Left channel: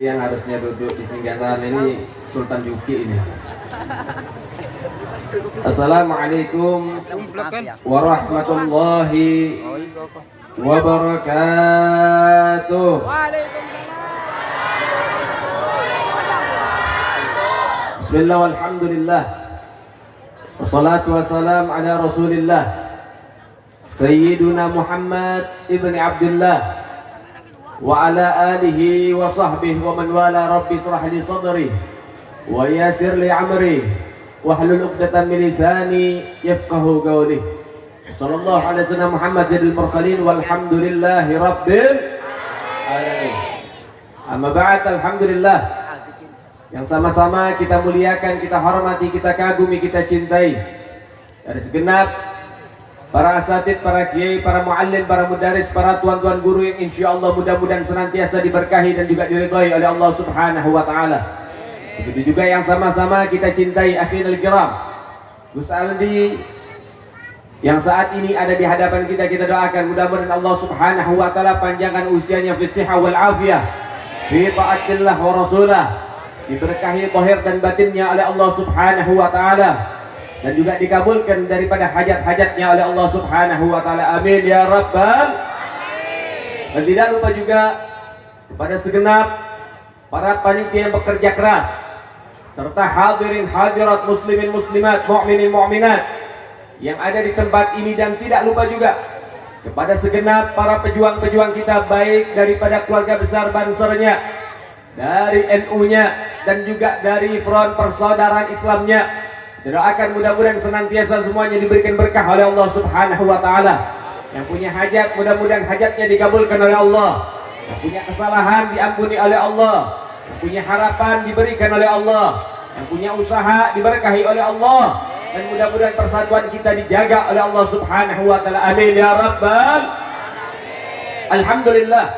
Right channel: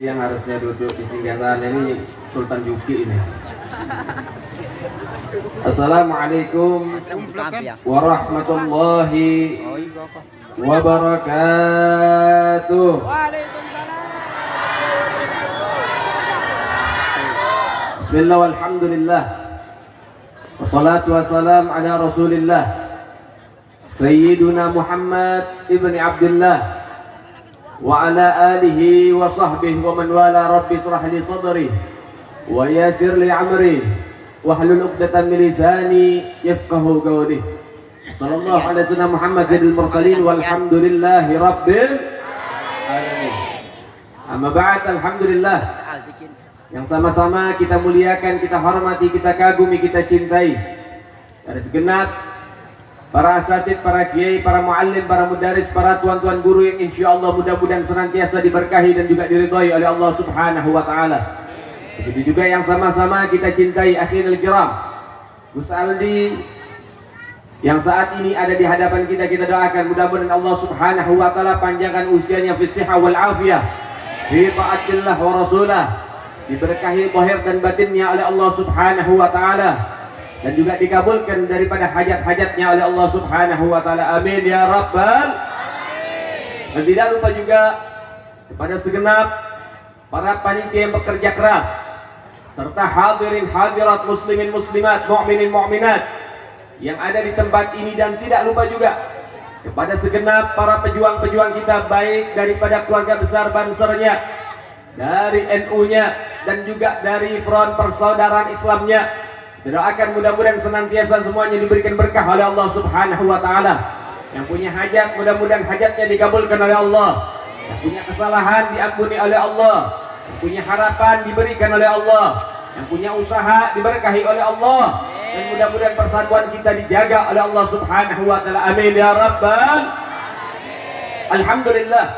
Yang harusnya duduk di singgasan ini Sultan Yuki ini. Assalamualaikum warahmatullahi wabarakatuh. Bismillah walhamdulillah. Wassalatu wassalam ala Rasulillah Sayyiduna Muhammad ibn Abdullah wa ala alihi wa sahbihi wa man wala. Rabbi israh li sadri wa yassir li amri wahlul 'uqdatam min lisani yafqahu qawli. Sallallahu alaihi wasallam Muhammad sayyidil mursalin walhamdulillahi rabbil alamin. Amma ba'd, alhamdulillah, yang sama-sama kita muliakan, kita hormati, kita kagumi, kita cintai dari segenap para asatid, para kiai, para muallim, para mudaris, para tuan-tuan guru yang insyaallah mudah-mudahan senantiasa diberkahi dan juga diridhai oleh Allah Subhanahu wa taala. Begitu juga yang sama-sama kita cintai akhirul kiram Gus Aldi yang saat ini ada di hadapan kita. Kita doakan mudah-mudahan Allah Subhanahu wa taala panjangkan usianya fi shihah wal afiyah fi taatillah wa rasulah, diberkahi zahir dan batinnya oleh Allah Subhanahu wa taala, dan juga dikabulkan daripada hajat-hajatnya oleh Allah Subhanahu wa taala. Amin ya rabbal. Dan tidak lupa juga kepada segenap para panitia yang bekerja keras serta hadirin hadirat muslimin muslimat, mukminin mukminat yang ada di tempat ini, dan tidak lupa juga kepada segenap para pejuang-pejuang kita, baik daripada keluarga besar Bansernya, dari NU-nya, dan juga dari front persaudaraan Islamnya. Doakan mudah-mudahan senantiasa semuanya diberikan berkah oleh Allah Subhanahu wa taala. Yang punya hajat mudah-mudahan hajatnya dikabulkan oleh Allah. Yang punya kesalahan diampuni oleh Allah. Yang punya harapan diberikan oleh Allah. Yang punya usaha diberkahi oleh Allah. Dan mudah-mudahan persatuan kita dijaga oleh Allah Subhanahu wa taala. Amin ya rabbal. Alhamdulillah,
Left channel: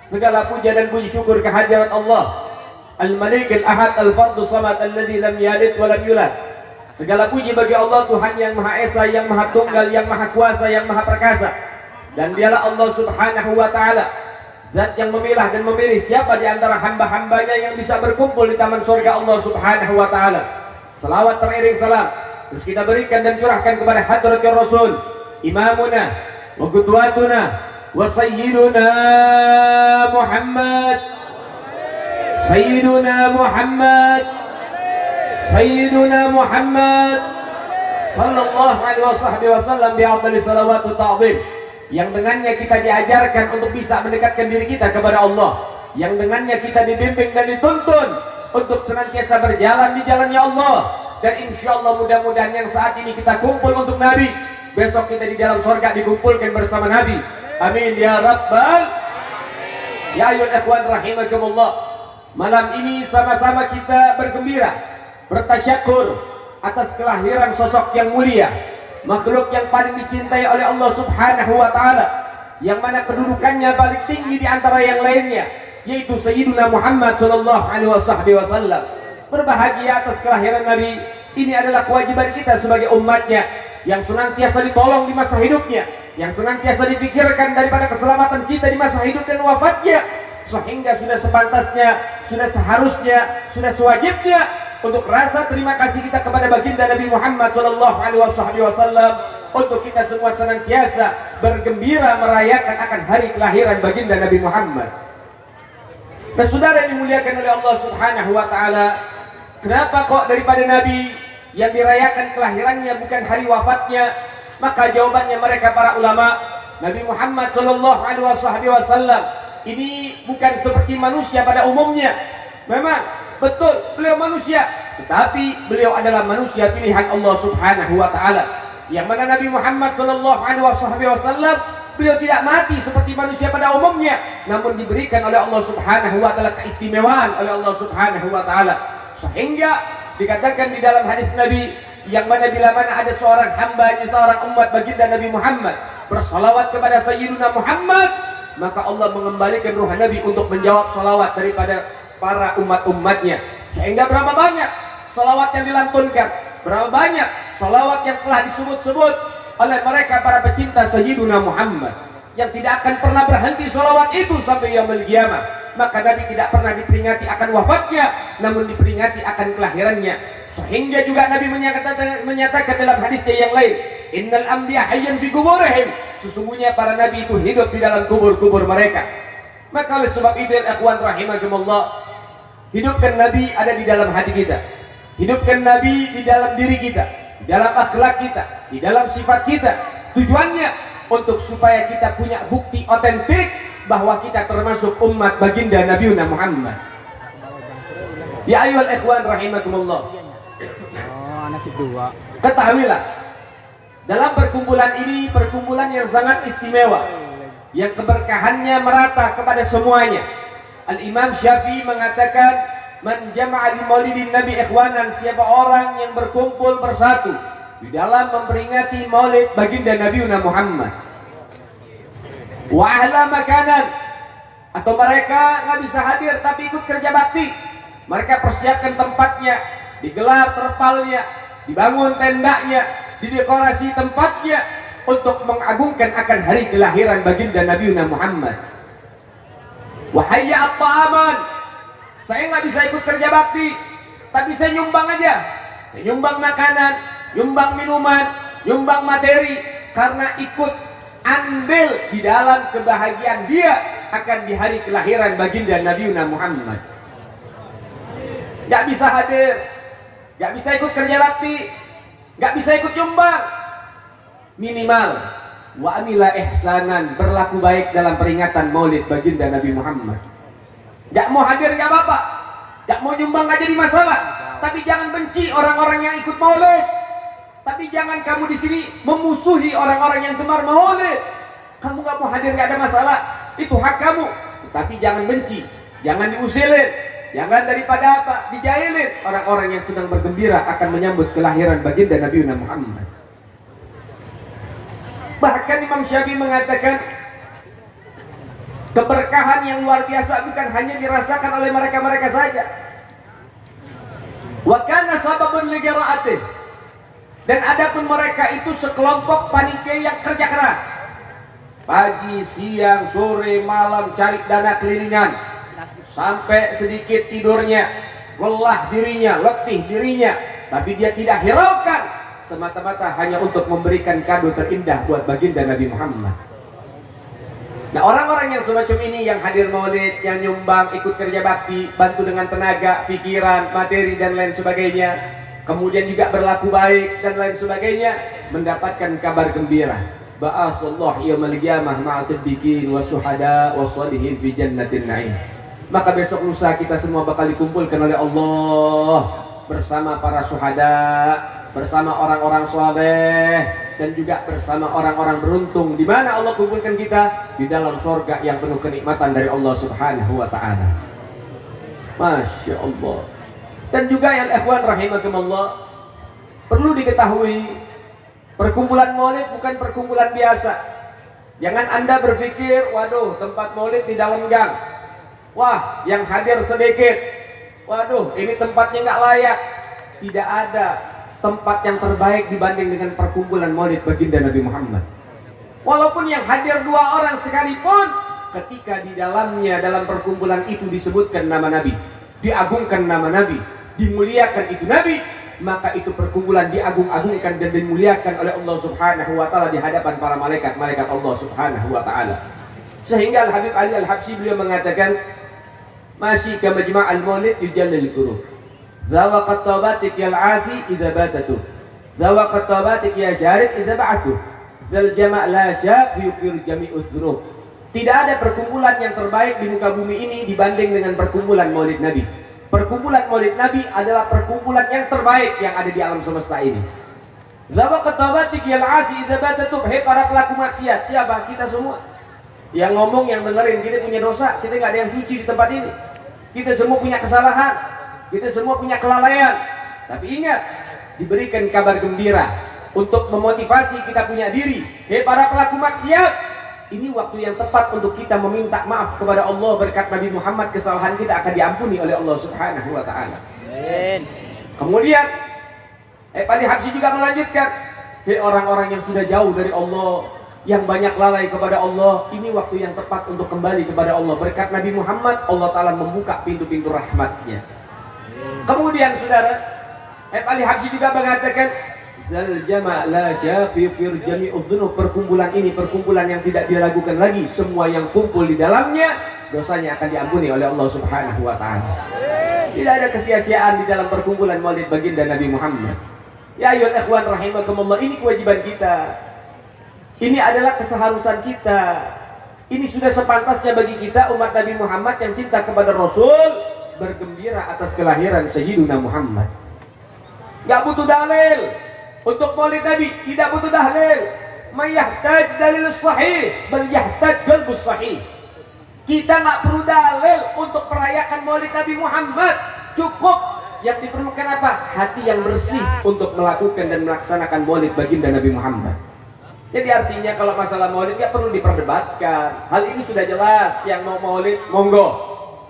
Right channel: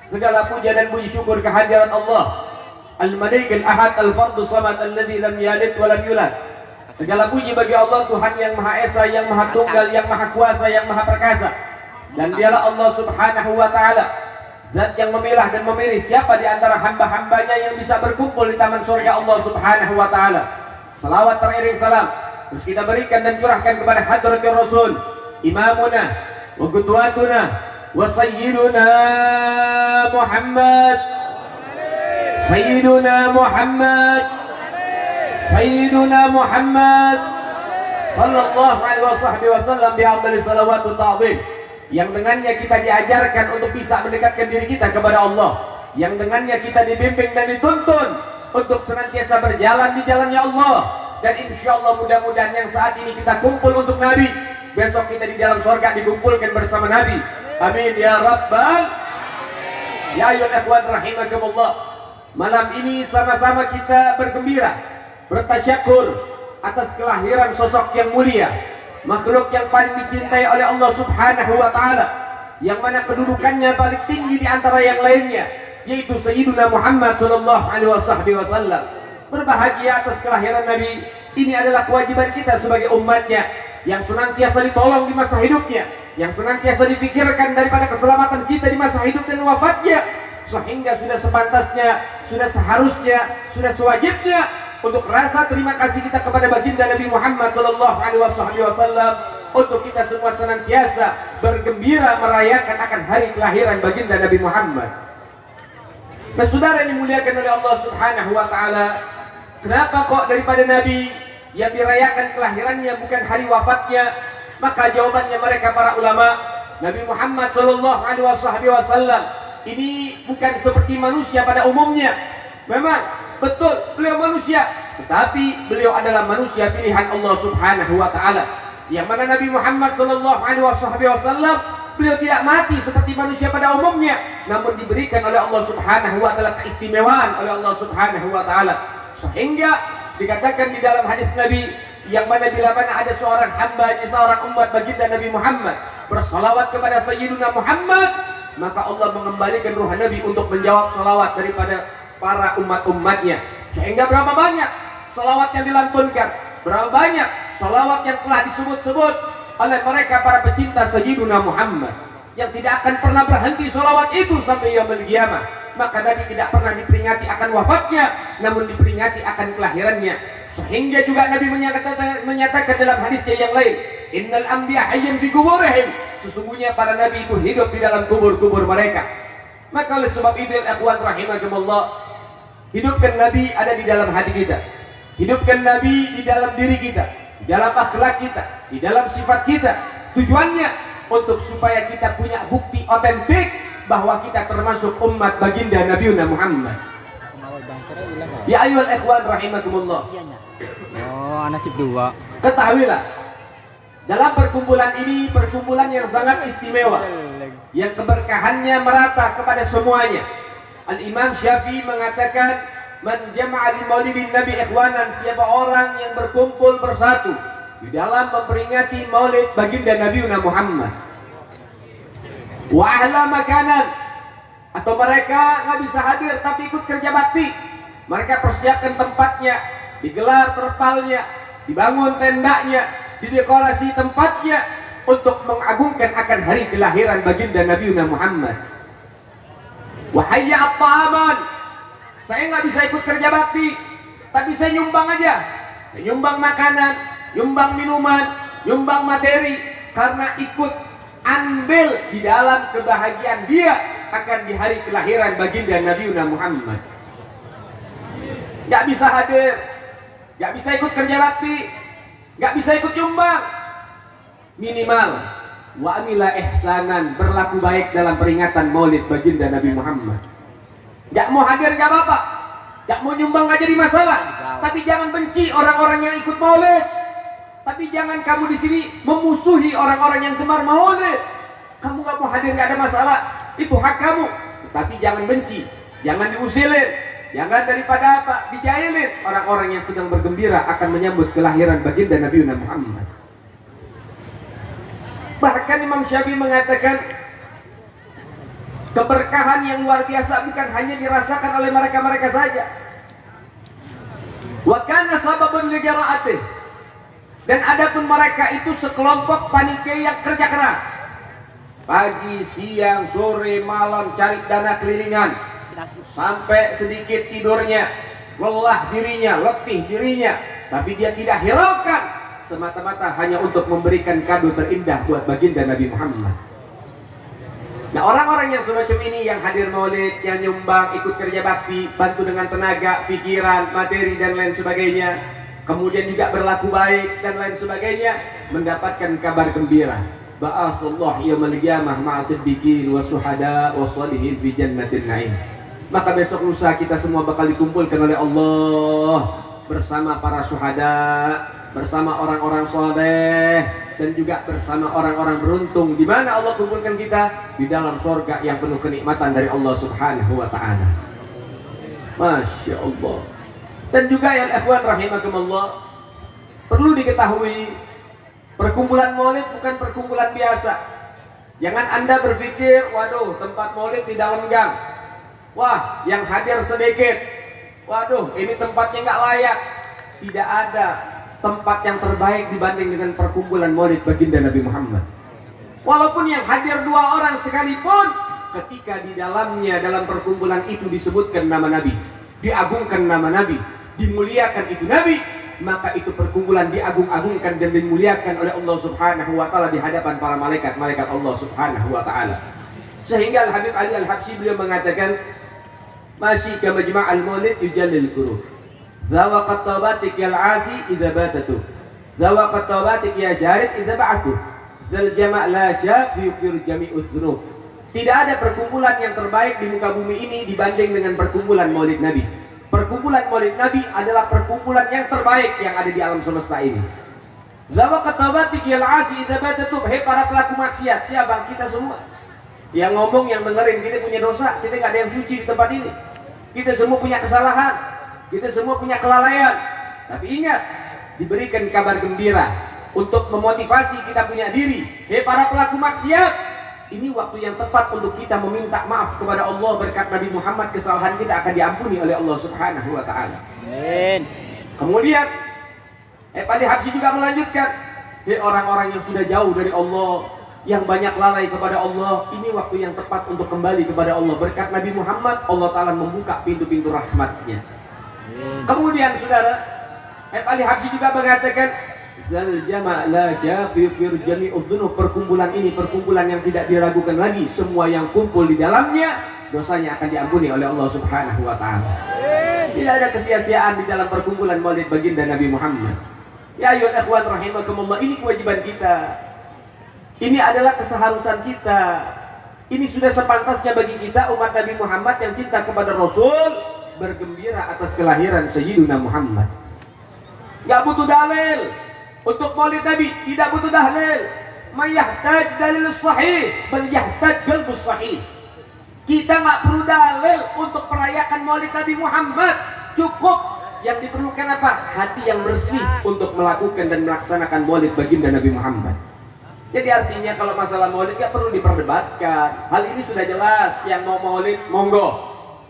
segala puja dan puji syukur kehadirat Allah Al-Malik Al-Ahad Al-Fardu Samad Alladzi lam yalid wa lam yulad. Segala puji bagi Allah, Tuhan yang Maha Esa, yang Maha Tunggal, yang Maha Kuasa, yang Maha Perkasa. Dan dialah Allah Subhanahu wa taala zat yang memilah dan memilih siapa di antara hamba-hambanya yang bisa berkumpul di taman surga Allah Subhanahu wa taala. Salawat teriring salam terus kita berikan dan curahkan kepada hadratir Rasul, imamuna wa qudwatuna wa sayyiduna Muhammad, sayyiduna Muhammad, Sayyiduna Muhammad sallallahu alaihi wasallam bi afdali salawat wa ta'zim, yang dengannya kita diajarkan untuk bisa mendekatkan diri kita kepada Allah, yang dengannya kita dibimbing dan dituntun untuk senantiasa berjalan di jalannya Allah. Dan insyaallah mudah-mudahan yang saat ini kita kumpul untuk Nabi, besok kita di dalam surga dikumpulkan bersama Nabi. Amin ya rabbal. Ya ayyuhal ikhwan rahimakumullah, malam ini sama-sama kita bergembira, bertasyakur atas kelahiran sosok yang mulia, makhluk yang paling dicintai oleh Allah Subhanahu wa taala, yang mana kedudukannya paling tinggi di antara yang lainnya, yaitu Sayyiduna Muhammad sallallahu alaihi wasallam. Berbahagia atas kelahiran Nabi ini adalah kewajiban kita sebagai umatnya, yang senantiasa ditolong di masa hidupnya, yang senantiasa dipikirkan daripada keselamatan kita di masa hidup dan wafatnya, sehingga sudah sepantasnya, sudah seharusnya, sudah sewajibnya untuk rasa terima kasih kita kepada baginda Nabi Muhammad sallallahu alaihi wasallam, untuk kita semua senantiasa bergembira merayakan akan hari kelahiran baginda Nabi Muhammad. Nah, saudara yang dimuliakan oleh Allah Subhanahu wa taala, kenapa kok daripada Nabi yang dirayakan kelahirannya bukan hari wafatnya? Maka jawabannya mereka para ulama, Nabi Muhammad sallallahu alaihi wasallam ini bukan seperti manusia pada umumnya. Memang betul beliau manusia, tetapi beliau adalah manusia pilihan Allah Subhanahu wa taala, yang mana Nabi Muhammad sallallahu alaihi wasallam beliau tidak mati seperti manusia pada umumnya, namun diberikan oleh Allah Subhanahu wa taala keistimewaan oleh Allah Subhanahu wa taala, sehingga dikatakan di dalam hadis Nabi, yang mana bila mana ada seorang hamba, seorang umat baginda Nabi Muhammad bersalawat kepada Sayyiduna Muhammad, maka Allah mengembalikan ruh Nabi untuk menjawab salawat daripada para umat-umatnya. Sehingga berapa banyak salawat yang dilantunkan, berapa banyak salawat yang telah disebut-sebut oleh mereka para pecinta Sayyiduna Muhammad, yang tidak akan pernah berhenti salawat itu sampai yaumul qiyamah. maka Nabi tidak pernah diperingati akan wafatnya, namun diperingati akan kelahirannya. Sehingga juga Nabi menyatakan dalam hadisnya yang lain, innal anbiya hayyun fi quburihim, sesungguhnya para nabi itu hidup di dalam kubur-kubur mereka. Maka oleh sebab itu, ikhwan rahimakumullah, hidupkan Nabi ada di dalam hati kita, hidupkan Nabi di dalam diri kita, di dalam akhlak kita, di dalam sifat kita. Tujuannya untuk supaya kita punya bukti otentik bahwa kita termasuk umat baginda Nabi Muhammad. Ya ayyuhal ikhwan rahimakumullah, nasib dua. ketahuilah, dalam perkumpulan ini perkumpulan yang sangat istimewa, yang keberkahannya merata kepada semuanya. Al-Imam Syafi'i mengatakan, man jama'a li maulidin Nabi ikhwanan, siapa orang yang berkumpul bersatu di dalam memperingati maulid baginda Nabi Muhammad, wa ahla makanan, atau mereka nggak bisa hadir tapi ikut kerja bakti, mereka persiapkan tempatnya, digelar terpalnya, dibangun tendanya, didekorasi tempatnya untuk mengagungkan akan hari kelahiran baginda Nabi Muhammad. Wahai at-ta'aman, saya nggak bisa ikut kerja bakti, tapi saya nyumbang aja. Saya nyumbang makanan, nyumbang minuman, nyumbang materi, karena ikut andil di dalam kebahagiaan dia akan di hari kelahiran baginda Nabi Muhammad. Gak bisa hadir, gak bisa ikut kerja bakti, gak bisa ikut nyumbang, minimal wa amila ihsanan, berlaku baik dalam peringatan maulid baginda Nabi Muhammad. Gak mau hadir gak apa-apa, gak mau nyumbang gak jadi masalah, tapi jangan benci orang-orang yang ikut maulid. Tapi jangan kamu di sini memusuhi orang-orang yang gemar maulid. Kamu gak mau hadir gak ada masalah, itu hak kamu, tapi jangan benci, jangan diusilin, jangan daripada apa, dijailin orang-orang yang sedang bergembira akan menyambut kelahiran baginda Nabi Muhammad. Bahkan Imam Syafi'i mengatakan, keberkahan yang luar biasa bukan hanya dirasakan oleh mereka-mereka saja. Wa kana sababun li qiraatih, dan adapun mereka itu sekelompok panitia yang kerja keras, pagi, siang, sore, malam cari dana kelilingan, sampai sedikit tidurnya, lelah dirinya, letih dirinya, tapi dia tidak hiraukan, semata-mata hanya untuk memberikan kado terindah buat baginda Nabi Muhammad. Nah, orang-orang yang semacam ini, yang hadir maulid, yang nyumbang, ikut kerja bakti, bantu dengan tenaga, pikiran, materi dan lain sebagainya, kemudian juga berlaku baik dan lain sebagainya, mendapatkan kabar gembira. Ba'atsallahu yaumal qiyamah ma'a siddiqin wasuhada wassalihin fi jannatin na'im. Maka besok lusa kita semua bakal dikumpulkan oleh Allah bersama para syuhada, bersama orang-orang saleh, dan juga bersama orang-orang beruntung. Di mana Allah kumpulkan kita? Di dalam surga yang penuh kenikmatan dari Allah Subhanahu wa taala. Masya Allah. Dan juga ya ikhwan rahimakumullah, perlu diketahui, perkumpulan maulid bukan perkumpulan biasa. Jangan Anda berpikir, waduh, tempat maulid di dalam gang, wah, yang hadir sedikit, waduh, ini tempatnya nggak layak. Tidak ada tempat yang terbaik dibanding dengan perkumpulan maulid baginda Nabi Muhammad. Walaupun yang hadir 2 orang sekalipun, ketika di dalamnya, dalam perkumpulan itu disebutkan nama Nabi, diagungkan nama Nabi, dimuliakan itu Nabi, maka itu perkumpulan diagung-agungkan dan dimuliakan oleh Allah Subhanahu wa taala di hadapan para malaikat Allah Subhanahu wa taala. Sehingga Al-Habib Ali Al-Habsyi beliau mengatakan, masih ka majma'al maulid yujallil qulub, zawa qatabatik yal asi idza batatu, zawa qatabatik ya syarid idza ba'atu, zal jama' la sya fi jami'ud dzunub. Tidak ada perkumpulan yang terbaik di muka bumi ini dibanding dengan perkumpulan maulid Nabi. Perkumpulan maulid Nabi adalah perkumpulan yang terbaik yang ada di alam semesta ini. Zawa qatabatik yal asi idza batatu, hei para pelaku maksiat, siapa? Kita semua. Yang ngomong, yang dengerin, kita punya dosa, kita nggak ada yang suci di tempat ini. Kita semua punya kesalahan, kita semua punya kelalaian. Tapi ingat, diberikan kabar gembira untuk memotivasi kita punya diri. Hei para pelaku maksiat, ini waktu yang tepat untuk kita meminta maaf kepada Allah berkat Nabi Muhammad. Kesalahan kita akan diampuni oleh Allah Subhanahu wa taala. Amin. Kemudian Ali Habsyi juga melanjutkan, hei orang-orang yang sudah jauh dari Allah, yang banyak lalai kepada Allah, ini waktu yang tepat untuk kembali kepada Allah. Berkat Nabi Muhammad, Allah Ta'ala membuka pintu-pintu rahmatnya. Kemudian saudara, Ali Habsyi juga mengatakan, Zal jama' la syafifir jami'ud dzunub, perkumpulan ini perkumpulan yang tidak diragukan lagi, semua yang kumpul di dalamnya dosanya akan diampuni oleh Allah Subhanahu wa taala. Tidak ada kesia-siaan di dalam perkumpulan Maulid baginda Nabi Muhammad. Ya ayyuhal ikhwan rahimakumullah, ini kewajiban kita. Ini adalah keseharusan kita. Ini sudah sepantasnya bagi kita umat Nabi Muhammad yang cinta kepada Rasul bergembira atas kelahiran Sayyiduna Muhammad. Gak butuh dalil untuk Maulid Nabi, tidak butuh dalil. Mayahtaj dalil sahih, bal yahtaj qalbus sahih. Kita gak perlu dalil untuk merayakan Maulid Nabi Muhammad. Cukup yang diperlukan apa? Hati yang bersih untuk melakukan dan melaksanakan Maulid baginda Nabi Muhammad. Jadi artinya kalau masalah Maulid gak perlu diperdebatkan. Hal ini sudah jelas. Yang mau Maulid monggo,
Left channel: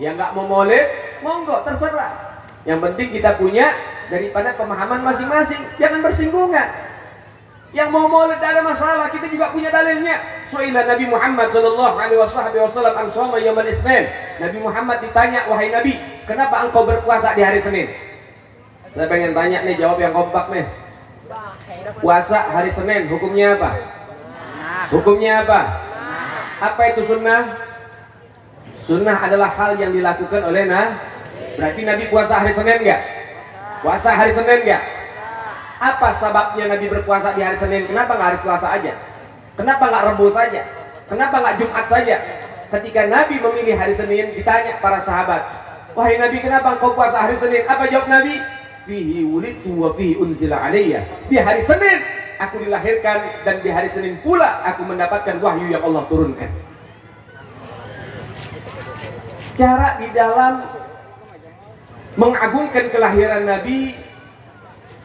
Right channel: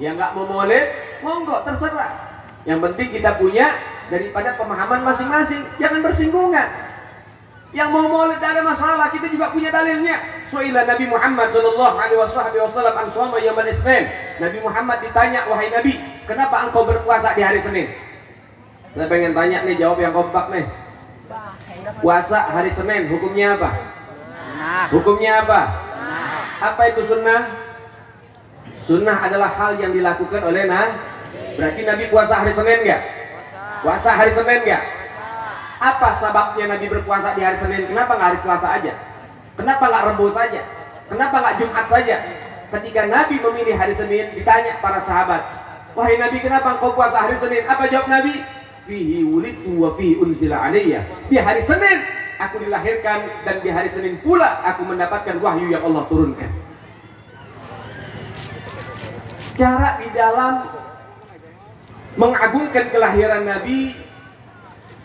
yang gak mau Maulid monggo, terserah. Yang penting kita punya daripada pemahaman masing-masing, jangan bersinggungan. Yang mau Maulid tidak ada masalah, kita juga punya dalilnya. Su'ilah Nabi Muhammad sallallahu alaihi wasallam an shoma yaumil itsnin. Nabi Muhammad ditanya, wahai Nabi, kenapa engkau berpuasa di hari Senin? Saya pengen tanya nih, jawab yang kompak nih. Puasa hari Senin hukumnya apa? Hukumnya apa? Apa itu sunnah? Sunnah adalah hal yang dilakukan oleh Berarti Nabi puasa hari Senin enggak? Puasa hari Senin enggak? Apa sebabnya Nabi berpuasa di hari Senin? Kenapa nggak hari Selasa aja? Kenapa nggak Rabu saja? Kenapa nggak Jumat saja? Ketika Nabi memilih hari Senin, ditanya para sahabat, wahai Nabi, kenapa engkau puasa hari Senin? Apa jawab Nabi? Fihi wulidtu wa fihi unzila alayya. Di hari Senin aku dilahirkan dan di hari Senin pula aku mendapatkan wahyu yang Allah turunkan. Cara di dalam mengagungkan kelahiran Nabi,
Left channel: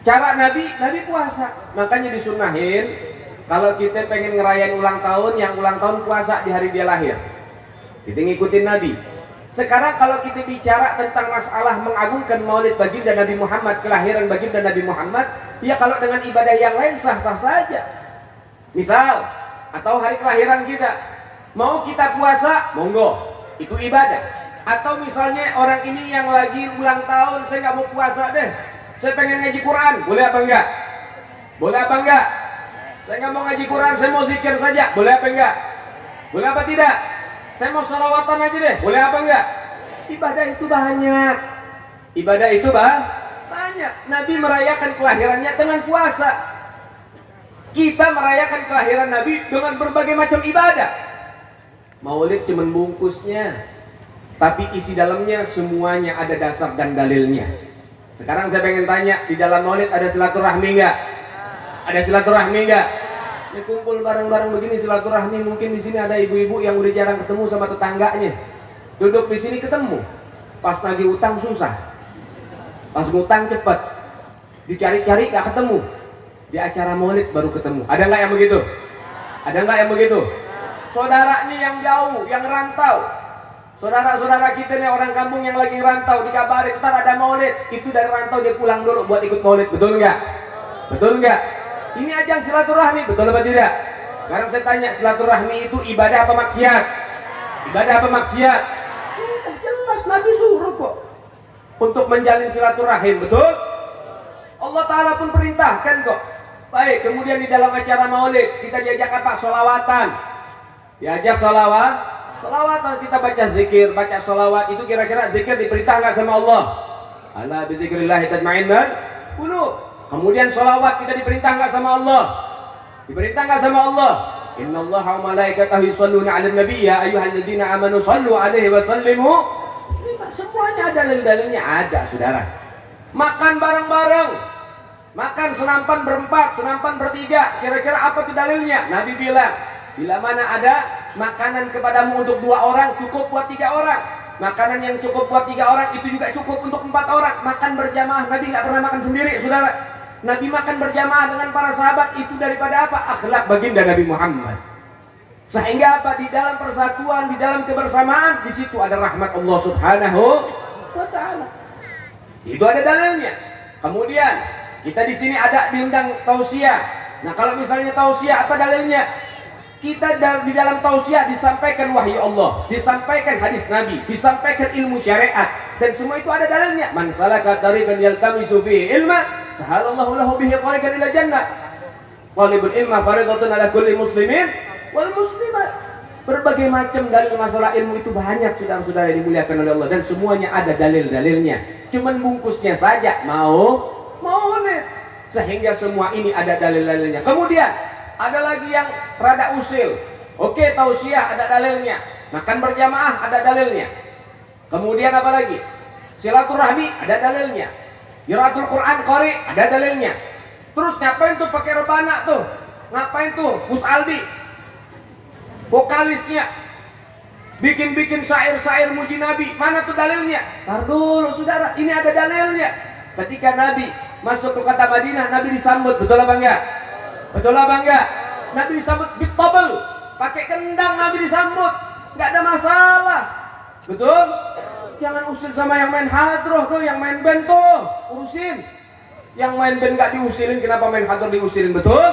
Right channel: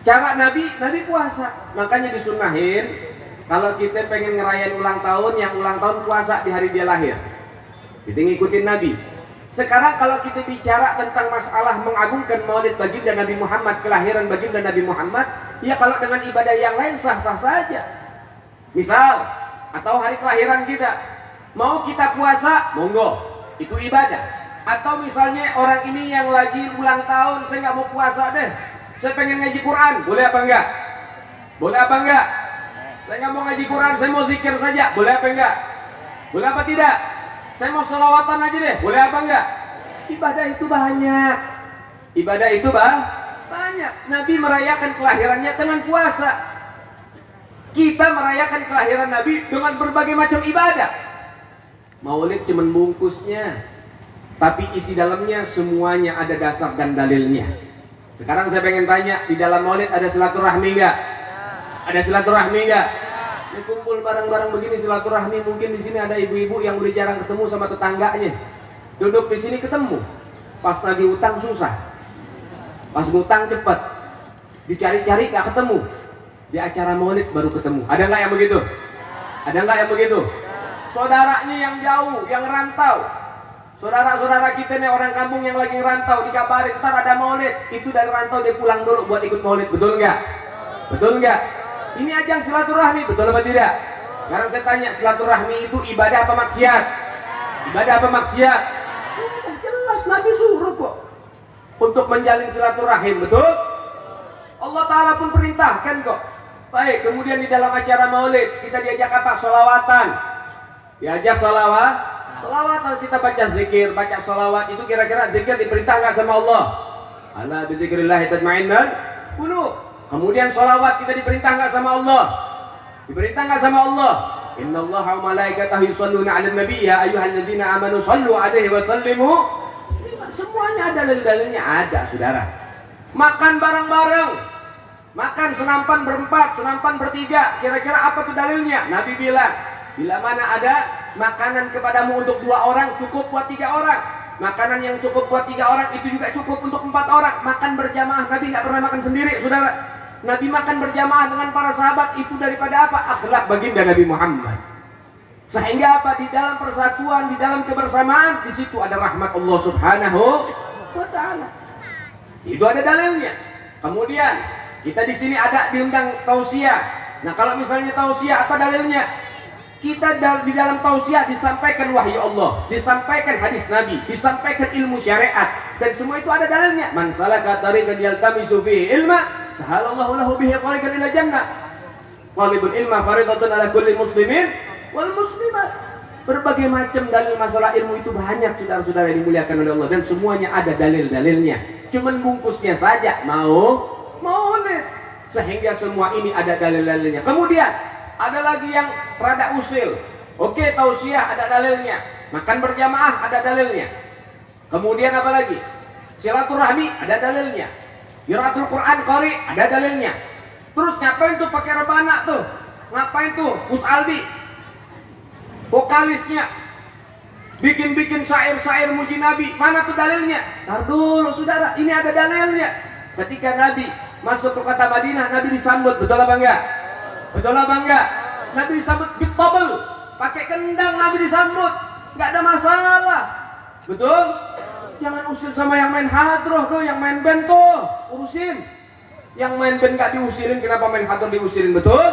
cara Nabi puasa. Makanya disunahin kalau kita pengen ngerayain ulang tahun, yang ulang tahun puasa di hari dia lahir. Kita ngikutin Nabi. Sekarang kalau kita bicara tentang masalah mengagungkan Maulid baginda Nabi Muhammad, kelahiran baginda Nabi Muhammad, ya kalau dengan ibadah yang lain sah-sah saja. Misal, atau hari kelahiran kita, mau kita puasa, monggo, itu ibadah. Atau misalnya orang ini yang lagi ulang tahun, saya nggak mau puasa deh, saya pengen ngaji Quran, boleh apa enggak? Boleh apa enggak? Saya nggak mau ngaji Quran, saya mau zikir saja, boleh apa enggak? Boleh apa tidak? Saya mau salawatan aja deh, boleh apa enggak? Ibadah itu banyak. Ibadah itu banyak. Nabi merayakan kelahirannya dengan puasa. Kita merayakan kelahiran Nabi dengan berbagai macam ibadah. Maulid cuman bungkusnya, tapi isi dalamnya semuanya ada dasar dan dalilnya. Sekarang saya pengen tanya, di dalam Maulid ada silaturahmi enggak? Ada silaturahmi enggak? Ini kumpul bareng-bareng begini silaturahmi, mungkin di sini ada ibu-ibu yang udah jarang ketemu sama tetangganya. Duduk di sini ketemu. Pas nagih utang susah. Pas ngutang cepet. Dicari-cari gak ketemu. Di acara Maulid baru ketemu. Ada nggak yang begitu? Ada nggak yang begitu? Saudaranya yang jauh, yang rantau. Saudara-saudara kita nih orang kampung yang lagi rantau dikabarin ntar ada Maulid. Itu dari rantau dia pulang dulu buat ikut Maulid. Betul nggak? Betul nggak? Ini ajang silaturahmi, betul apa tidak? Sekarang saya tanya, silaturahmi itu ibadah apa maksiat? Ibadah apa maksiat? Sudah jelas, Nabi suruh kok untuk menjalin silaturahim, betul? Allah Ta'ala pun perintahkan kok. Baik, kemudian di dalam acara Maulid kita diajak apa? Sholawatan. Diajak sholawatan, kita baca zikir, baca sholawat. Itu kira-kira zikir diperintah nggak sama Allah? Ala bidzikrillahi tatma'innul qulub. Kemudian sholawat kita diperintah nggak sama Allah? Diperintah nggak sama Allah? Innallaha wa malaikatahu yusholluna 'alan nabi ya ayyuhalladzina amanu shallu 'alaihi wa sallimu taslima. Semuanya ada dalil-dalilnya, ada saudara. Makan bareng-bareng, makan senampan berempat, senampan bertiga. Kira-kira apa tuh dalilnya? Nabi bilang, bila mana ada makanan kepadamu untuk 2 orang cukup buat 3 orang. Makanan yang cukup buat 3 orang itu juga cukup untuk 4 orang. Makan berjamaah, Nabi nggak pernah makan sendiri, saudara. Nabi makan berjamaah dengan para sahabat. Itu daripada apa? Akhlak baginda Nabi Muhammad. Sehingga apa? Di dalam persatuan, di dalam kebersamaan, di situ ada rahmat Allah Subhanahu wa Ta'ala. Itu ada dalilnya. Kemudian kita di sini ada diundang tausiah. Nah kalau misalnya tausiah, apa dalilnya? Kita di dalam tausiah disampaikan wahyu Allah, disampaikan hadis Nabi, disampaikan ilmu syariat, dan semua itu ada dalilnya. Man salaka tariqan yaltamisu fihi ilma, sahalallahu lahu bihi tariqan ila jannah. Talibul ilma faridatun ala kulli muslimin wal muslimat. Berbagai macam dalil masalah ilmu itu banyak, saudara-saudara yang dimuliakan oleh Allah, dan semuanya ada dalil-dalilnya. Cuman bungkusnya saja mau nih. Sehingga semua ini ada dalil-dalilnya. Kemudian ada lagi yang rada usil. Oke, tausiah ada dalilnya. Makan berjamaah ada dalilnya. Kemudian apa lagi? Silaturahmi ada dalilnya. Qiraatul Quran qari ada dalilnya. Terus ngapain tuh pakai rebana tuh? Ngapain tuh Gus Aldi? Vokalisnya bikin syair-syair muji Nabi. Mana tuh dalilnya? Tar dulu saudara, ini ada dalilnya. Ketika Nabi masuk ke kota Madinah, Nabi disambut, betul apa enggak? Betul apa enggak? Nabi disambut bitobel, pakai kendang Nabi disambut, enggak ada masalah. Betul? Jangan usil sama yang main hadroh tuh, yang main band tuh, urusin. Yang main band enggak diusilin, kenapa main hadroh diusilin? Betul?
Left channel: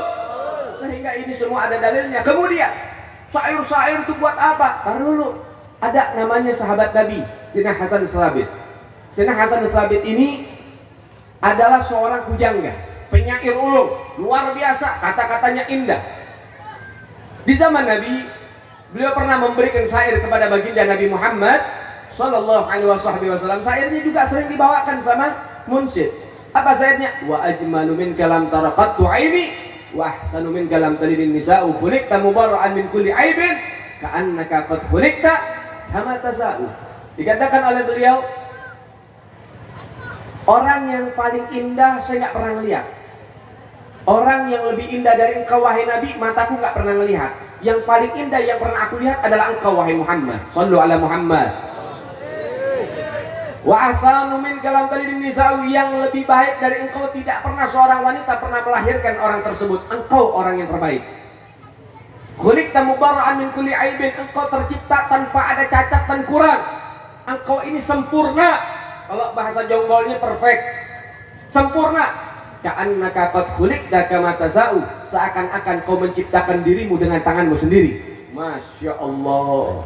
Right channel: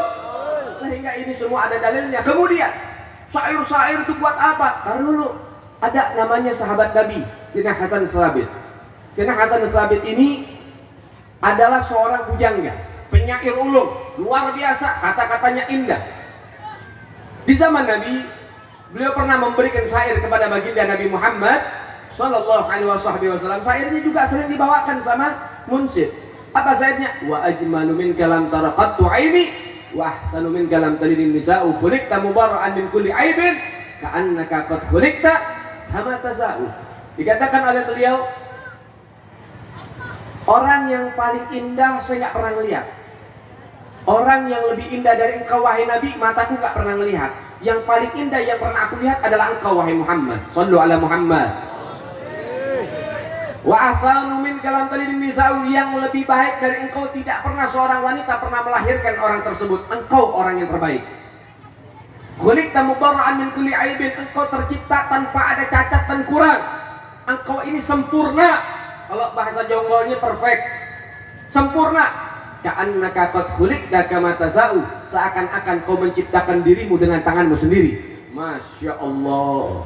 Sehingga ini semua ada dalilnya. Kemudian syair-syair itu buat apa? Taruh dulu. Ada namanya sahabat Nabi, Sayyidina Hasan Tsabit. Sayyidina Hasan Tsabit ini adalah seorang pujangga, penyair ulung, luar biasa, kata-katanya indah. Di zaman Nabi, beliau pernah memberikan syair kepada baginda Nabi Muhammad sallallahu alaihi wasallam. Syairnya juga sering dibawakan sama munsyid. Apa syairnya? Wa ajmalu min kalam taraqattu aini wa ahsanu min kalam talidin nisa'u khuliqta mubarra'an min kulli aibin ka'annaka qad khuliqta kama tasa'u. Dikatakan oleh beliau, orang yang paling indah saya nggak pernah melihat. Orang yang lebih indah dari engkau wahai Nabi, mataku nggak pernah melihat. Yang paling indah yang pernah aku lihat adalah engkau wahai Muhammad. Shallu ala Muhammad. Wa asanu min kalam talidin nisa'u, yang lebih baik dari engkau tidak pernah seorang wanita pernah melahirkan orang tersebut. Engkau orang yang terbaik. Khuliqta mubarra'an min kulli aibin, engkau tercipta tanpa ada cacat dan kurang. Engkau ini sempurna. Kalau bahasa jonggolnya perfect, sempurna. Ka'annaka qad khuliqta kama tasa'u, seakan-akan kau menciptakan dirimu dengan tanganmu sendiri. Masya Allah.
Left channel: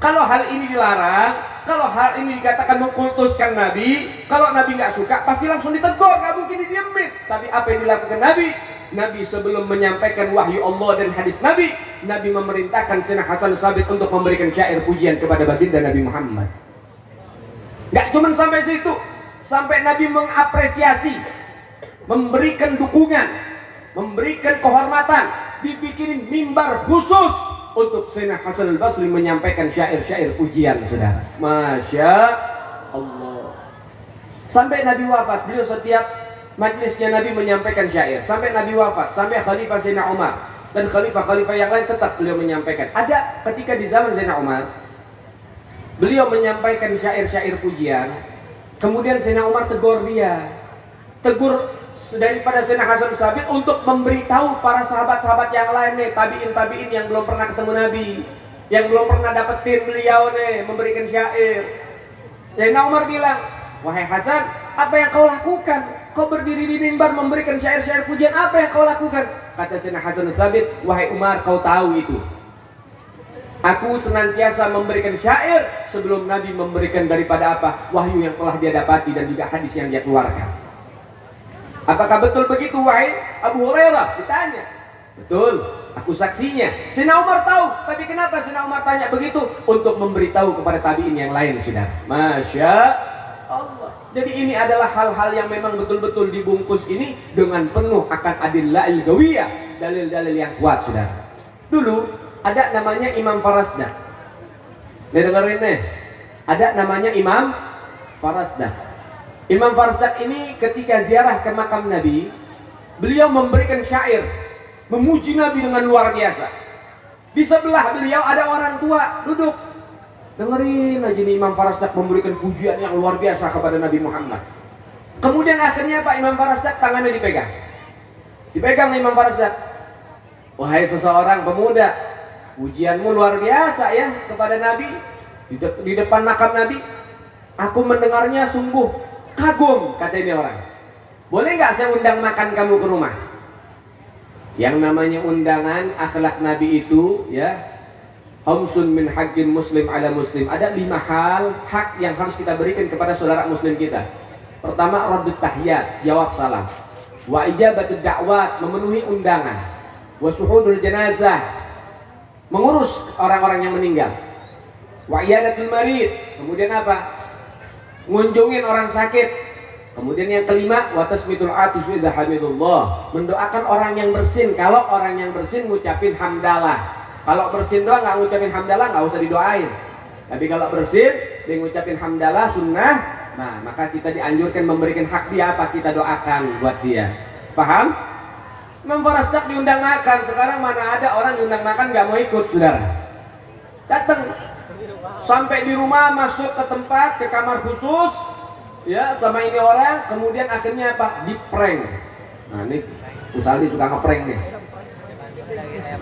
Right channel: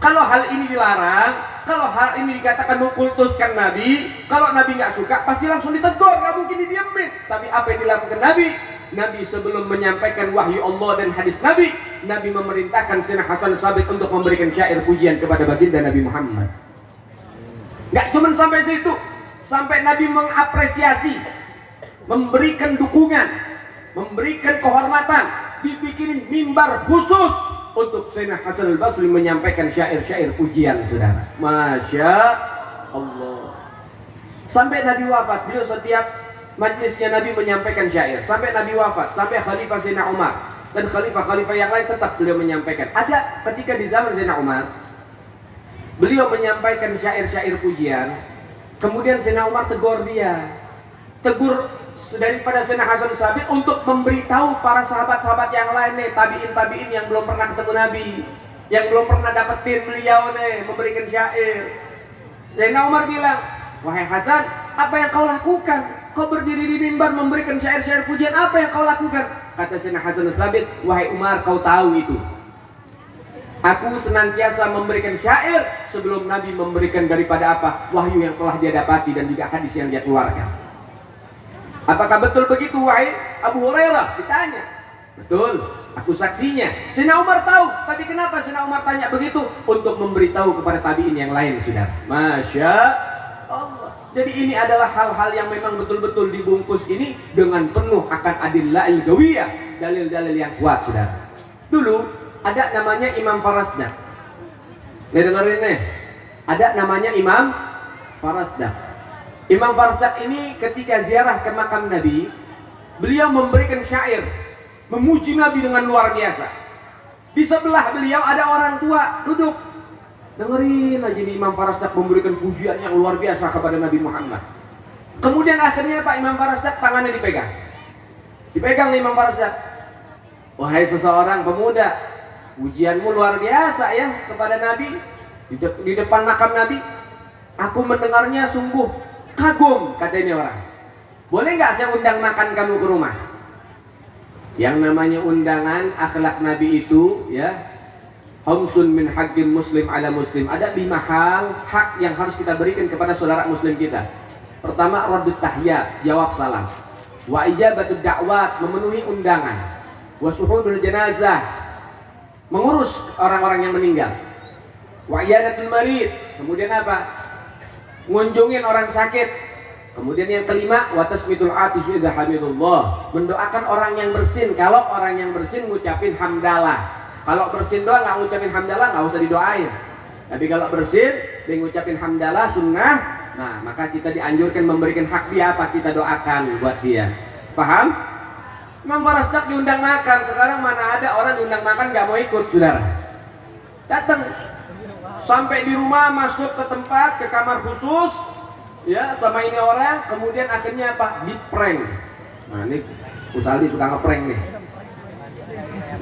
Kalau hal ini dilarang, kalau hal ini dikatakan mengkultuskan Nabi, kalau Nabi nggak suka pasti langsung ditegur, nggak mungkin didiemin. Tapi apa yang dilakukan Nabi? Nabi sebelum menyampaikan wahyu Allah dan hadis Nabi, Nabi memerintahkan Sayyidina Hasan Tsabit untuk memberikan syair pujian kepada baginda Nabi Muhammad. Nggak cuma sampai situ, sampai Nabi mengapresiasi, memberikan dukungan, memberikan kehormatan, dibikinin mimbar khusus untuk Sayyidina Hasan al-Basri menyampaikan syair-syair pujian, saudara. Masya Allah. Sampai Nabi wafat, beliau setiap majlisnya Nabi menyampaikan syair. Sampai Nabi wafat, sampai Khalifah Sayyidina Umar dan khalifah-khalifah yang lain tetap beliau menyampaikan. Ada ketika di zaman Sayyidina Umar, beliau menyampaikan syair-syair pujian. Kemudian Sayyidina Umar tegur dia, tegur daripada Sayyidina Hasan Tsabit untuk memberitahu para sahabat-sahabat yang lain nih, tabi'in yang belum pernah ketemu Nabi, yang belum pernah dapetin beliau nih memberikan syair. Sayyidina Umar bilang, wahai Hasan, apa yang kau lakukan? Kau berdiri di mimbar memberikan syair-syair pujian, apa yang kau lakukan? Kata Sayyidina Hasan Tsabit, wahai Umar, kau tahu itu. Aku senantiasa memberikan syair sebelum Nabi memberikan daripada apa? Wahyu yang telah dia dapati dan juga hadis yang dia keluarkan. Apakah betul begitu wahai Abu Hurairah? Ditanya. Betul, aku saksinya. Sayyidina Umar tahu, tapi kenapa Sayyidina Umar tanya begitu? Untuk memberitahu kepada tabi'in yang lain, saudara. Masya Allah. Jadi ini adalah hal-hal yang memang betul-betul dibungkus ini dengan penuh akan adillah il-gawiyah, dalil-dalil yang kuat, saudara. Dulu ada namanya Imam Farasdah. Nih dengerin nih. Ada namanya Imam Farasdah. Imam Farasdak ini ketika ziarah ke makam Nabi, beliau memberikan syair memuji Nabi dengan luar biasa. Di sebelah beliau ada orang tua duduk. Dengerin aja nih Imam Farasdak memberikan pujian yang luar biasa kepada Nabi Muhammad. Kemudian akhirnya Pak Imam Farasdak tangannya dipegang. Dipegang nih Imam Farasdak. Wahai seseorang pemuda, pujianmu luar biasa ya kepada Nabi di depan makam Nabi. Aku mendengarnya sungguh kagum, kata ini orang. Boleh nggak saya undang makan kamu ke rumah? Yang namanya undangan akhlak Nabi itu ya, khamsun min haqqin muslim ala muslim. Ada 5 hal hak yang harus kita berikan kepada saudara muslim kita. Pertama, raddut tahiyat, jawab salam. Wa ijabatud da'wat, memenuhi undangan. Wa suhudul jenazah, mengurus orang-orang yang meninggal. Wa iyadatul marid, kemudian apa? Ngunjungin orang sakit. Kemudian yang kelima, wa tasmitul atis idza hamidullah, mendoakan orang yang bersin. Kalau orang yang bersin ngucapin hamdalah. Kalau bersin doang nggak ngucapin hamdalah, nggak usah didoain. Tapi kalau bersin dia ngucapin hamdalah sunnah, nah maka kita dianjurkan memberikan hak dia, apa kita doakan buat dia. Paham? Imam Farasdak diundang makan. Sekarang mana ada orang diundang makan nggak mau ikut, saudara? Datang sampai di rumah, masuk ke tempat, ke kamar khusus ya sama ini orang, kemudian akhirnya apa? Di-prank. Nah ini Usali suka nge-prank nih.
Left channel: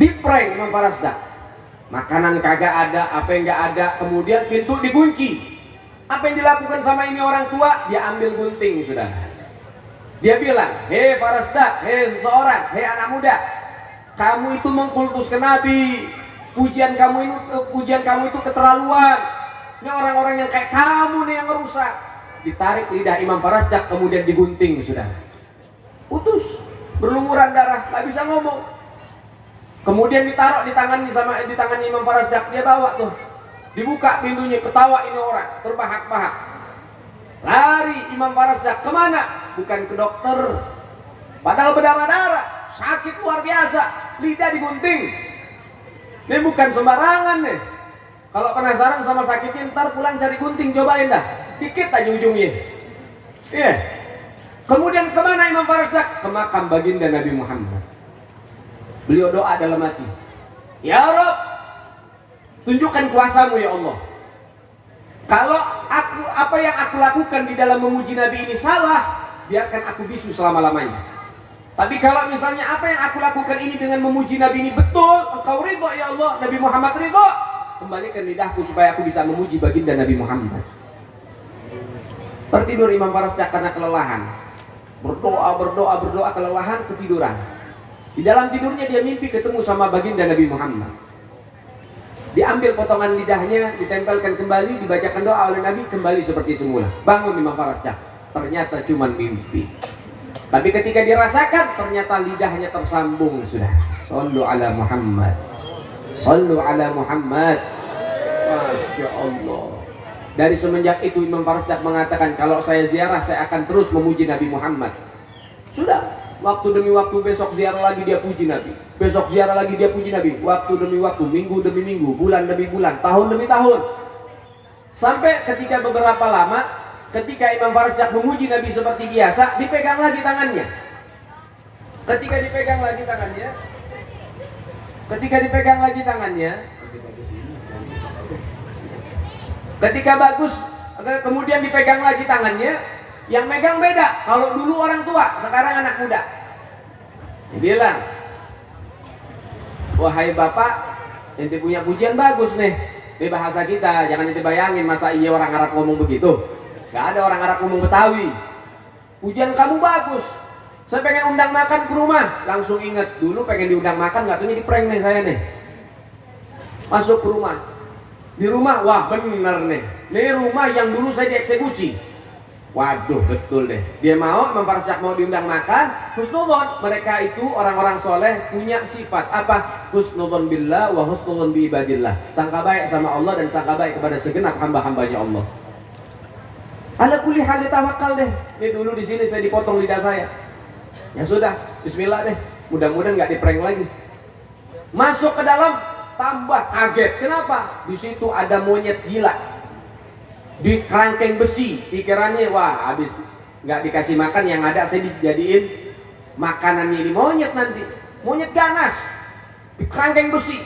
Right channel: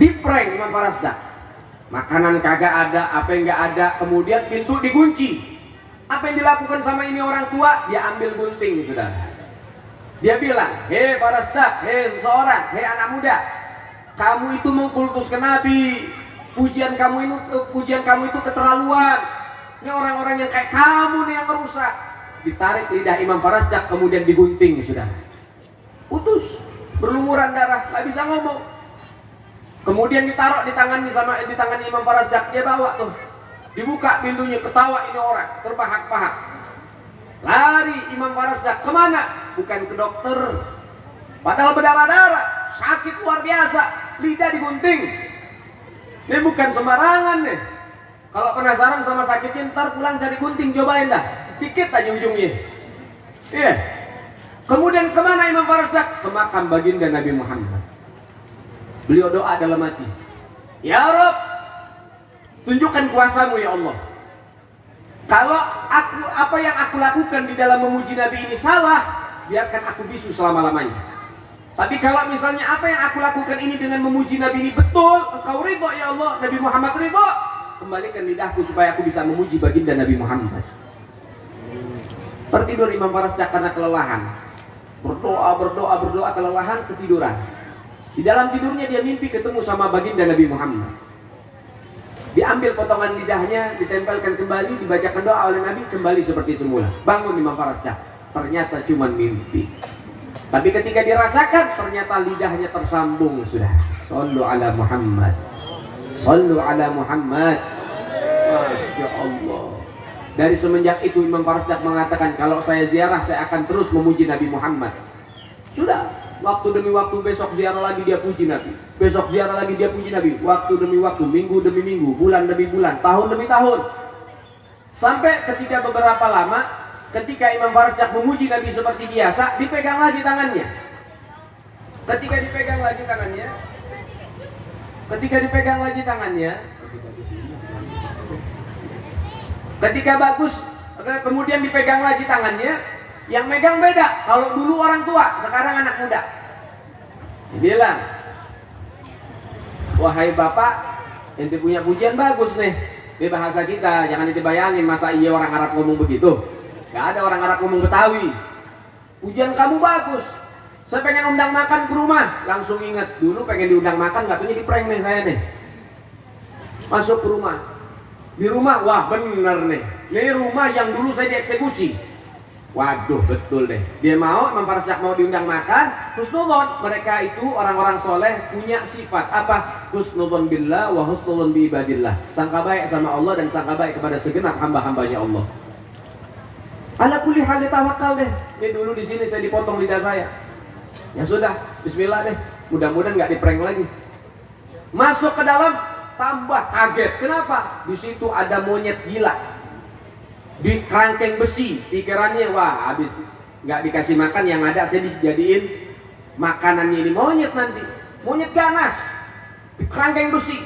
Di-prank Imam Farasdak. Makanan kagak ada, apa yang nggak ada, kemudian pintu dikunci. Apa yang dilakukan sama ini orang tua? Dia ambil gunting, sudah. Dia bilang, hei Farasdak, hei seseorang, hei anak muda, kamu itu mengkultuskan Nabi. Pujian kamu itu keterlaluan. Ini orang-orang yang kayak kamu nih yang merusak. Ditarik lidah Imam Farasdak, kemudian digunting, sudah. Putus, berlumuran darah, nggak bisa ngomong. Kemudian ditaruh di tangannya Imam Farasdak, dia bawa tuh. Dibuka pintunya, ketawa ini orang, terbahak-bahak. Lari Imam Farasdak, kemana? Bukan ke dokter. Padahal berdarah-darah, sakit luar biasa, lidah digunting. Ini bukan sembarangan nih. Kalau penasaran sama sakitnya, ntar pulang cari gunting, cobain dah. Dikit aja ujungnya. Iya. Kemudian kemana Imam Farasdak? Ke makam baginda Nabi Muhammad. Beliau doa dalam hati, ya Rabb, tunjukkan kuasamu ya Allah. Kalau apa yang aku lakukan di dalam memuji Nabi ini salah, biarkan aku bisu selama-lamanya. Tapi kalau misalnya apa yang aku lakukan ini dengan memuji Nabi ini betul, engkau ridho ya Allah, Nabi Muhammad ridho, kembalikan lidahku supaya aku bisa memuji baginda Nabi Muhammad. Tertidur Imam Farasdak karena kelelahan. Berdoa kelelahan, ketiduran. Di dalam tidurnya dia mimpi ketemu sama baginda Nabi Muhammad. Diambil potongan lidahnya, ditempelkan kembali, dibacakan doa oleh Nabi, kembali seperti semula. Bangun Imam Farasdak, ternyata cuma mimpi. Tapi ketika dirasakan, ternyata lidahnya tersambung, sudah. Sallu ala Muhammad, sallu ala Muhammad. Masya Allah. Dari semenjak itu Imam Farasdak mengatakan, kalau saya ziarah saya akan terus memuji Nabi Muhammad. Sudah, waktu demi waktu, besok ziarah lagi dia puji Nabi, besok ziarah lagi dia puji Nabi, waktu demi waktu, minggu demi minggu, bulan demi bulan, tahun demi tahun. Sampai ketika beberapa lama, ketika Imam Farasdak memuji Nabi seperti biasa, dipegang lagi tangannya. Ketika dipegang lagi tangannya, ketika bagus, kemudian dipegang lagi tangannya, yang megang beda. Kalau dulu orang tua, sekarang anak muda. Dia bilang, wahai bapak, ente punya pujian bagus nih. Ini bahasa kita, jangan ente bayangin masa iya orang Arab ngomong begitu. Gak ada orang Arab ngomong Betawi. Pujian kamu bagus. Saya pengen undang makan ke rumah. Langsung ingat, dulu pengen diundang makan, gak taunya di prank nih saya nih. Masuk ke rumah. Di rumah, wah bener nih. Ini rumah yang dulu saya dieksekusi. Waduh, betul deh. Dia mau, Imam Farasdak mau diundang makan. Husnudon, mereka itu orang-orang soleh punya sifat apa? Husnudon billah wa husnudon bi ibadillah. Sangka baik sama Allah dan sangka baik kepada segenap hamba-hambanya Allah. Ala kulli hal tawakal deh. Ini dulu di sini saya dipotong lidah saya. Ya sudah, bismillah deh. Mudah-mudahan nggak di-prank lagi. Masuk ke dalam, tambah kaget. Kenapa? Di situ ada monyet gila di kerangkeng besi. Pikirannya, wah habis nggak dikasih makan, yang ada saya dijadiin makanannya ini monyet nanti. Monyet ganas di kerangkeng besi.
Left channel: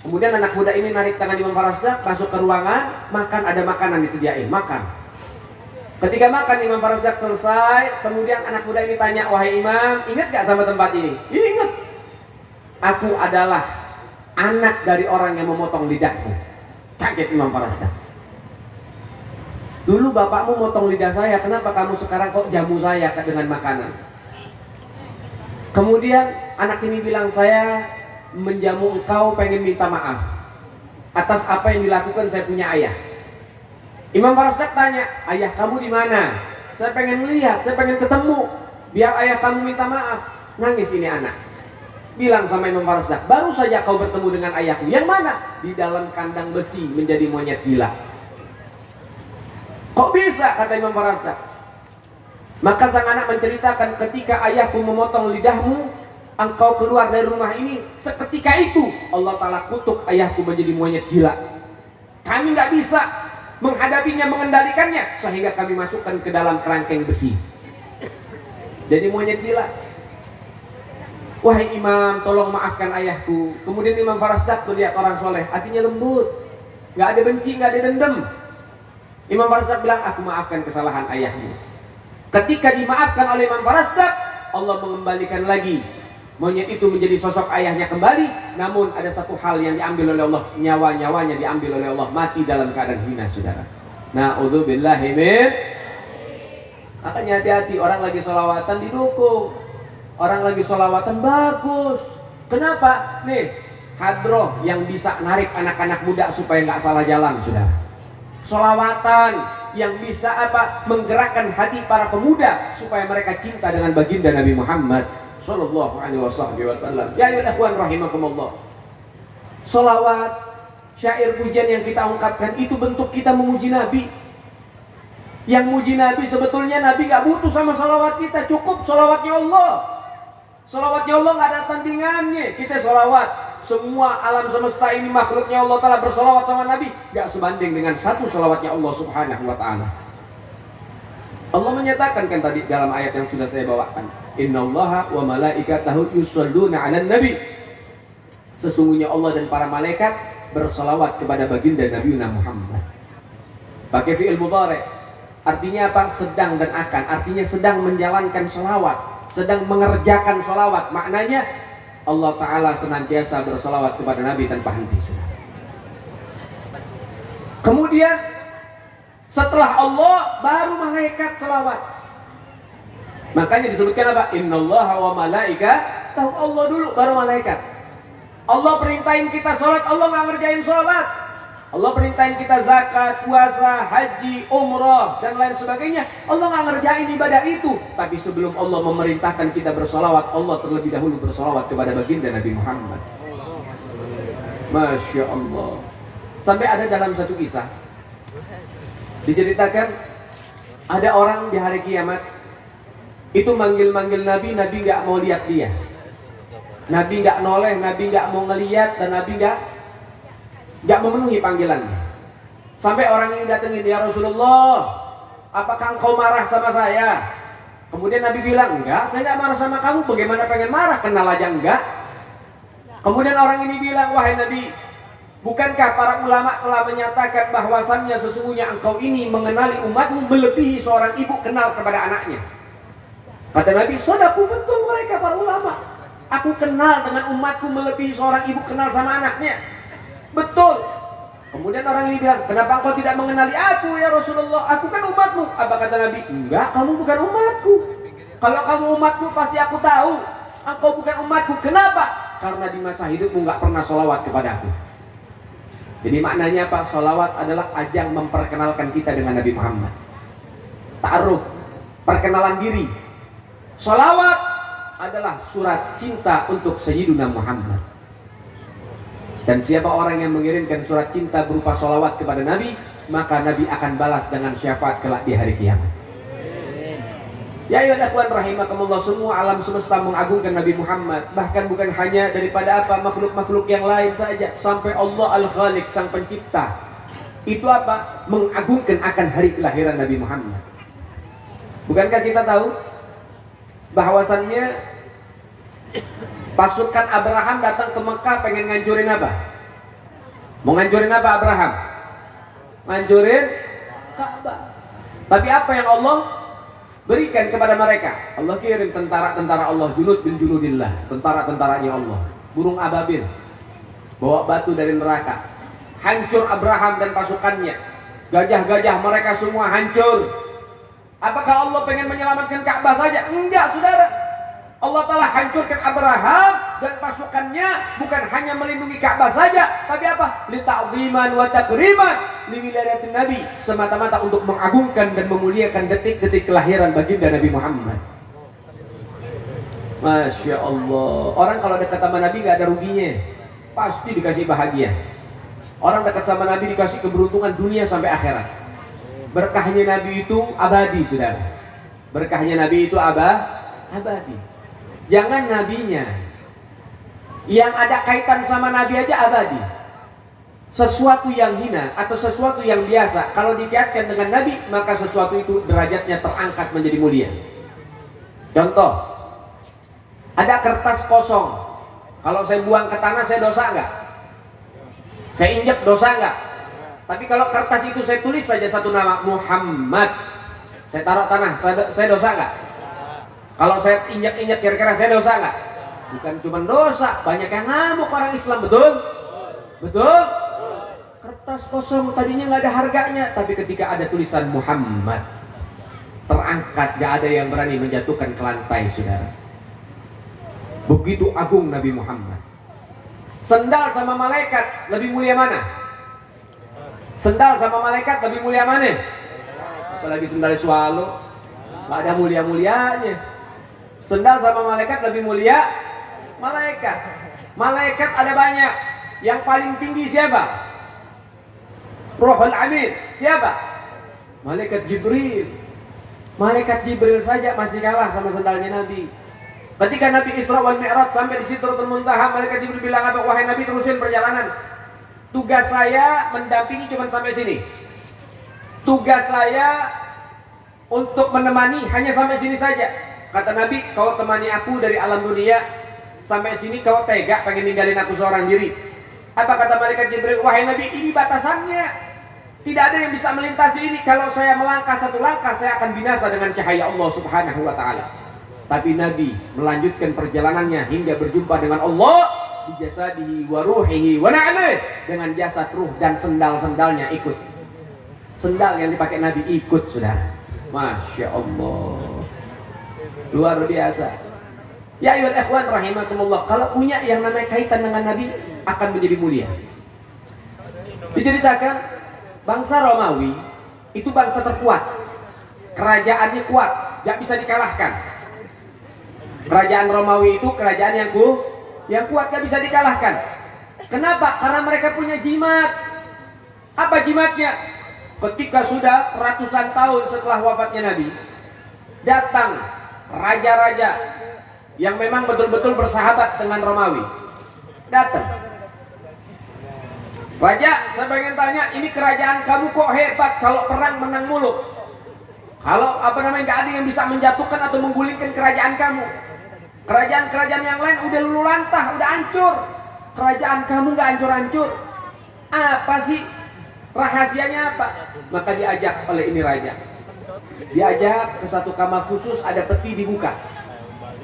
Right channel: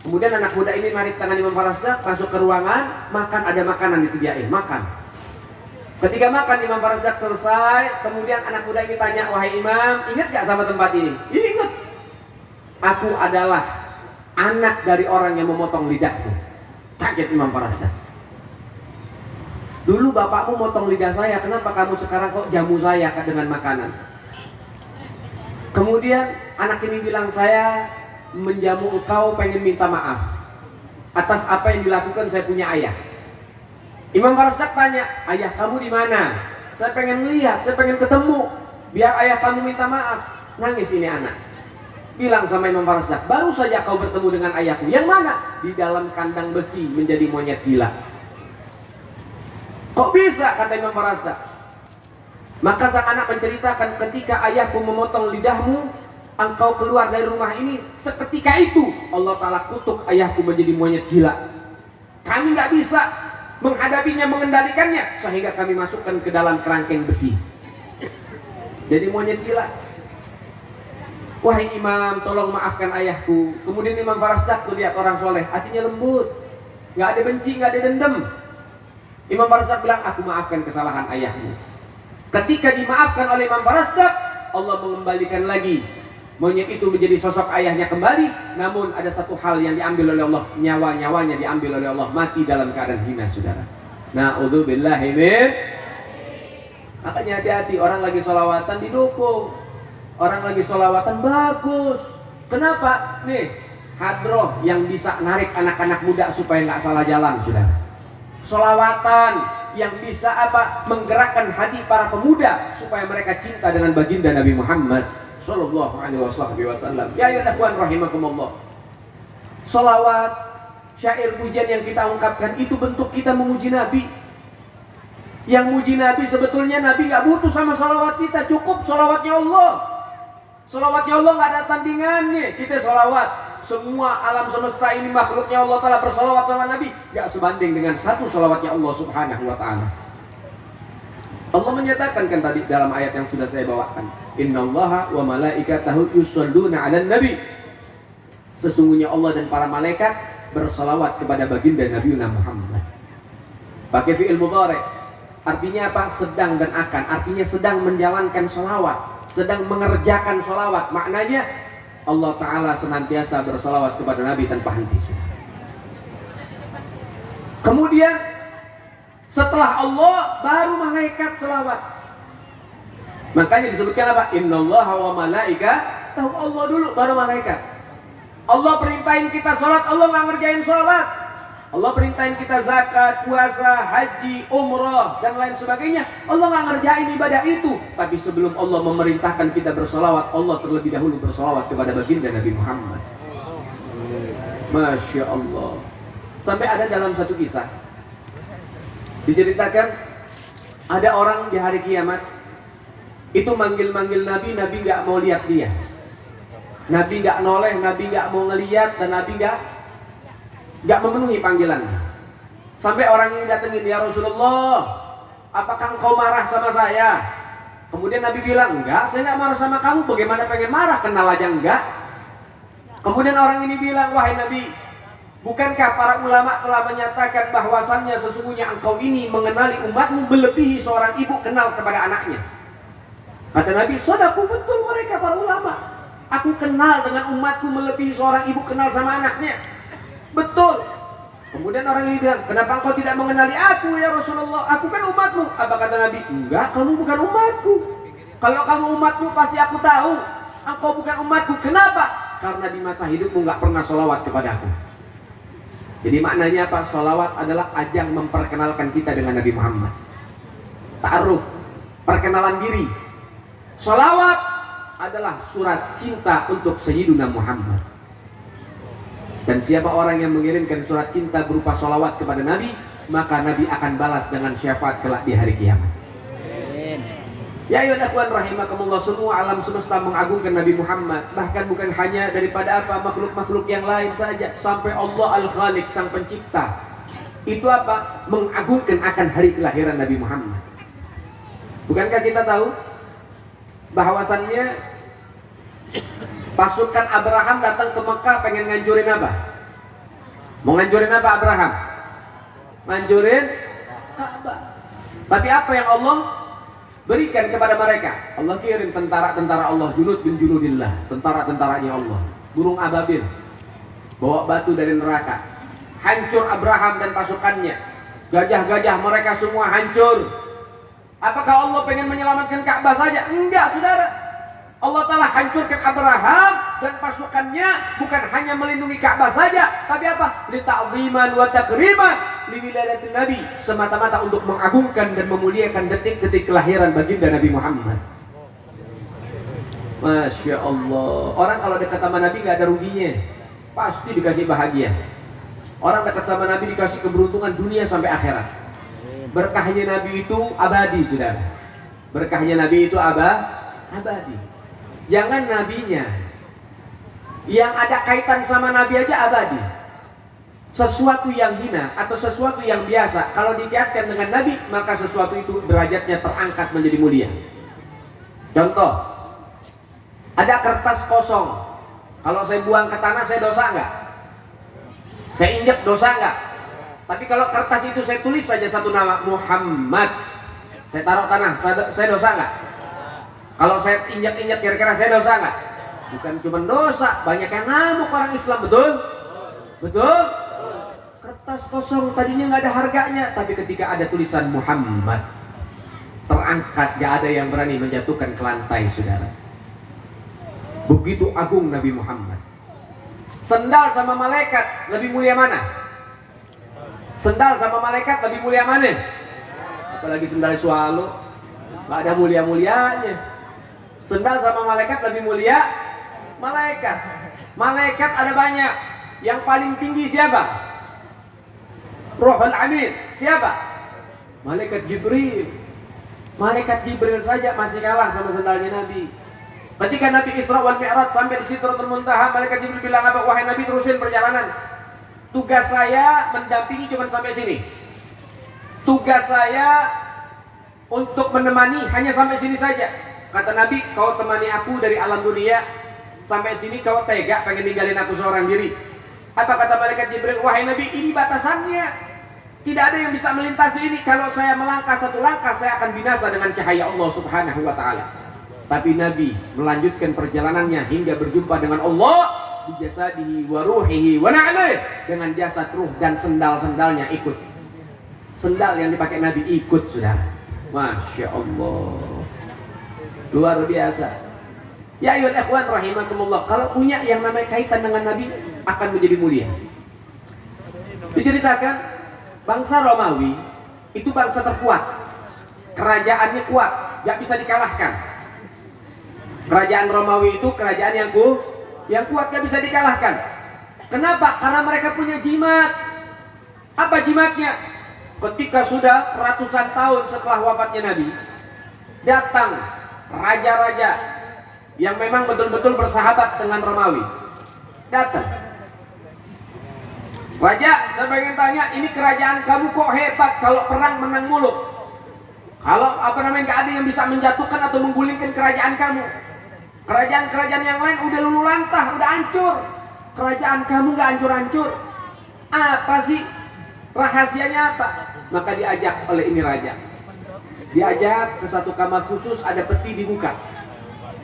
Kemudian anak muda ini narik tangan Imam Farasdak, masuk ke ruangan, makan, ada makanan disediain, makan. Ketika makan Imam Farasdak selesai, kemudian anak muda ini tanya, wahai Imam, ingat gak sama tempat ini? Ingat. Aku adalah anak dari orang yang memotong lidahku. Kaget Imam Farasdak. Dulu bapakmu motong lidah saya, kenapa kamu sekarang kok jamu saya dengan makanan? Kemudian anak ini bilang, saya menjamu engkau pengen minta maaf atas apa yang dilakukan saya punya ayah. Imam Farasdak tanya, ayah kamu di mana? Saya pengen lihat, saya pengen ketemu, biar ayah kamu minta maaf. Nangis ini anak. Bilang sama Imam Farasdak, baru saja kau bertemu dengan ayahku. Yang mana? Di dalam kandang besi menjadi monyet gila. Kok bisa? Kata Imam Farasdak. Maka sang anak menceritakan, ketika ayahku memotong lidahmu, engkau keluar dari rumah ini. Seketika itu Allah Ta'ala kutuk ayahku menjadi monyet gila. Kami gak bisa menghadapinya, mengendalikannya, sehingga kami masukkan ke dalam kerangkeng besi. Jadi monyet gila. Wahai imam, tolong maafkan ayahku. Kemudian Imam Farasdak tuh lihat orang soleh, hatinya lembut, gak ada benci, gak ada dendam. Imam Farasdak bilang, aku maafkan kesalahan ayahmu. Ketika dimaafkan oleh Imam Farasdak, Allah mengembalikan lagi monyet itu menjadi sosok ayahnya kembali. Namun ada satu hal yang diambil oleh Allah, nyawa-nyawanya diambil oleh Allah, mati dalam keadaan hina, saudara. Na'udzubillahi min. Makanya hati-hati, orang lagi sholawatan didukung, orang lagi sholawatan bagus. Kenapa? Nih, hadroh yang bisa narik anak-anak muda supaya nggak salah jalan, saudara. Sholawatan yang bisa menggerakkan hati para pemuda supaya mereka cinta dengan baginda Nabi Muhammad Sallallahu alaihi wasallam. Ya ikhwan rahimakumullah. Sholawat, syair pujian yang kita ungkapkan itu bentuk kita memuji Nabi. Yang muji Nabi sebetulnya Nabi gak butuh sama sholawat kita, cukup sholawatnya Allah. Sholawatnya Allah gak ada tandingannya. Kita sholawat, semua alam semesta ini makhluknya Allah Ta'ala bersolawat sama Nabi, gak sebanding dengan satu sholawatnya Allah Subhanahu wa Ta'ala. Allah menyatakan kan tadi dalam ayat yang sudah saya bawakan, innallaha wa malaikatahu yusholluna 'alan nabi. Sesungguhnya Allah dan para malaikat bersolawat kepada baginda Nabi Muhammad. Pakai fi'il mudhari'. Artinya apa? Sedang dan akan. Artinya sedang menjalankan sholawat, sedang mengerjakan sholawat. Maknanya Allah Ta'ala senantiasa bersolawat kepada Nabi tanpa henti. Kemudian setelah Allah baru malaikat selawat. Makanya disebutkan apa? Innallaha wa malaikatahu. Allah dulu baru malaikat. Allah perintahin kita sholat, Allah nggak ngerjain sholat. Allah perintahin kita zakat, puasa, haji, umrah dan lain sebagainya. Allah nggak ngerjain ibadah itu. Tapi sebelum Allah memerintahkan kita bersolawat, Allah terlebih dahulu bersolawat kepada baginda Nabi Muhammad. Masya Allah. Sampai ada dalam satu kisah diceritakan, ada orang di hari kiamat itu manggil-manggil Nabi, Nabi nggak mau lihat dia. Nabi nggak noleh, Nabi nggak mau ngeliat, dan Nabi nggak memenuhi panggilannya. Sampai orang ini datangin, ya Rasulullah, apakah engkau marah sama saya? Kemudian Nabi bilang, enggak, saya nggak marah sama kamu. Bagaimana pengen marah? Kenal aja enggak. Kemudian orang ini bilang, wahai Nabi, bukankah para ulama telah menyatakan bahwasannya sesungguhnya engkau ini mengenali umatmu melebihi seorang ibu kenal kepada anaknya? Kata Nabi, sadaku, betul mereka para ulama. Aku kenal dengan umatku melebihi seorang ibu kenal sama anaknya. Betul. Kemudian orang ini bilang, kenapa engkau tidak mengenali aku ya Rasulullah? Aku kan umatmu. Apa kata Nabi? Enggak, kamu bukan umatku. Kalau kamu umatku pasti aku tahu. Engkau bukan umatku. Kenapa? Karena di masa hidupmu nggak pernah sholawat kepada aku. Jadi maknanya apa? Sholawat adalah ajang memperkenalkan kita dengan Nabi Muhammad. Ta'aruf, perkenalan diri. Sholawat adalah surat cinta untuk Sayyiduna Muhammad. Dan siapa orang yang mengirimkan surat cinta berupa sholawat kepada Nabi, maka Nabi akan balas dengan syafaat kelak di hari kiamat. Ya ayyuhal rahimakumullah, semua alam semesta mengagungkan Nabi Muhammad. Bahkan bukan hanya daripada apa makhluk-makhluk yang lain saja, sampai Allah Al-Khaliq, sang pencipta, itu apa? Mengagungkan akan hari kelahiran Nabi Muhammad. Bukankah kita tahu bahwasannya pasukan Abraham datang ke Mekah pengen ngancurin apa? Mau ngancurin apa Abraham? Ngancurin Ka'bah. Tapi apa yang Allah berikan kepada mereka? Allah kirim tentara-tentara Allah, junud bin junudillah, tentara-tentaranya Allah, burung ababil, bawa batu dari neraka, hancur Abraham dan pasukannya, gajah-gajah mereka semua hancur. Apakah Allah pengen menyelamatkan Ka'bah saja? Enggak, saudara. Allah telah hancurkan Abraham dan pasukannya, bukan hanya melindungi Ka'bah saja, tapi apa? Li ta'ziman wa takriman li wiladatin Nabi, semata-mata untuk mengagungkan dan memuliakan detik-detik kelahiran baginda Nabi Muhammad. Masya Allah. Orang kalau dekat sama Nabi gak ada ruginya, pasti dikasih bahagia. Orang dekat sama Nabi dikasih keberuntungan dunia sampai akhirat. Berkahnya Nabi itu abadi, saudara. Berkahnya Nabi itu abadi. Jangan nabinya, yang ada kaitan sama Nabi aja abadi. Sesuatu yang hina atau sesuatu yang biasa, kalau dikaitkan dengan Nabi, maka sesuatu itu derajatnya terangkat menjadi mulia. Contoh, ada kertas kosong. Kalau saya buang ke tanah, saya dosa enggak? Saya injek, dosa enggak? Tapi kalau kertas itu saya tulis saja satu nama, Muhammad, saya taruh tanah, saya dosa enggak? Kalau saya injak-injak kira-kira saya dosa nggak? Bukan cuma dosa, banyak yang ngamuk orang Islam, betul? Betul? Kertas kosong tadinya nggak ada harganya, tapi ketika ada tulisan Muhammad, terangkat, gak ada yang berani menjatuhkan ke lantai, saudara. Begitu agung Nabi Muhammad. Sendal sama malaikat lebih mulia mana? Sendal sama malaikat lebih mulia mana? Apalagi sendal swallow, nggak ada mulia-mulianya. Sendal sama malaikat lebih mulia. Malaikat ada banyak. Yang paling tinggi siapa? Ruhul Amin. Siapa? Malaikat Jibril. Malaikat Jibril saja masih kalah sama sendalnya Nabi. Ketika Nabi Isra wal Mi'raj sampai di Sidratul Muntaha, malaikat Jibril bilang apa? Wahai Nabi, terusin perjalanan. Tugas saya mendampingi cuma sampai sini. Tugas saya untuk menemani hanya sampai sini saja. Kata Nabi, kau temani aku dari alam dunia sampai sini, kau tega pengen ninggalin aku seorang diri. Apa kata malaikat Jibril? Wahai Nabi, ini batasannya. Tidak ada yang bisa melintasi ini. Kalau saya melangkah satu langkah, saya akan binasa dengan cahaya Allah Subhanahu wa ta'ala. Tapi Nabi melanjutkan perjalanannya hingga berjumpa dengan Allah bi jasadihi wa ruhihi wa na'lihi, dengan jasad, ruh dan sendal-sendalnya ikut. Sendal yang dipakai Nabi ikut, saudara. Masya Allah. Luar biasa. Ya ayyuhal ikhwan rahimakumullah, kalau punya yang namanya kaitan dengan Nabi akan menjadi mulia. Diceritakan bangsa Romawi itu bangsa terkuat. Kerajaannya kuat, gak bisa dikalahkan. Kerajaan Romawi itu kerajaan yang kuat, gak bisa dikalahkan. Kenapa? Karena mereka punya jimat. Apa jimatnya? Ketika sudah ratusan tahun setelah wafatnya Nabi, datang raja-raja yang memang betul-betul bersahabat dengan Romawi. Datang. Raja, saya pengen tanya, ini kerajaan kamu kok hebat, kalau perang menang mulu. Kalau gak ada yang bisa menjatuhkan atau menggulingkan kerajaan kamu. Kerajaan-kerajaan yang lain udah luluh lantah, udah hancur. Kerajaan kamu gak hancur-hancur. Apa sih? Rahasianya apa? Maka diajak oleh ini raja. Diajak ke satu kamar khusus, ada peti dibuka.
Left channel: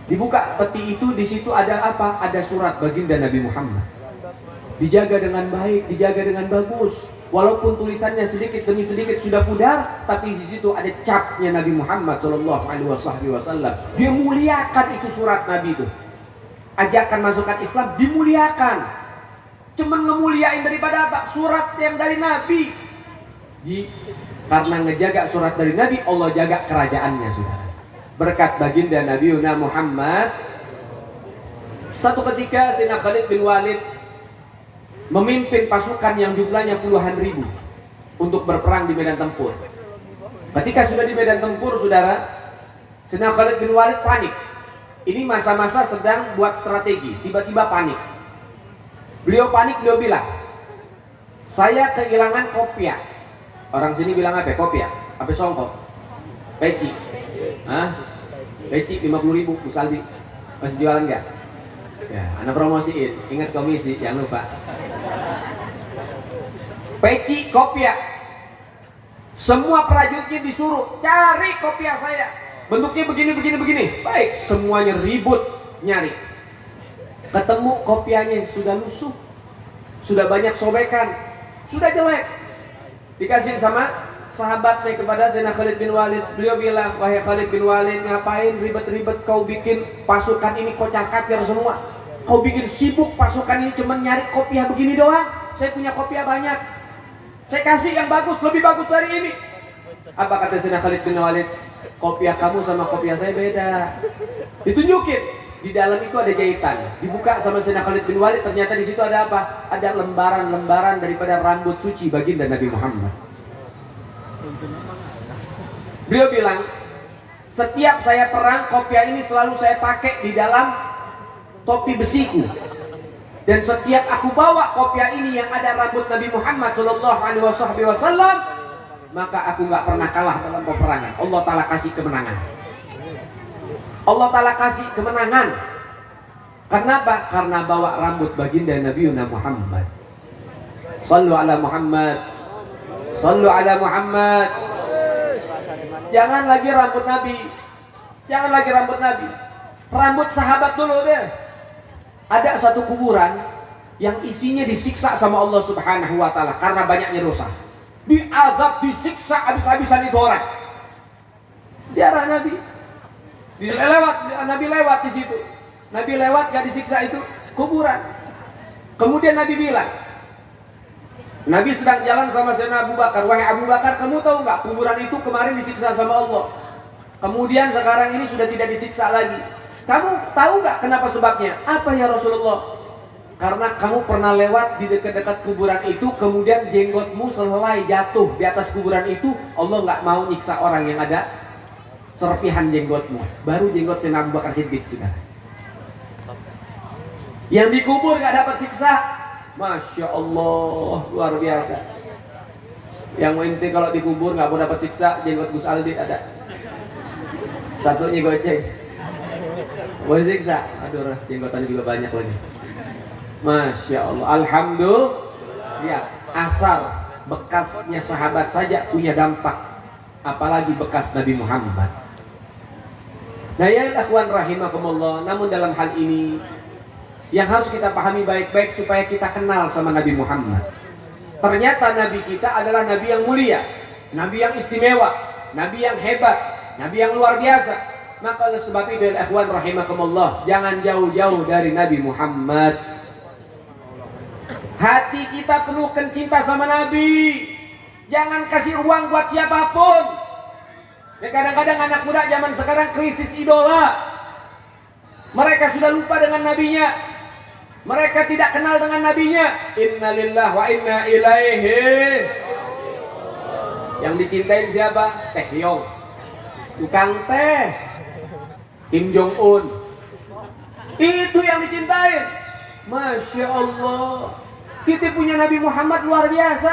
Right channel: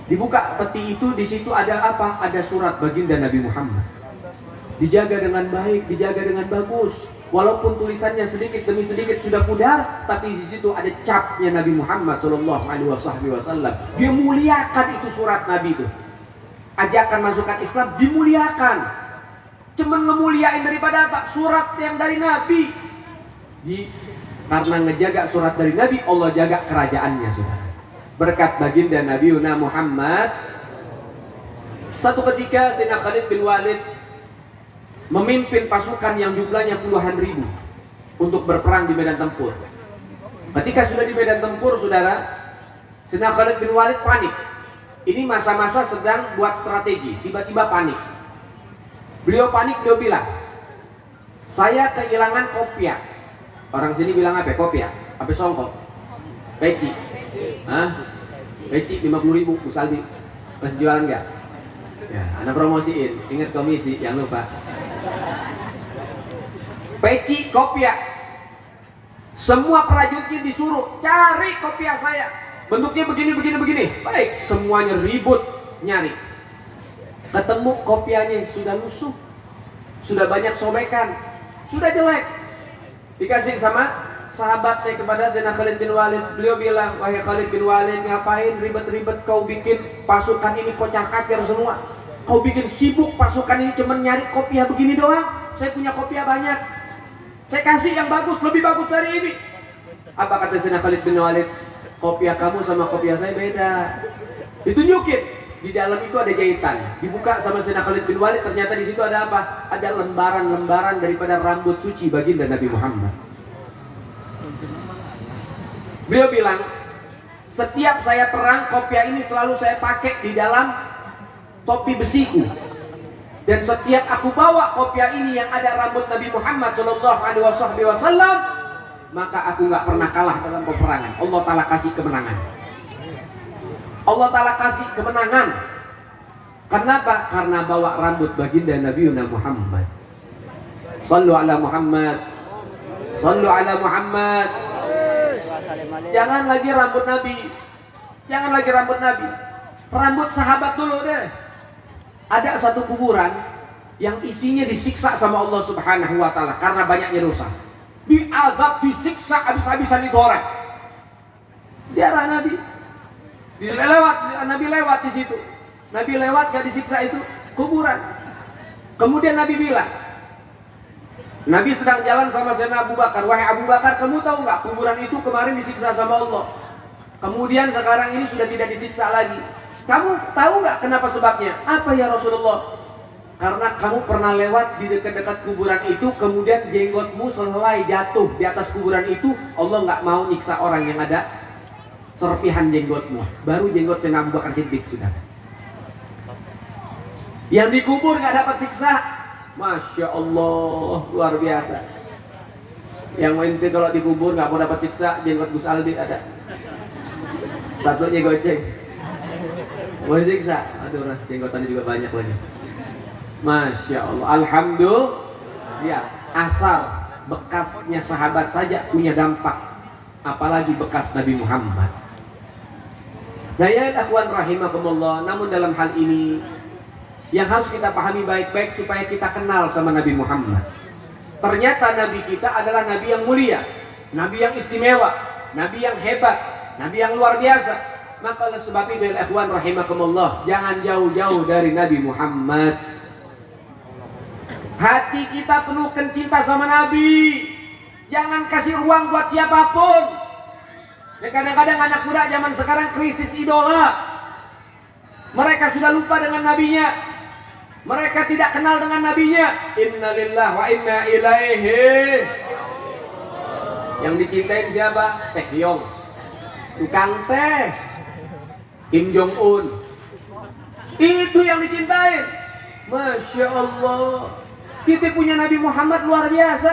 Dibuka peti itu, di situ ada apa? Ada surat baginda Nabi Muhammad. Dijaga dengan baik, dijaga dengan bagus. Walaupun tulisannya sedikit demi sedikit sudah pudar, tapi di situ ada capnya Nabi Muhammad SAW. Dia muliakan itu surat Nabi itu. Ajakan masukkan Islam dimuliakan. Cuman ngemuliain daripada apa? Surat yang dari Nabi. Karena ngejaga surat dari Nabi, Allah jaga kerajaannya, saudara. Berkat baginda Nabi Muhammad. Satu ketika Sayyidina Khalid bin Walid memimpin pasukan yang jumlahnya puluhan ribu untuk berperang di medan tempur. Ketika sudah di medan tempur, saudara, Sayyidina Khalid bin Walid panik. Ini masa-masa sedang buat strategi, tiba-tiba panik. Beliau panik, beliau bilang, saya kehilangan kopiah. Orang sini bilang apa? Kopiah? Apa songkok? Peci? Hah? Peci 50.000, Musaldi. Masih jualan nggak? Ya, anak promosiin. Ingat komisi, jangan lupa. Peci, kopiah. Semua prajuritnya disuruh cari kopiah saya. Bentuknya begini. Baik, semuanya ribut nyari. Ketemu kopiahnya sudah lusuh, sudah banyak sobekan, sudah jelek. Dikasih sama sahabatnya kepada Sayyidina Khalid bin Walid. Beliau bilang, wahai Khalid bin Walid, ngapain ribet-ribet kau bikin pasukan ini kocar-kacir semua? Kau bikin sibuk pasukan ini cuma nyari kopiah begini doang. Saya punya kopiah banyak. Saya kasih yang bagus, lebih bagus dari ini. Apa kata Sayyidina Khalid bin Walid? Kopiah kamu sama kopiah saya beda. Ditunjukin. Di dalam itu ada jahitan. Dibuka sama Sayyidina Khalid bin Walid, ternyata di situ ada apa? Ada lembaran-lembaran daripada rambut suci baginda Nabi Muhammad. Beliau bilang, setiap saya perang, kopiah ini selalu saya pakai di dalam topi besiku. Dan setiap aku bawa kopiah ini yang ada rambut Nabi Muhammad SAW, maka aku nggak pernah kalah dalam peperangan. Allah Ta'ala kasih kemenangan. Allah Ta'ala kasih kemenangan. Kenapa? Karena bawa rambut baginda Nabi Muhammad. Sallu ala Muhammad. Sallu ala Muhammad. Jangan lagi rambut Nabi. Jangan lagi rambut Nabi. Rambut sahabat dulu deh. Ada satu kuburan yang isinya disiksa sama Allah Subhanahu wa Ta'ala karena banyaknya dosa. Diazab, disiksa habis-habisan itu orang. Ziarah Nabi. Nabi lewat di situ. Nabi lewat gak disiksa itu kuburan. Kemudian Nabi bilang, Nabi sedang jalan sama Sayyidina Abu Bakar. Wahai Abu Bakar, kamu tahu nggak kuburan itu kemarin disiksa sama Allah. Kemudian sekarang ini sudah tidak disiksa lagi. Kamu tahu nggak kenapa sebabnya? Apa ya Rasulullah? Karena kamu pernah lewat di dekat-dekat kuburan itu, kemudian jenggotmu selesai jatuh di atas kuburan itu, Allah nggak mau nyiksa orang yang ada serpihan jenggotmu. Baru jenggot Sayyidina Abu Bakar Siddiq sudah. Yang dikubur nggak dapat siksa. Masya Allah, luar biasa. Yang inti kalau dikubur nggak mau dapat siksa, jenggot Gus Aldi ada. Satunya goceng. Mau siksa, aduh jenggotannya juga banyak lagi. Masya Allah, alhamdulillah. Ya, asar bekasnya sahabat saja punya dampak, apalagi bekas Nabi Muhammad. Nah ya akhwan rahimakumullah, namun dalam hal ini yang harus kita pahami baik-baik supaya kita kenal sama Nabi Muhammad. Ternyata Nabi kita adalah Nabi yang mulia, Nabi yang istimewa, Nabi yang hebat, Nabi yang luar biasa. Maka oleh sebab itu akhwan rahimakumullah, jangan jauh-jauh dari Nabi Muhammad. Hati kita penuhkan cinta sama Nabi. Jangan kasih ruang buat siapapun. Dan kadang-kadang anak muda zaman sekarang krisis idola. Mereka sudah lupa dengan nabinya. Mereka tidak kenal dengan nabinya. Inna lillahi wa inna ilaihi. Yang dicintai siapa? Teh Yong. Tukang teh. Kim Jong Un. Itu yang dicintai. Masya Allah. Kita punya Nabi Muhammad luar biasa.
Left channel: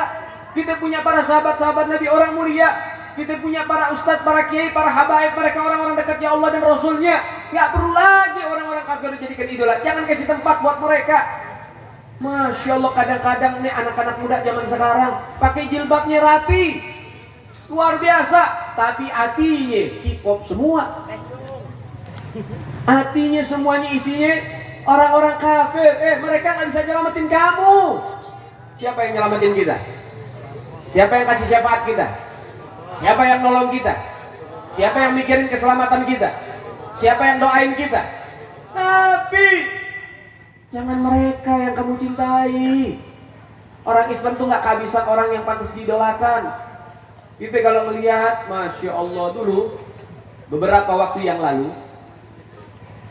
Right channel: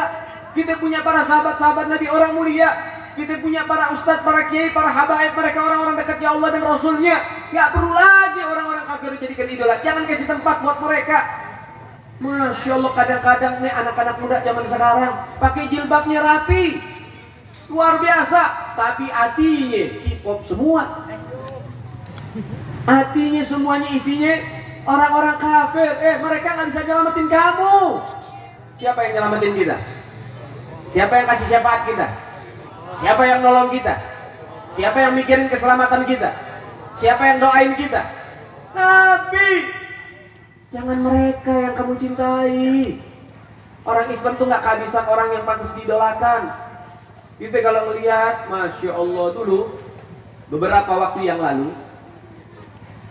Kita punya para sahabat-sahabat Nabi orang mulia. Kita punya para ustadz, para kiai, para habaib, mereka orang-orang dekatnya Allah dan Rasulnya. Gak perlu lagi orang-orang kafir dijadikan idola. Jangan kasih tempat buat mereka. Masya Allah, kadang-kadang nih anak-anak muda zaman sekarang pakai jilbabnya rapi, luar biasa. Tapi hatinya K-pop semua. Hatinya semuanya isinya orang-orang kafir. Mereka gak bisa nyelamatin kamu. Siapa yang nyelamatin kita? Siapa yang kasih syafaat kita? Siapa yang nolong kita? Siapa yang mikirin keselamatan kita? Siapa yang doain kita? Nabi. Jangan mereka yang kamu cintai. Orang Islam tuh gak kehabisan orang yang pantas didolakan. Kita kalau melihat, Masya Allah, dulu beberapa waktu yang lalu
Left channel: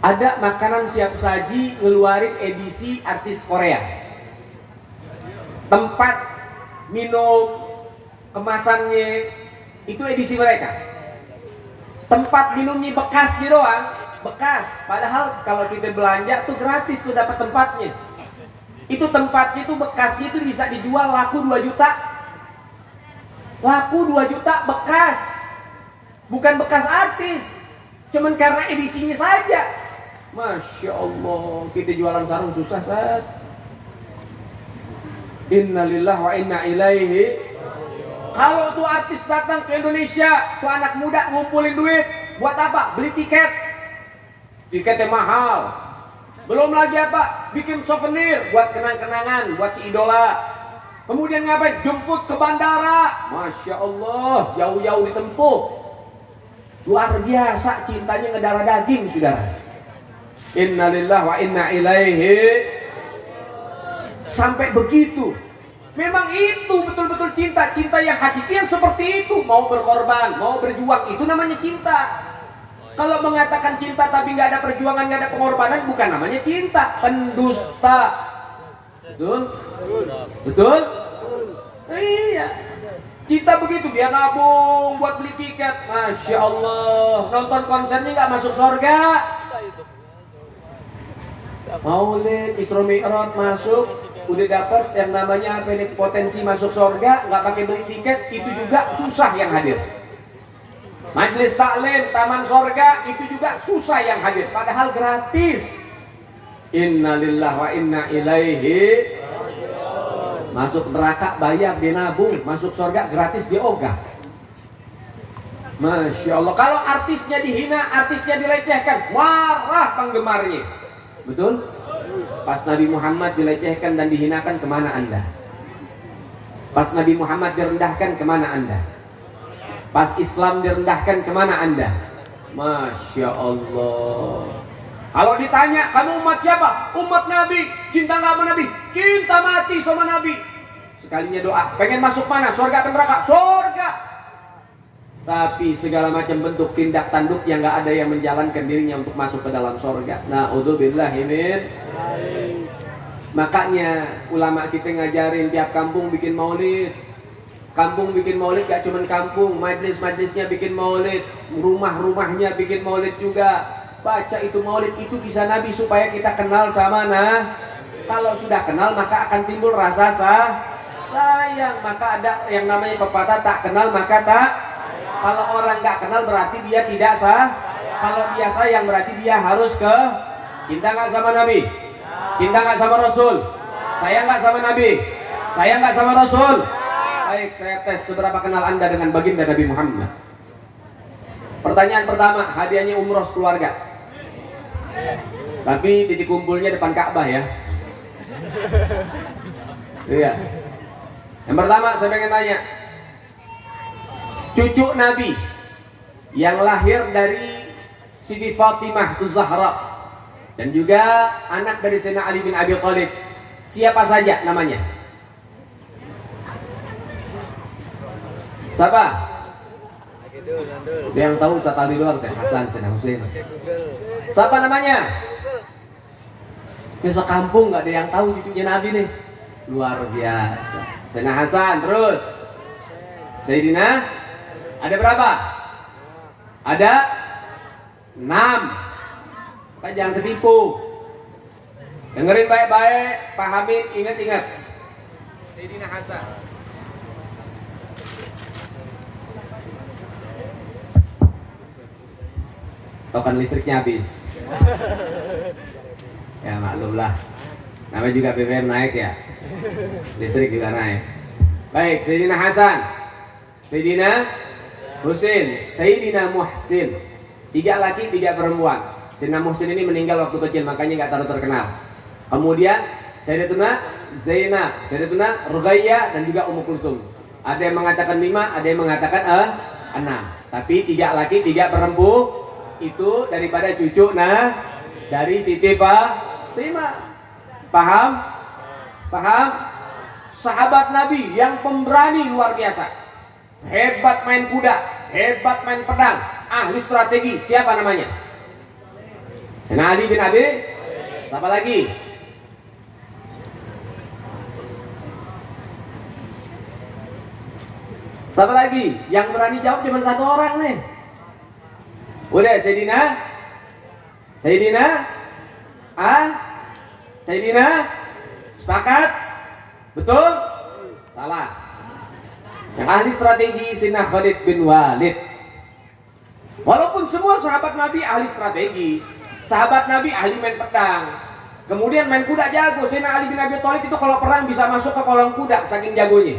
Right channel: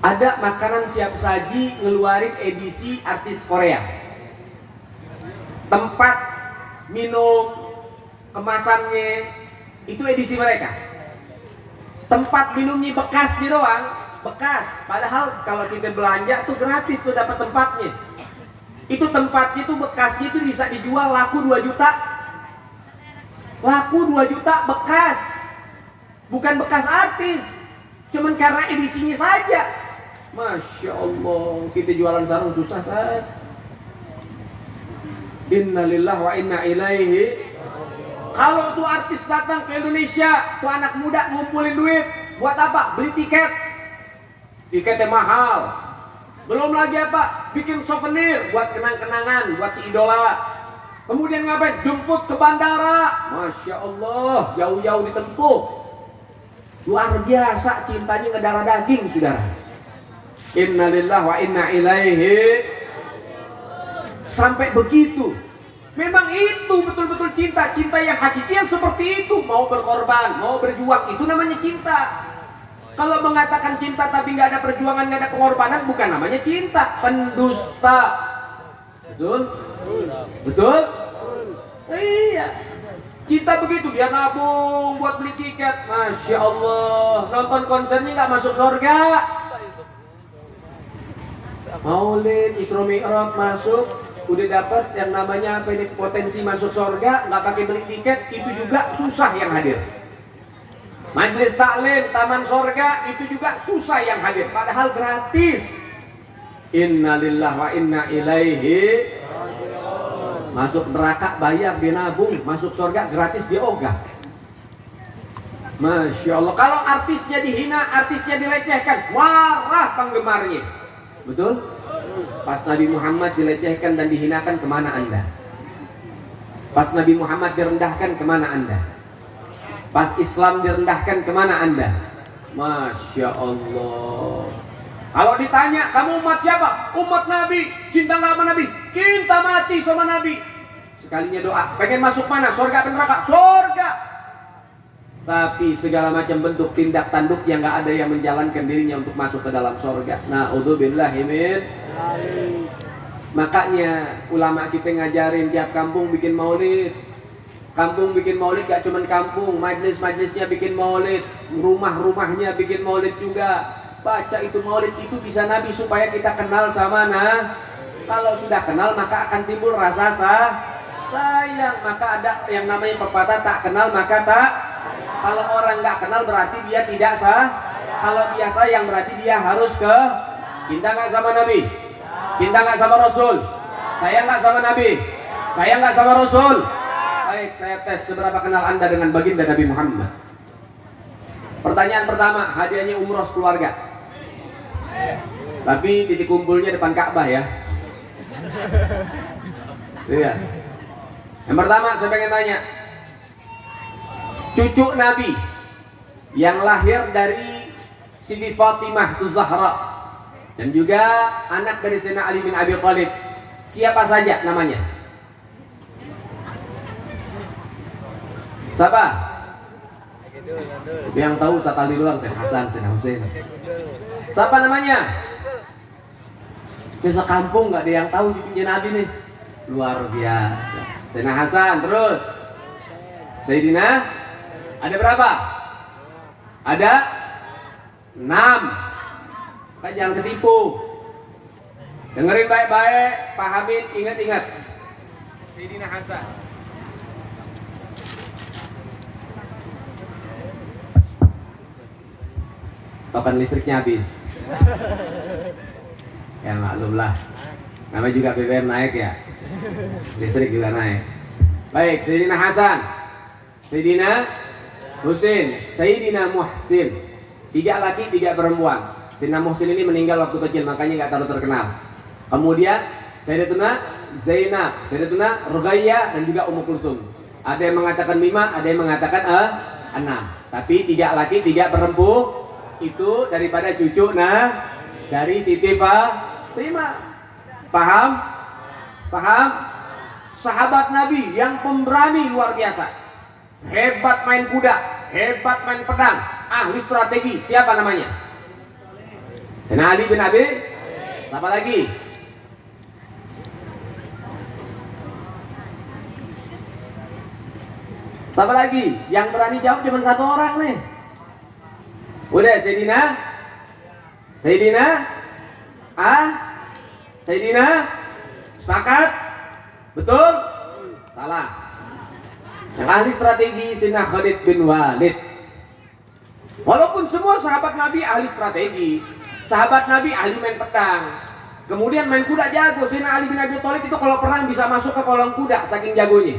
ada makanan siap saji ngeluarin edisi artis Korea. Tempat minum, kemasannya itu edisi mereka. Tempat minumnya bekasnya doang, bekas. Padahal kalau kita belanja tuh gratis tuh dapat tempatnya. Itu tempatnya tuh bekasnya itu bisa dijual laku 2 juta. Laku 2 juta bekas. Bukan bekas artis. Cuman karena edisinya saja. Masya Allah, kita jualan sarung susah sas. Innalillahi wa inna ilaihi. Kalau tuh artis datang ke Indonesia, tuh anak muda ngumpulin duit, buat apa? Beli tiket. Tiketnya mahal. Belum lagi apa? Bikin souvenir buat kenang-kenangan, buat si idola. Kemudian ngapain? Jemput ke bandara. Masya Allah, jauh-jauh ditempuh. Luar biasa cintanya ke darah daging, saudara. Inna lillahi wa inna ilaihi. Sampai begitu. Memang itu betul-betul cinta. Cinta yang hakiki yang seperti itu. Mau berkorban, mau berjuang, itu namanya cinta. Kalau mengatakan cinta tapi nggak ada perjuangan, nggak ada pengorbanan, bukan namanya cinta. Pendusta. Betul? Betul? Iya. Cinta begitu, dia nabung buat beli tiket. Masya Allah. Nonton konser ini nggak masuk surga. Maulid, Isra Mi'raj masuk, udah dapat yang namanya apa ini, potensi masuk surga, nggak pakai beli tiket, itu juga susah yang hadir. Majelis taklim, taman surga, itu juga susah yang hadir, padahal gratis. Inna lillahi wa inna ilaihi. Masuk neraka bayar, dia nabung, masuk surga gratis, dia ogah. Masya Allah. Kalau artisnya dihina, artisnya dilecehkan, marah penggemarnya. Betul? Pas Nabi Muhammad dilecehkan dan dihinakan, kemana Anda? Pas Nabi Muhammad direndahkan, kemana Anda? Pas Islam direndahkan, kemana Anda? Masya Allah. Kalau ditanya, kamu umat siapa? Umat Nabi. Cinta nggak sama Nabi? Cinta mati sama Nabi. Sekalinya doa, pengen masuk mana? Surga atau neraka? Surga. Tapi segala macam bentuk tindak tanduk yang nggak ada yang menjalankan dirinya untuk masuk ke dalam surga. Na'udzubillahi min. Makanya ulama kita ngajarin tiap kampung bikin maulid. Kampung bikin maulid gak cuma kampung, majlis-majlisnya bikin maulid, rumah-rumahnya bikin maulid juga. Baca itu maulid, itu bisa Nabi supaya kita kenal sama kalau sudah kenal maka akan timbul rasa sayang. Maka ada yang namanya pepatah, tak kenal maka tak. Kalau orang nggak kenal berarti dia tidak kalau dia sayang berarti dia harus ke. Cinta nggak sama Nabi? Cinta nggak sama Rasul? Sayang nggak sama Nabi? Sayang nggak sama Rasul? Baik, saya tes seberapa kenal Anda dengan baginda Nabi Muhammad. Pertanyaan pertama, hadiahnya umroh keluarga. Tapi titik kumpulnya depan Ka'bah ya. Iya. Yang pertama saya pengen tanya, cucu Nabi yang lahir dari Siti Fatimah Az-Zahra dan juga anak dari Sayyidina Ali bin Abi Thalib, siapa saja namanya? Siapa? Yang tahu sekali doang, Syekh Hasan, Syekh Husain. Siapa namanya? Ya sekampung nggak ada yang tahu cucunya Nabi nih. Luar biasa. Sayyidina Hasan, terus Sayyidina, ada berapa? Ada 6. Kan jangan ketipu. Dengerin baik-baik, pahamin, ingat-ingat. Sayyidina Hasan. Kapan listriknya habis? Ya maklum lah. Namanya juga BBM naik ya. Listrik juga naik. Baik, Sayyidina Hasan, Sayyidina Husain, Sayyidina Muhsin. 3 laki, 3 perempuan. Sayyidina Muhsin ini meninggal waktu kecil, makanya nggak terlalu terkenal. Kemudian Sayyidatuna Zainab, Sayyidatuna Ruqayyah dan juga Ummu Kulthum. Ada yang mengatakan 5, ada yang mengatakan 6. Tapi 3 laki, 3 perempuan. Itu daripada cucu dari Siti Fatimah. Paham? Paham? Sahabat Nabi yang pemberani luar biasa. Hebat main kuda, hebat main pedang, ahli strategi. Siapa namanya? Sayyidina Ali bin Abi. Siapa lagi? Siapa lagi? Yang berani jawab cuma 1 orang nih. Udah, Sayyidina sepakat? Betul? Salah. Yang ahli strategi Sayyidina Khalid bin Walid. Walaupun semua sahabat Nabi ahli strategi, sahabat Nabi ahli main pedang, kemudian main kuda jago. Sayyidina Ali bin Abi Thalib itu kalau perang bisa masuk ke kolam kuda, saking jagonya.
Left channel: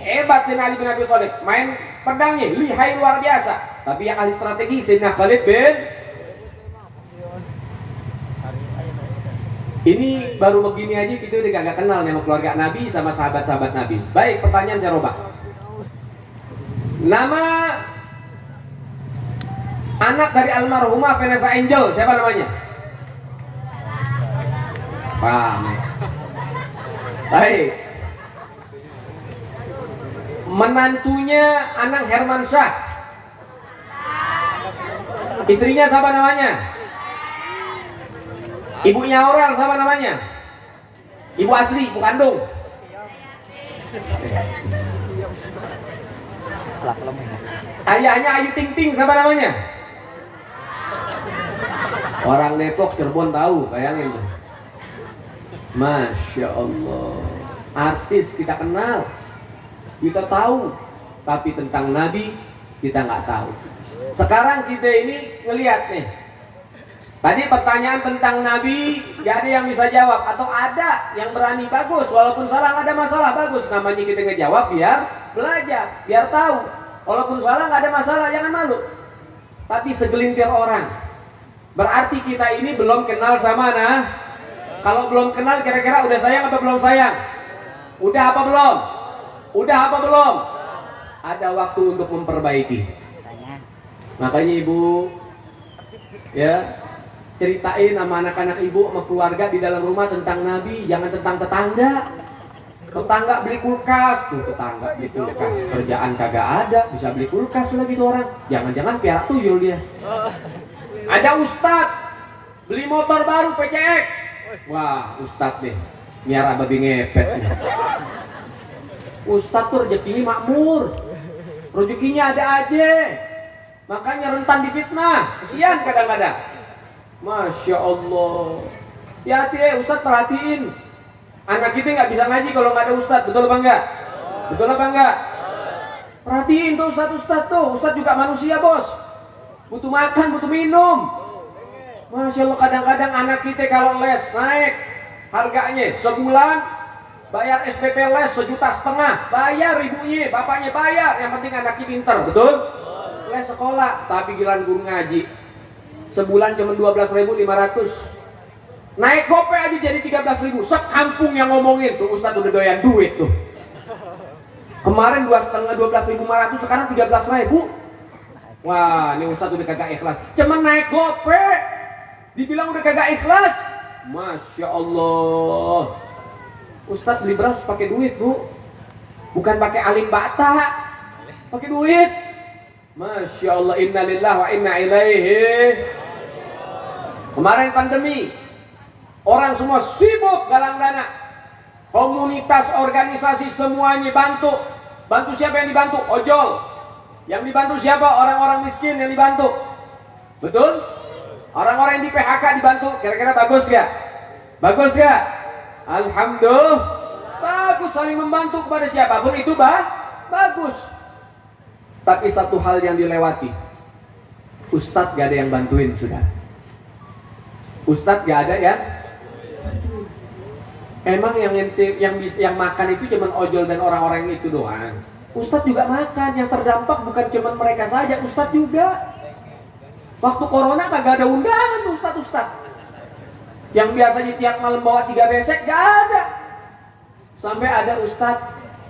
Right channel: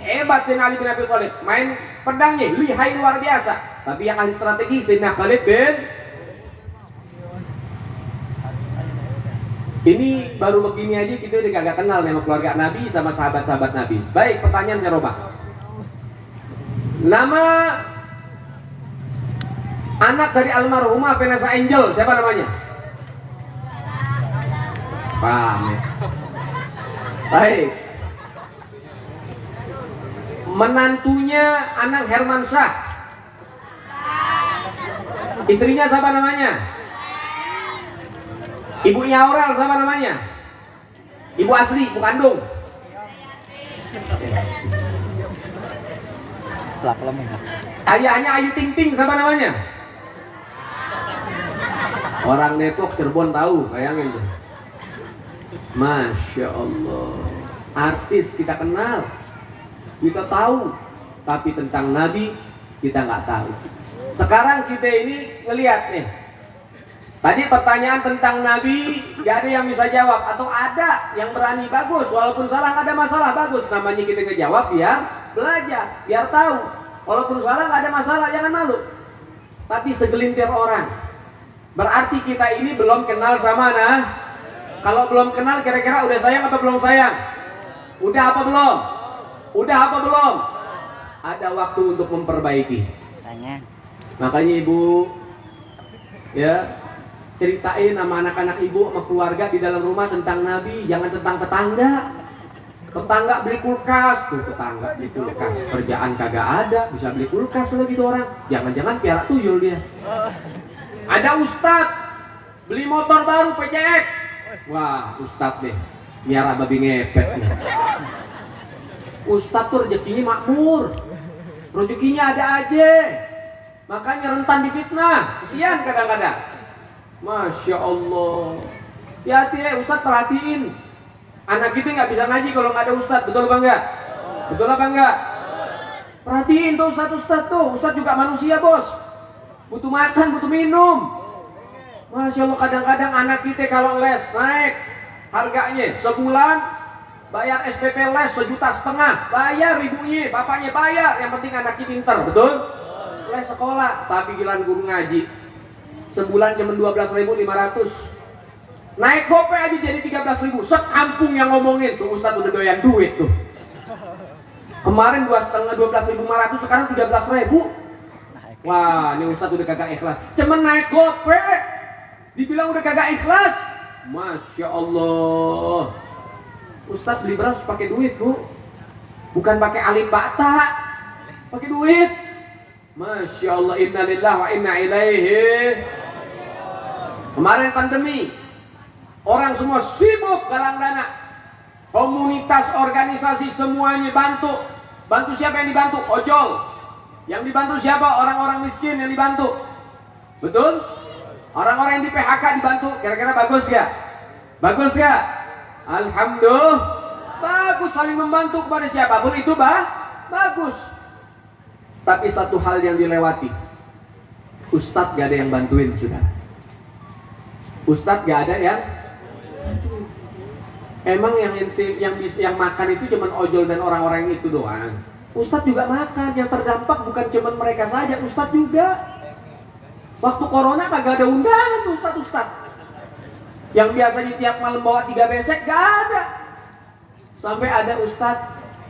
Hebat Sayyidina Ali bin Abi Thalib, main pedangnya lihai luar biasa. Tapi yang ahli strategi Sayyidina Khalid bin. Ini baru begini aja kita udah gak kenal nih sama keluarga Nabi sama sahabat-sahabat Nabi. Baik, pertanyaan saya robah. Nama anak dari almarhumah Vanessa Angel siapa namanya? Paham ya? Baik. Menantunya Anang Hermansyah. Istrinya siapa namanya? Ibunya Aurel siapa namanya? Ibu asli, ibu kandung. Ayahnya Ayu Ting Ting siapa namanya? Orang Depok, Cirebon tahu, bayangin tuh. Masya Allah. Artis kita kenal, kita tahu, tapi tentang Nabi kita nggak tahu. Sekarang kita ini ngelihat nih. Tadi pertanyaan tentang Nabi, gak ada yang bisa jawab. Atau ada yang berani, bagus. Walaupun salah, gak ada masalah, bagus. Namanya kita ngejawab biar belajar, biar tahu. Walaupun salah, gak ada masalah, jangan malu. Tapi segelintir orang, berarti kita ini belum kenal sama nah. Kalau belum kenal, kira-kira udah sayang apa belum sayang? Udah apa belum? Udah apa belum? Ada waktu untuk memperbaiki. Makanya ibu, ya, ceritain sama anak-anak ibu, sama keluarga di dalam rumah tentang Nabi, jangan tentang tetangga. Tetangga beli kulkas, tuh tetangga beli kulkas, kerjaan kagak ada, bisa beli kulkas lagi tuh orang. Jangan-jangan piara tuyul dia. Ada ustad beli motor baru PCX, wah ustad deh, miara babi ngepet nih. Ustad tuh rezekinya makmur, rezekinya ada aja, makanya rentan difitnah, kesian kadang-kadang. Masya Allah. Ya hati ya Ustadz, perhatiin. Anak kita nggak bisa ngaji kalau nggak ada Ustadz, betul apa enggak? Betul apa enggak? Perhatiin tuh Ustadz tuh. Ustadz juga manusia bos. Butuh makan, butuh minum. Masya Allah, kadang-kadang anak kita kalau les naik harganya sebulan bayar SPP les 1,5 juta, bayar ibunya, bapaknya bayar. Yang penting anaknya pinter, betul? Les sekolah, tapi giliran guru ngaji sebulan cuma 12.500. Naik gope aja jadi 13.000. Sekampung yang ngomongin tuh Ustadz udah doyan duit tuh. Kemarin 12.500, sekarang 13.000. Wah, ini Ustadz udah kagak ikhlas. Cuma naik gope dibilang udah kagak ikhlas. Masya Allah. Ustadz beli beras pakai duit, Bu. Bukan pakai alim bata. Pakai duit. Masya Allah, inna lillahi wa inna ilaihi. Kemarin pandemi, orang semua sibuk galang dana. Komunitas, organisasi semuanya bantu. Bantu siapa yang dibantu? Ojol. Yang dibantu siapa? Orang-orang miskin yang dibantu. Betul? Orang-orang yang di PHK dibantu. Kira-kira bagus gak? Bagus gak? Alhamdulillah. Bagus, saling membantu kepada siapapun itu bagus. Tapi satu hal yang dilewati, Ustadz gak ada yang bantuin sudah. Ustadz gak ada yang bantuin. Emang yang makan itu cuma ojol dan orang-orang itu doang. Ustadz juga makan, yang terdampak bukan cuma mereka saja, Ustadz juga. Waktu corona kagak ada undangan tuh Ustadz. Yang biasanya tiap malam bawa 3 besek gak ada. Sampai ada Ustadz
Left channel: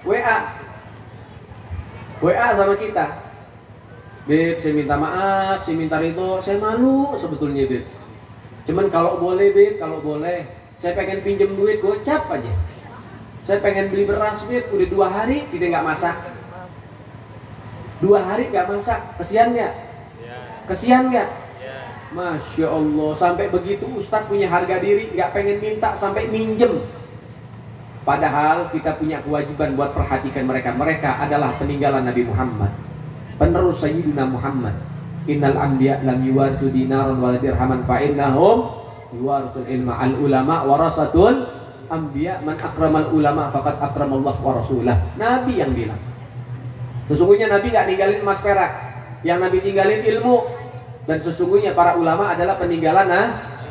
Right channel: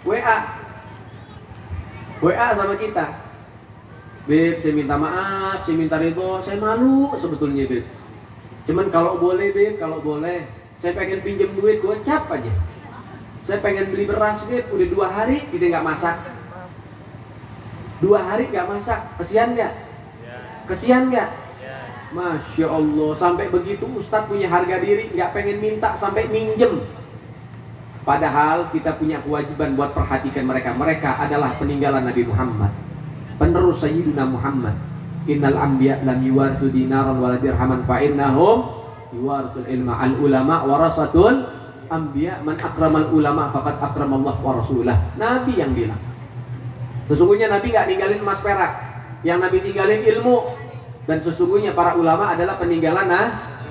WA sama kita. Beb, saya minta maaf, saya minta ridho, saya malu sebetulnya Beb. Cuman kalau boleh Beb, kalau boleh, saya pengen pinjem duit gocap aja. Saya pengen beli beras Beb, udah 2 hari kita nggak masak. 2 hari nggak masak, kesian nggak? Kesian nggak? Masya Allah, sampai begitu Ustadz punya harga diri, nggak pengen minta sampai minjem. Padahal kita punya kewajiban buat perhatikan mereka. Mereka adalah peninggalan Nabi Muhammad, penerus Sayyidina Muhammad. Innal anbiya lam yuwarithu dinaran wala dirhaman fa innahum yuwarithul ilma. Al ulama warasatul anbiya, man akramal ulama faqad akramallahu wa rasulah. Nabi yang bilang. Sesungguhnya Nabi enggak ninggalin emas perak. Yang Nabi tinggalin ilmu. Dan sesungguhnya para ulama adalah peninggalan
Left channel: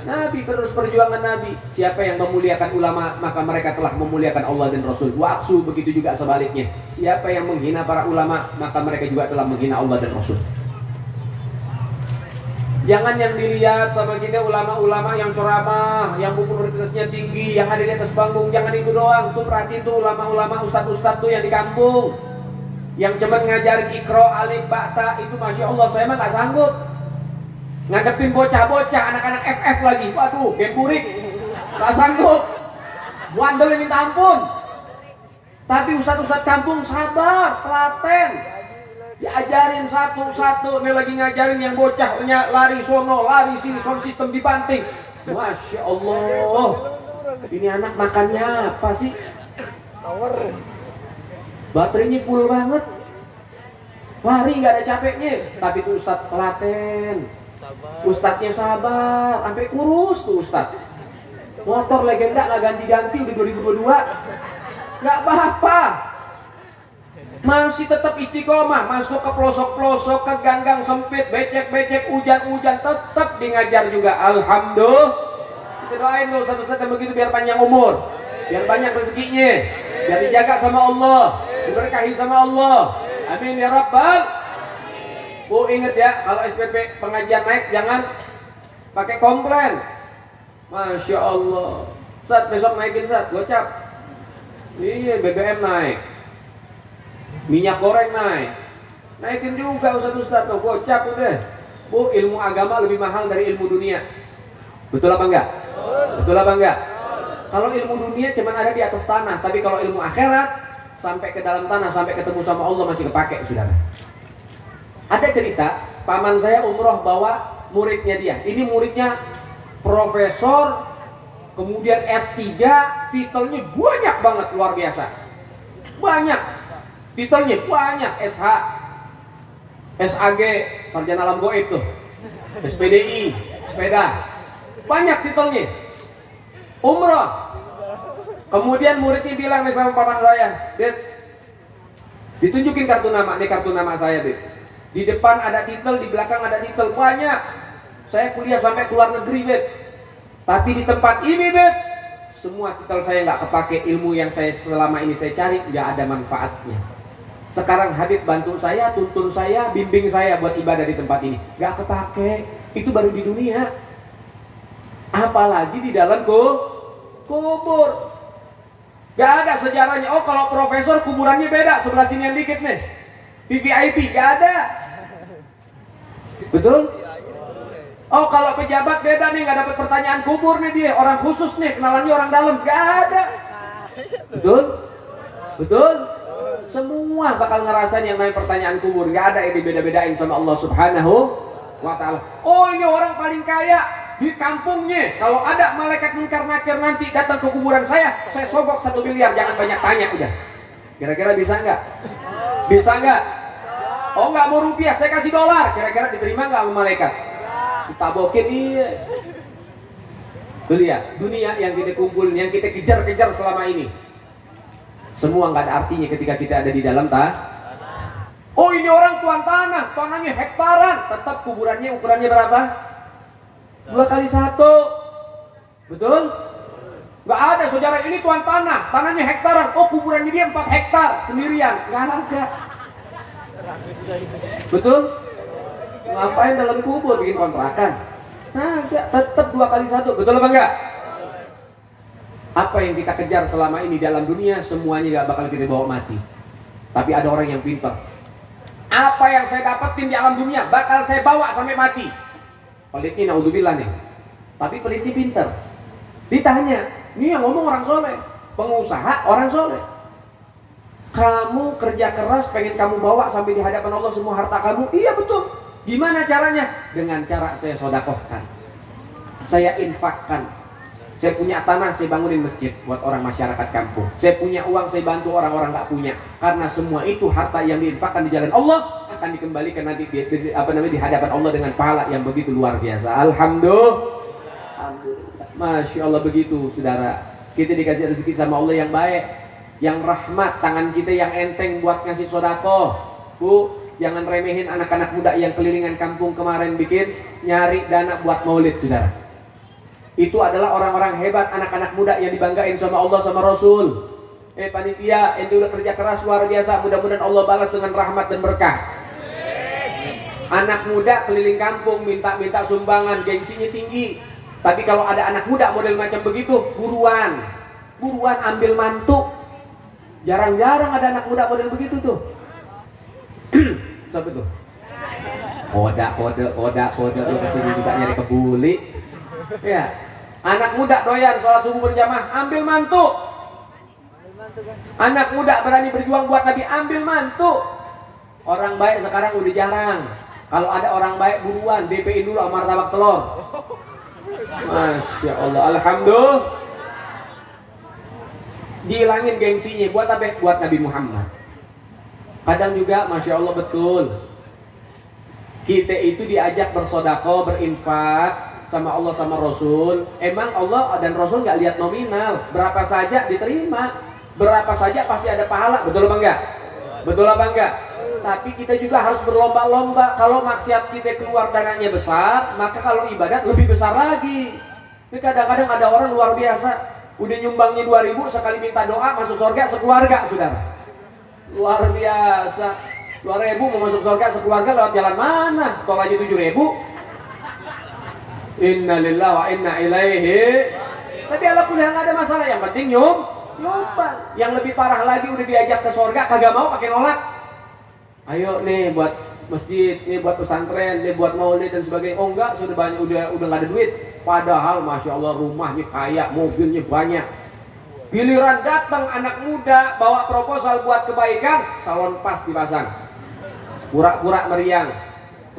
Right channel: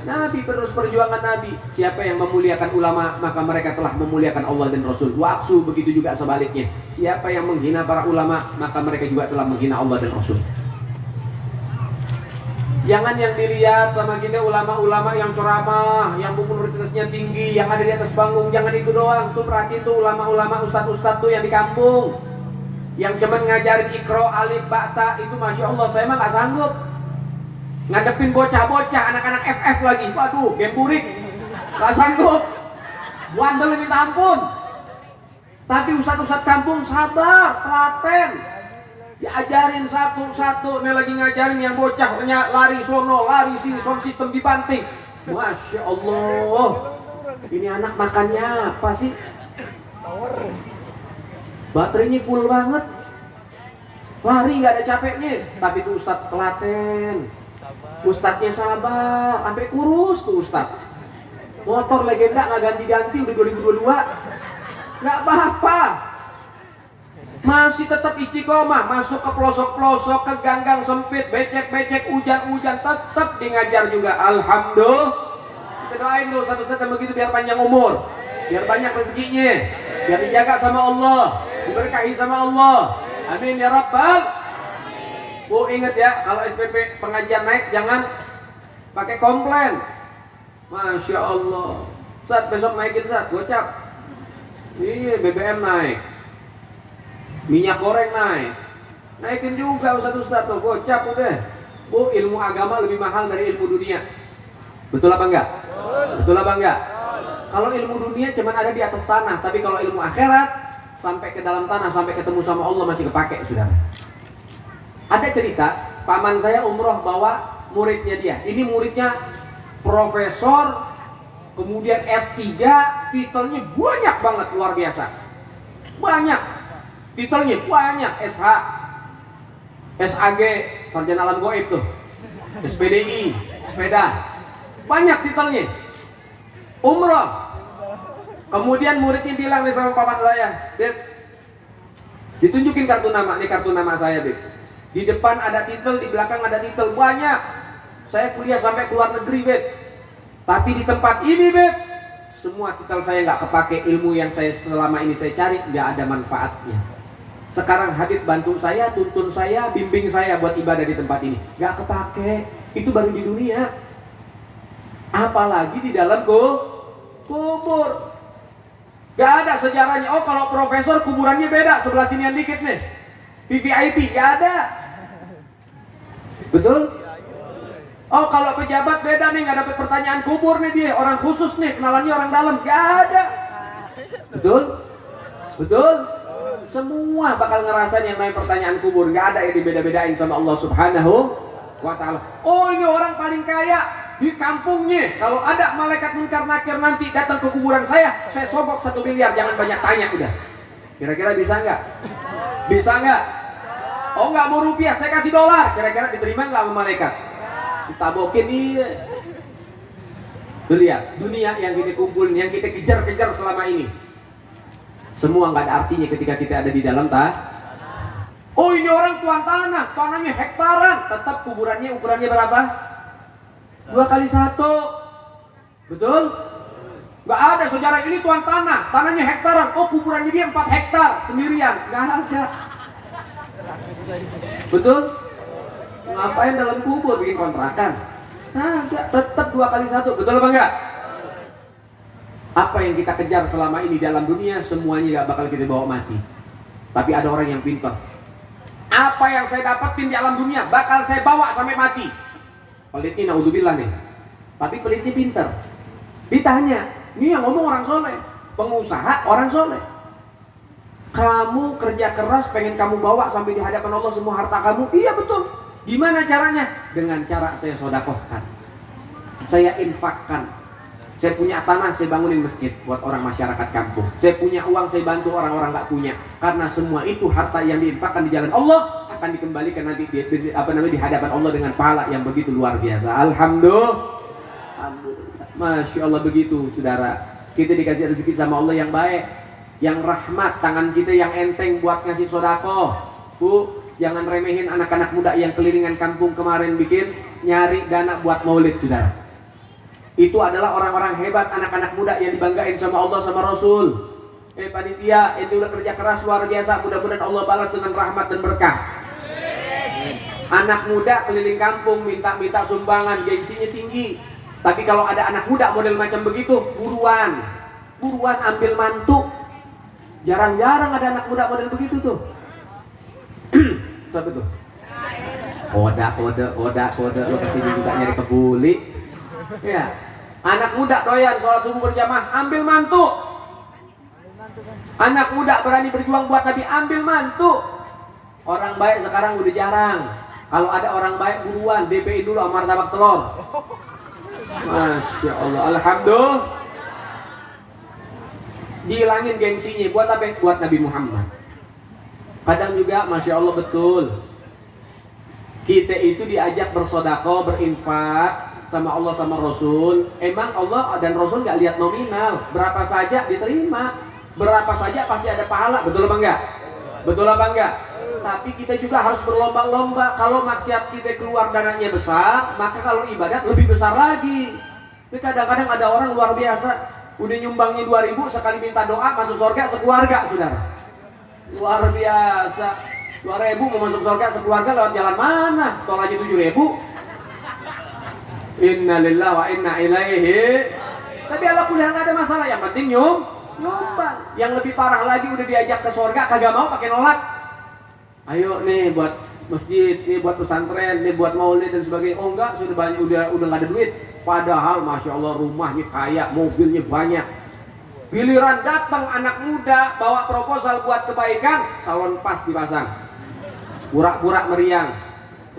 Nabi, penerus perjuangan Nabi. Siapa yang memuliakan ulama, maka mereka telah memuliakan Allah dan Rasul. Wa'aksu, begitu juga sebaliknya. Siapa yang menghina para ulama, maka mereka juga telah menghina Allah dan Rasul. Jangan yang dilihat sama kita ulama-ulama yang ceramah, yang buku prioritasnya tinggi, yang ada di atas panggung. Jangan itu doang. Tuh perhati tuh ulama-ulama, ustadz-ustadz tuh yang di kampung, yang cuman ngajarin ikro, alif, ba'ta. Itu masya Allah, saya mah nggak sanggup ngadepin bocah-bocah, anak-anak FF lagi. Waduh, gemburik, nggak sanggup. Wandel minta ampun. Tapi ustadz-ustadz kampung sabar, telaten, diajarin satu-satu. Nih lagi ngajarin yang bocah lari sono, lari sini, sound system dibanting. Masya Allah, ini anak makannya apa sih? Baterainya full banget, lari nggak ada capeknya. Tapi tuh ustadz telaten, ustadznya sabar, sampai kurus tuh ustadz. Motor legenda nggak ganti-ganti udah 2022, nggak apa-apa. Masih tetap istiqomah, masuk ke pelosok-pelosok, ke ganggang sempit, becek-becek, hujan-hujan, tetap di ngajar juga. Alhamdulillah. Kita doain tuh satu-satu begitu biar panjang umur, biar banyak rezekinya, biar dijaga sama Allah, diberkahi sama Allah. Amin ya Rabbal. Oh inget ya, kalau SPP pengajian naik jangan pakai komplain. Masya Allah. Saat besok naikin saat, gocap. Iya BBM naik, minyak goreng naik, naikin juga ustadz tuh, gocap udah. Bu, ilmu agama lebih mahal dari ilmu dunia. Betul apa enggak? Betul apa enggak? Kalau ilmu dunia cuma ada di atas tanah, tapi kalau ilmu akhirat sampai ke dalam tanah, sampai ketemu sama Allah masih kepake, saudara. Ada cerita, paman saya umroh bawa muridnya dia. Ini muridnya profesor, kemudian S3, titelnya banyak banget, luar biasa. Banyak. Titelnya banyak, SH, SAG, sarjana alam goib tuh, SPDI, sepeda, banyak titelnya. Umroh. Kemudian muridnya bilang nih sama paman saya, Dit, ditunjukin kartu nama, nih kartu nama saya, Dit. Di depan ada titel, di belakang ada titel, banyak. Saya kuliah sampai ke luar negeri, Beb. Tapi di tempat ini, Beb, semua titel saya nggak kepake. Ilmu yang saya selama ini saya cari nggak ada manfaatnya. Sekarang Habib bantu saya, tuntun saya, bimbing saya buat ibadah di tempat ini, nggak kepake. Itu baru di dunia, apalagi di dalam kubur. Nggak ada sejarahnya. Oh kalau profesor kuburannya beda, sebelah sini yang dikit nih, VVIP, nggak ada. Betul? Oh kalau pejabat beda nih, nggak dapat pertanyaan kubur nih dia, orang khusus nih, kenalannya orang dalam, nggak ada. Betul? Betul? Semua bakal ngerasain yang namanya pertanyaan kubur, nggak ada yang dibeda-bedain sama Allah Subhanahu wa Ta'ala. Oh ini orang paling kaya di kampungnya, kalau ada malaikat munkar nakir nanti datang ke kuburan saya sogok 1 miliar, jangan banyak tanya udah. Kira-kira bisa nggak? Bisa nggak? Oh nggak mau rupiah, saya kasih dolar, kira-kira diterima nggak sama malaikat? Ditabokin dia. Tuh lihat, dunia yang kita kumpulin, yang kita kejar-kejar selama ini, semua nggak ada artinya ketika kita ada di dalam Oh ini orang tuan tanah, tanahnya hektaran, tetap kuburannya ukurannya berapa? 2x1. Betul? Nggak ada saudara, ini tuan tanah, tanahnya hektaran, oh kuburannya dia 4 hektar sendirian, nggak ada. Betul? Ngapain dalam kubur bikin kontrakan? Nah, tetap 2x1, betul apa enggak? Apa yang kita kejar selama ini dalam dunia semuanya gak bakal kita bawa mati. Tapi ada orang yang pintar. Apa yang saya dapetin di alam dunia bakal saya bawa sampai mati. Pelit ini naudzubillah nih. Tapi pelitnya pintar. Ditanya, ini yang ngomong orang soleh, pengusaha orang soleh. Kamu kerja keras pengen kamu bawa sampai di hadapan Allah semua harta kamu? Iya betul. Gimana caranya? Dengan cara saya sodakohkan, saya infakkan. Saya punya tanah, saya bangunin masjid buat orang masyarakat kampung. Saya punya uang, saya bantu orang-orang gak punya. Karena semua itu harta yang diinfakkan di jalan Allah akan dikembalikan nanti di hadapan Allah dengan pahala yang begitu luar biasa. Alhamdulillah. Masya Allah begitu, saudara. Kita dikasih rezeki sama Allah yang baik, yang rahmat, tangan kita yang enteng buat ngasih sodakoh. Bu, jangan remehin anak-anak muda yang kelilingan kampung kemarin bikin nyari dana buat maulid, saudara. Itu adalah orang-orang hebat, anak-anak muda yang dibanggain sama Allah sama Rasul. Panitia, itu udah kerja keras luar biasa. Mudah-mudahan Allah balas dengan rahmat dan berkah. Anak muda keliling kampung minta-minta sumbangan, gengsinya tinggi. Tapi kalau ada anak muda model macam begitu, buruan ambil mantu. Jarang-jarang ada anak muda model begitu tuh. Siapa tuh? Kode lu kesini juga nyari kebuli. Ya, anak muda doyan sholat subuh berjamaah, ambil mantu. Anak muda berani berjuang buat Nabi, ambil mantu. Orang baik sekarang udah jarang. Kalau ada orang baik buruan, DP-in dulu sama martabak telur. Masya Allah, alhamdulillah. Dihilangin gengsinya, buat apa? Buat Nabi Muhammad. Kadang juga, Masya Allah betul, kita itu diajak bersedekah, berinfak sama Allah sama Rasul. Emang Allah dan Rasul nggak lihat nominal, berapa saja diterima, berapa saja pasti ada pahala, betul apa enggak? Betul apa enggak? Tapi kita juga harus berlomba-lomba. Kalau maksiat kita keluar dananya besar, maka kalau ibadat lebih besar lagi. Tapi kadang-kadang ada orang luar biasa, udah nyumbangnya 2.000, sekali minta doa masuk surga sekeluarga, saudara. Luar biasa. 2.000 mau masuk surga sekeluarga lewat jalan mana? Tol aja 7.000. Innalillahi wa inna ilaihi. Tapi ala kuliah nggak ada masalah, yang penting nyumbang. Yang lebih parah lagi udah diajak ke surga kagak mau, pakai nolak. Ayo nih buat masjid, nih buat pesantren, nih buat maulid dan sebagainya. Oh enggak, sudah banyak, udah nggak ada duit. Padahal Masya Allah rumahnya kaya, mobilnya banyak. Giliran datang anak muda bawa proposal buat kebaikan, salon pas dipasang. Pura-pura meriang,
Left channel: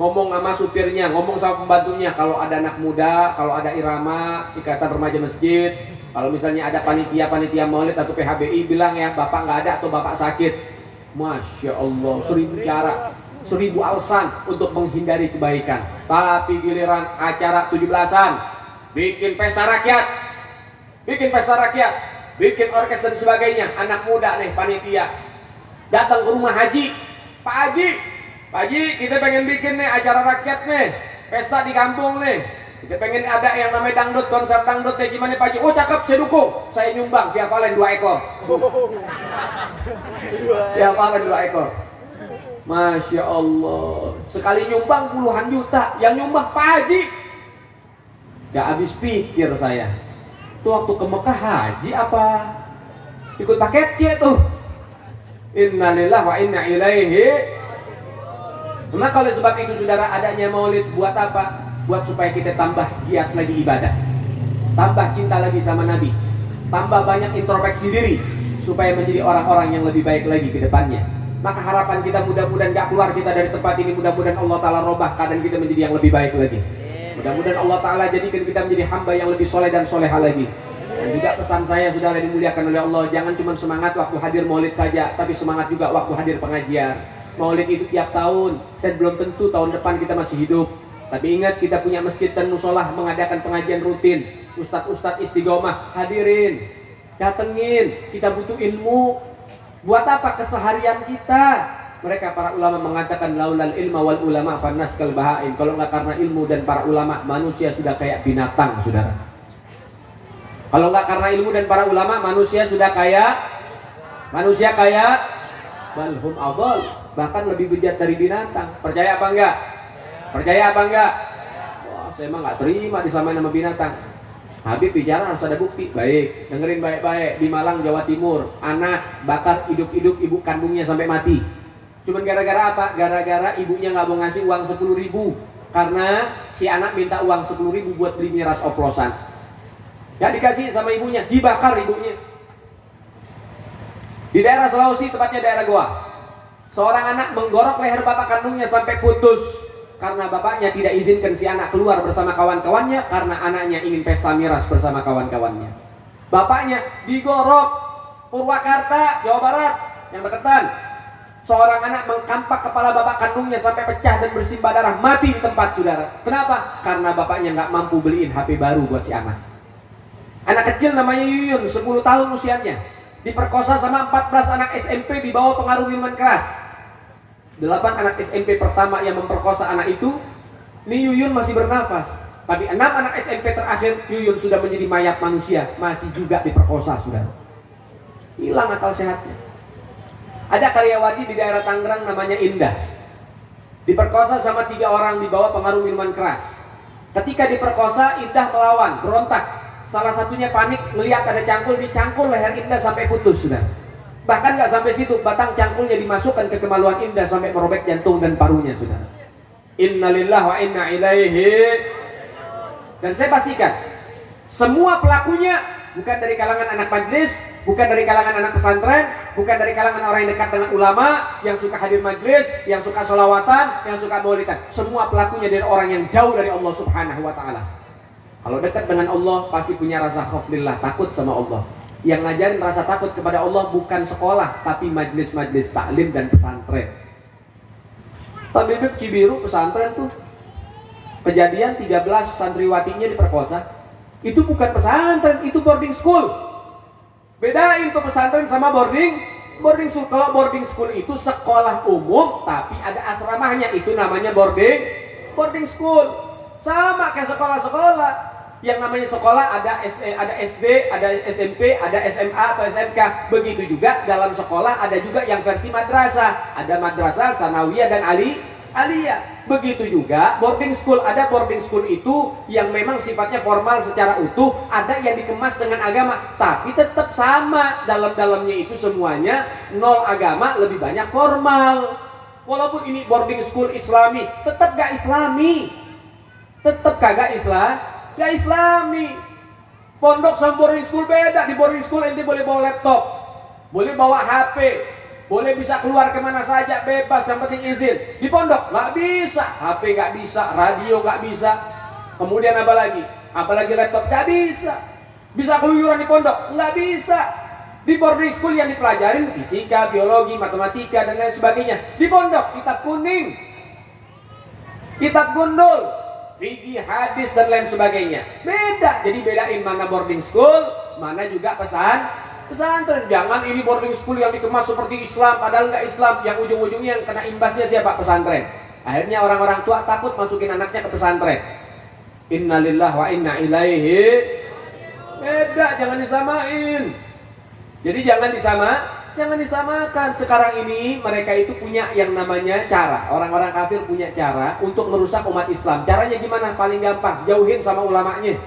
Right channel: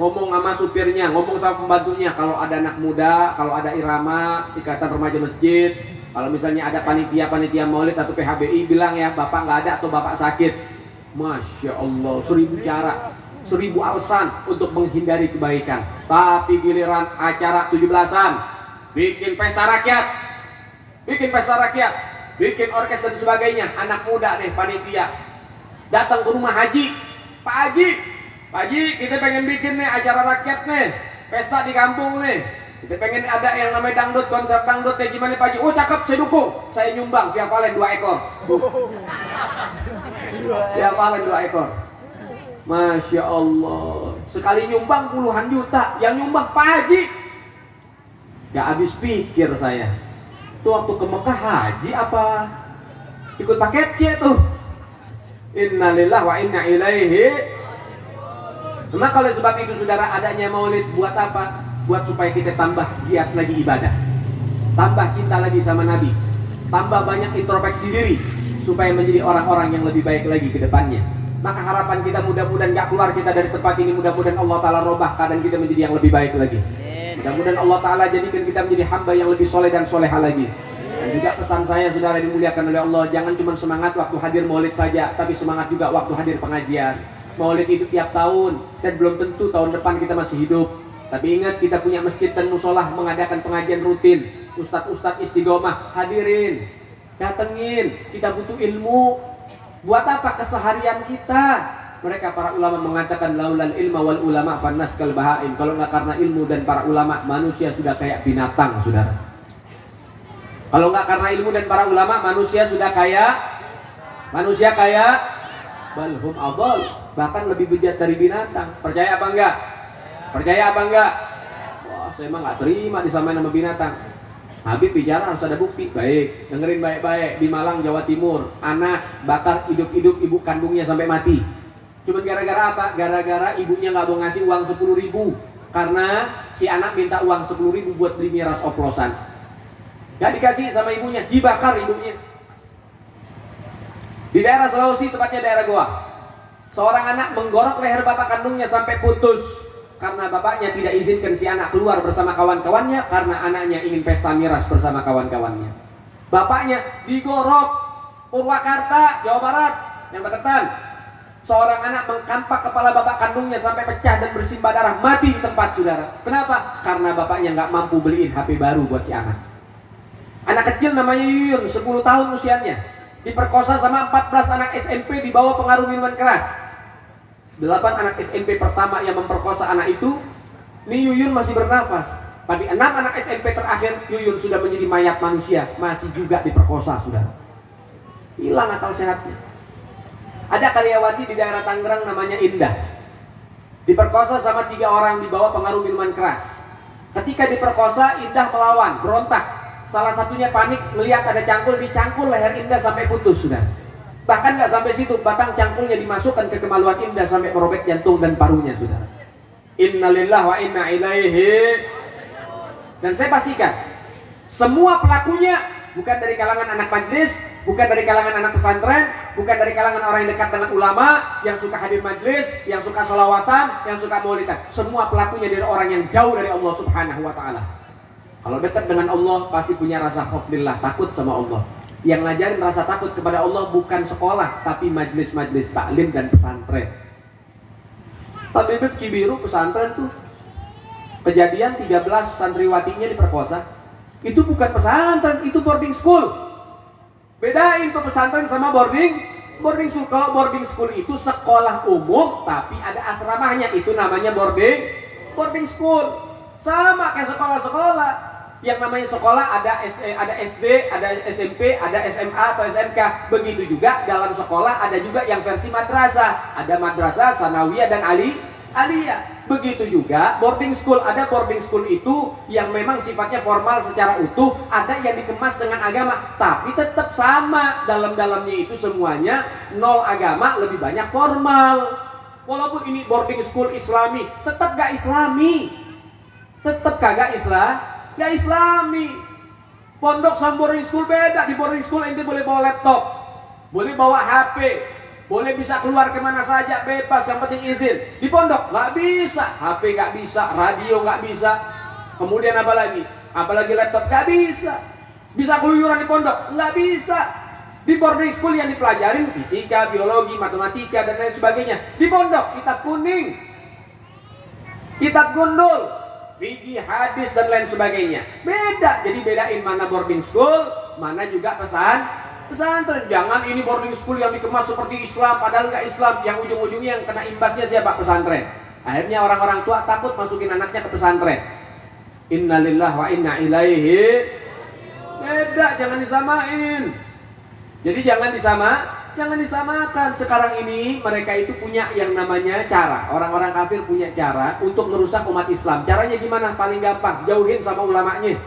ngomong sama supirnya, ngomong sama pembantunya. Kalau ada anak muda, kalau ada irama, ikatan remaja masjid, kalau misalnya ada panitia maulid atau PHBI, bilang ya bapak nggak ada atau bapak sakit. Masya Allah, 1000 cara, 1000 alasan untuk menghindari kebaikan. Tapi giliran acara 17-an, bikin pesta rakyat, bikin orkes dan sebagainya, anak muda nih panitia datang ke rumah haji. Pak Haji, kita pengen bikin nih acara rakyat nih, pesta di kampung nih, kita pengen ada yang namanya dangdut, konser dangdut nih, gimana Pak Haji? Oh cakep, saya dukung, saya nyumbang via Valen 2 ekor. Via Valen 2 ekor. Masya Allah, sekali nyumbang puluhan juta, yang nyumbang Pak Haji. Gak habis pikir saya, tuh waktu ke Mekah haji apa ikut paket C tuh. Innalillahi wa inna ilaihi. Maka oleh sebab itu saudara, adanya maulid buat apa? Buat supaya kita tambah giat lagi ibadah, tambah cinta lagi sama Nabi, tambah banyak introspeksi diri supaya menjadi orang-orang yang lebih baik lagi ke depannya. Maka harapan kita mudah-mudahan gak keluar kita dari tempat ini, mudah-mudahan Allah Ta'ala robah keadaan kita menjadi yang lebih baik lagi. Mudah-mudahan Allah Ta'ala jadikan kita menjadi hamba yang lebih soleh dan soleha lagi. Dan juga pesan saya saudara dimuliakan oleh Allah, jangan cuma semangat waktu hadir maulid saja, tapi semangat juga waktu hadir pengajian. Maulid itu tiap tahun, dan belum tentu tahun depan kita masih hidup. Tapi ingat, kita punya masjid dan musolah mengadakan pengajian rutin. Ustadz istiqomah, hadirin, datengin, kita butuh ilmu. Buat apa? Keseharian kita. Mereka para ulama mengatakan laulal ilma wal ulama fannas kal bahaim. Kalau nggak karena ilmu dan para ulama, manusia sudah kayak binatang, saudara. Kalau nggak karena ilmu dan para ulama, manusia sudah kayak balhum adol, bahkan lebih bejat dari binatang. Percaya apa enggak? Wah, saya emang nggak terima disamain sama binatang. Habib bicara harus ada bukti. Baik, dengerin baik-baik. Di Malang, Jawa Timur, anak bakar hidup-hidup ibu kandungnya sampai mati. Cuman gara-gara apa? Gara-gara ibunya nggak mau ngasih uang 10.000 karena si anak minta uang 10.000 buat beli miras oplosan. Gak dikasih sama ibunya, dibakar ibunya. Di daerah Sulawesi, tepatnya daerah Goa, seorang anak menggorok leher bapak kandungnya sampai putus karena bapaknya tidak izinkan si anak keluar bersama kawan-kawannya karena anaknya ingin pesta miras bersama kawan-kawannya. Bapaknya digorok. Purwakarta, Jawa Barat, yang deketan. Seorang anak mengkampak kepala bapak kandungnya sampai pecah dan bersimbah darah, mati di tempat, saudara. Kenapa? Karena bapaknya nggak mampu beliin HP baru buat si anak. Anak kecil namanya Yuyun, 10 tahun usianya, diperkosa sama 14 anak SMP di bawah pengaruh minuman keras. 8 anak SMP pertama yang memperkosa anak itu, ini Yuyun masih bernafas. Tapi 6 anak SMP terakhir, Yuyun sudah menjadi mayat manusia, masih juga diperkosa, saudara. Hilang akal sehatnya. Ada karyawati di daerah Tangerang namanya Indah. diperkosa sama 3 orang di bawah pengaruh minuman keras. Ketika diperkosa, Indah melawan, berontak. Salah satunya panik melihat ada cangkul, dicangkul leher Indah sampai putus sudah. Bahkan nggak sampai situ, batang cangkulnya dimasukkan ke kemaluan Indah sampai merobek jantung dan parunya sudah. Innalillahi wa inna ilaihi. Dan saya pastikan semua pelakunya bukan dari kalangan anak majlis, bukan dari kalangan anak pesantren, bukan dari kalangan orang yang dekat dengan ulama, yang suka hadir majlis, yang suka sholawatan, yang suka maulidan. Semua pelakunya dari orang yang jauh dari Allah Subhanahu wa ta'ala. Kalau dekat dengan Allah pasti punya rasa khaufillah, takut sama Allah. Yang ngajarin rasa takut kepada Allah bukan sekolah, tapi majlis-majlis taklim dan pesantren. Tabibib Cibiru pesantren tuh kejadian 13 santriwatinya diperkosa. Itu bukan pesantren, itu boarding school. Bedain tuh pesantren sama boarding school. Kalau boarding school itu sekolah umum tapi ada asramanya, itu namanya boarding school. Sama kayak sekolah-sekolah. Yang namanya sekolah ada SD, ada SMP, ada SMA atau SMK. Begitu juga dalam sekolah ada juga yang versi madrasah. Ada madrasah, sanawiyah dan aliyah. Begitu juga boarding school. Ada boarding school itu yang memang sifatnya formal secara utuh. Ada yang dikemas dengan agama. Tapi tetap sama. Dalam-dalamnya itu semuanya nol agama, lebih banyak formal. Walaupun ini boarding school islami, tetap gak islami. Tetap kagak gak islami. Pondok sama boarding school beda. Di boarding school ente boleh bawa laptop, boleh bawa HP, boleh bisa keluar kemana saja bebas, yang penting izin. Di pondok gak bisa, HP gak bisa, radio gak bisa. Kemudian apa lagi? Apalagi laptop gak bisa. Bisa keluyuran di pondok? Gak bisa. Di boarding school yang dipelajarin fisika, biologi, matematika dan lain sebagainya. Di pondok kitab kuning, kitab gundul, fikih, hadis dan lain sebagainya. Beda. Jadi bedain mana boarding school, mana juga pesantren. Jangan ini boarding school yang dikemas seperti Islam padahal nggak Islam. Yang ujung-ujungnya yang kena imbasnya siapa? Pesantren. Akhirnya orang-orang tua takut masukin anaknya ke pesantren. Innalillahi wa inna ilaihi. Beda, jangan disamain. Jadi jangan disamakan. Sekarang ini mereka itu punya yang namanya cara. Orang-orang kafir punya cara untuk merusak umat Islam. Caranya gimana? Paling gampang, jauhin sama ulamanya.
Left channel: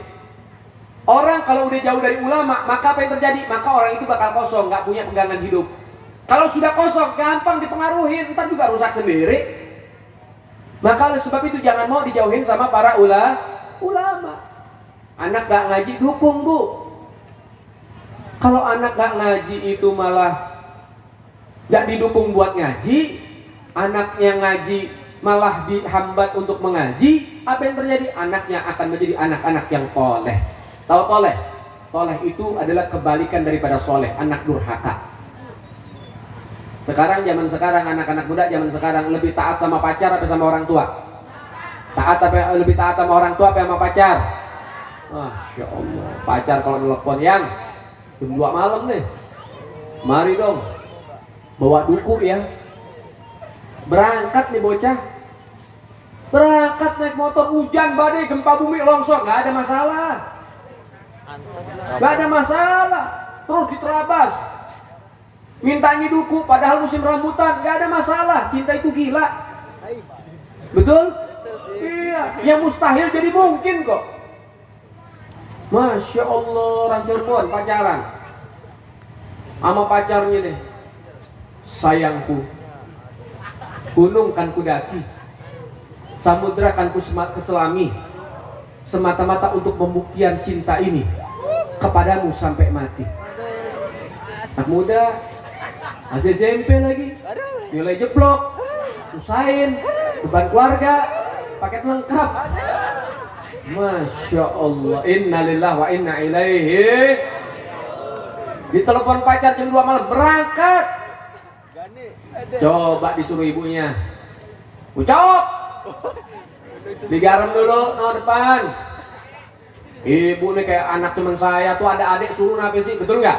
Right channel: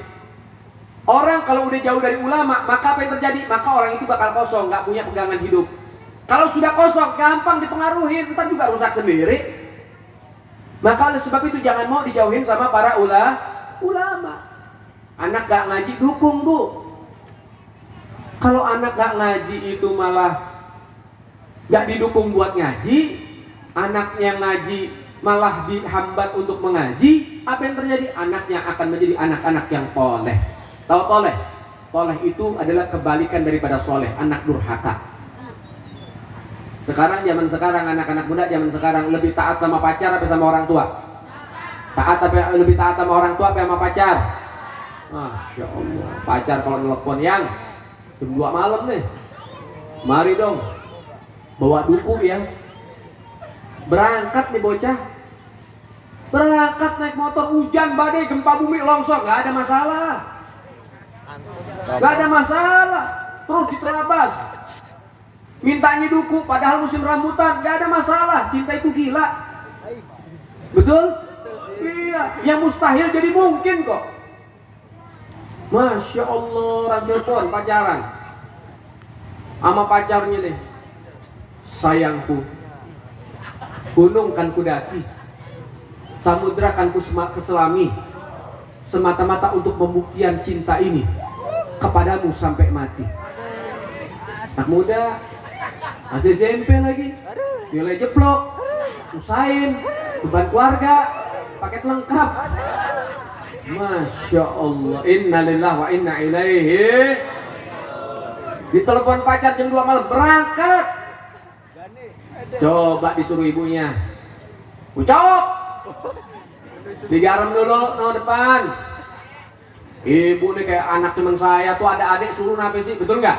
Orang kalau udah jauh dari ulama, maka apa yang terjadi? Maka orang itu bakal kosong, gak punya pegangan hidup. Kalau sudah kosong, gampang dipengaruhi, ntar juga rusak sendiri. Maka oleh sebab itu jangan mau dijauhin sama para ulama. Anak gak ngaji, dukung bu. Kalau anak gak ngaji itu malah gak didukung buat ngaji, anaknya ngaji malah dihambat untuk mengaji, apa yang terjadi? Anaknya akan menjadi anak-anak yang toleh. Tahu toleh? Toleh itu adalah kebalikan daripada soleh, anak durhaka. Zaman sekarang anak-anak muda zaman sekarang lebih taat sama pacar apa sama orang tua? Lebih taat sama orang tua apa sama pacar? Masya Allah. Pacar kalau telepon yang jam 2 malam nih, mari dong bawa duku ya, berangkat nih bocah, berangkat naik motor, hujan badai gempa bumi longsor, gak ada masalah, terus diterabas, mintanya duku padahal musim rambutan, gak ada masalah. Cinta itu gila, betul? Iya, yang mustahil jadi mungkin kok. Masya Allah, orang Cirebon pacaran sama pacarnya deh. Sayangku, gunung kan kudaki, samudra kan kuselami, semata-mata untuk pembuktian cinta ini kepadamu sampai mati. Anak muda, masih SMP lagi, nilai jeblok, usahain, beban keluarga, paket lengkap. Masya Allah, innalillahi wa inna ilaihi. Ditelepon pacar jam 2 malam, berangkat. Coba disuruh ibunya, ucap, digaram dulu no depan. Ibu nih kayak anak teman saya tuh, ada adik suruh apa sih, betul nggak?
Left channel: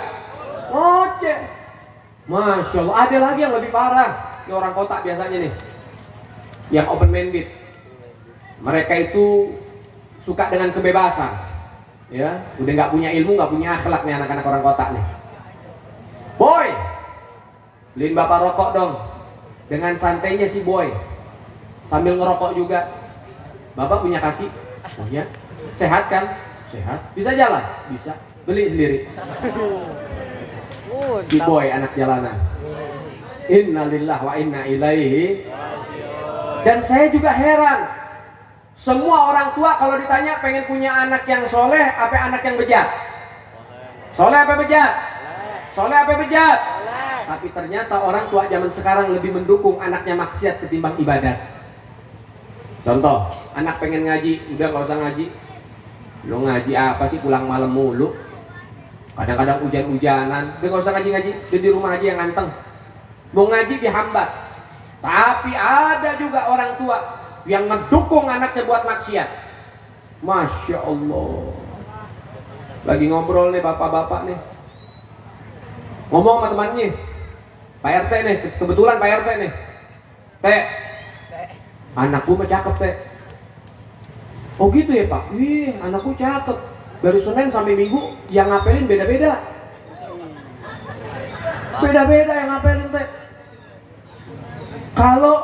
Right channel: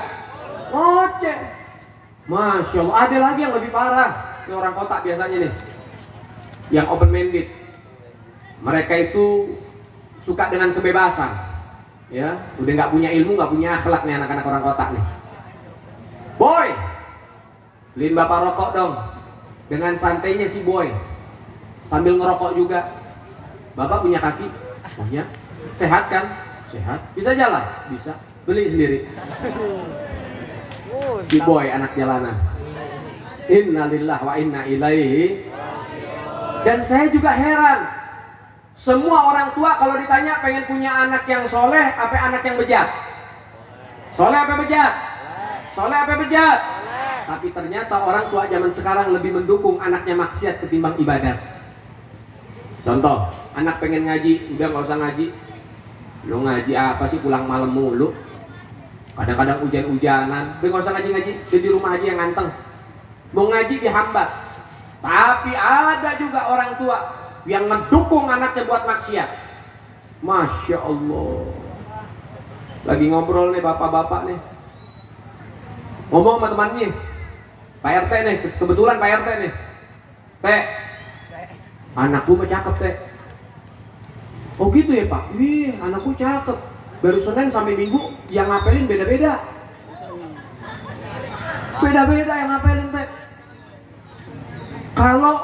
Ngoceh. Masya Allah, ada lagi yang lebih parah. Ini orang kota biasanya nih, yang open minded. Mereka itu suka dengan kebebasan, ya, udah nggak punya ilmu, nggak punya akhlak nih anak-anak orang kota nih. Boy, beliin bapak rokok dong. Dengan santainya si boy, sambil ngerokok juga. Bapak punya kaki? Punya. Sehat kan? Sehat. Bisa jalan? Bisa. Beli sendiri. Si boy anak jalanan. Innalillahi wa inna ilaihi. Dan saya juga heran. Semua orang tua kalau ditanya pengen punya anak yang soleh apa anak yang bejat? Soleh apa bejat? Soleh apa bejat? Tapi ternyata orang tua zaman sekarang lebih mendukung anaknya maksiat ketimbang ibadat. Contoh, anak pengen ngaji, udah gak usah ngaji. Lo ngaji apa sih, pulang malam mulu. Kadang-kadang hujan-hujanan, udah gak usah ngaji-ngaji, di rumah aja yang nganteng. Mau ngaji dihambat. Tapi ada juga orang tua yang mendukung anaknya buat maksiat. Masya Allah. Lagi ngobrol nih bapak-bapak nih, ngomong sama temannya, Pak RT nih, kebetulan Pak RT nih. Teh, anakku mah cakep teh. Oh gitu ya Pak? Wih, anakku cakep. Dari Senin sampai Minggu yang ngapelin beda-beda. Beda-beda yang ngapelin teh. Kalau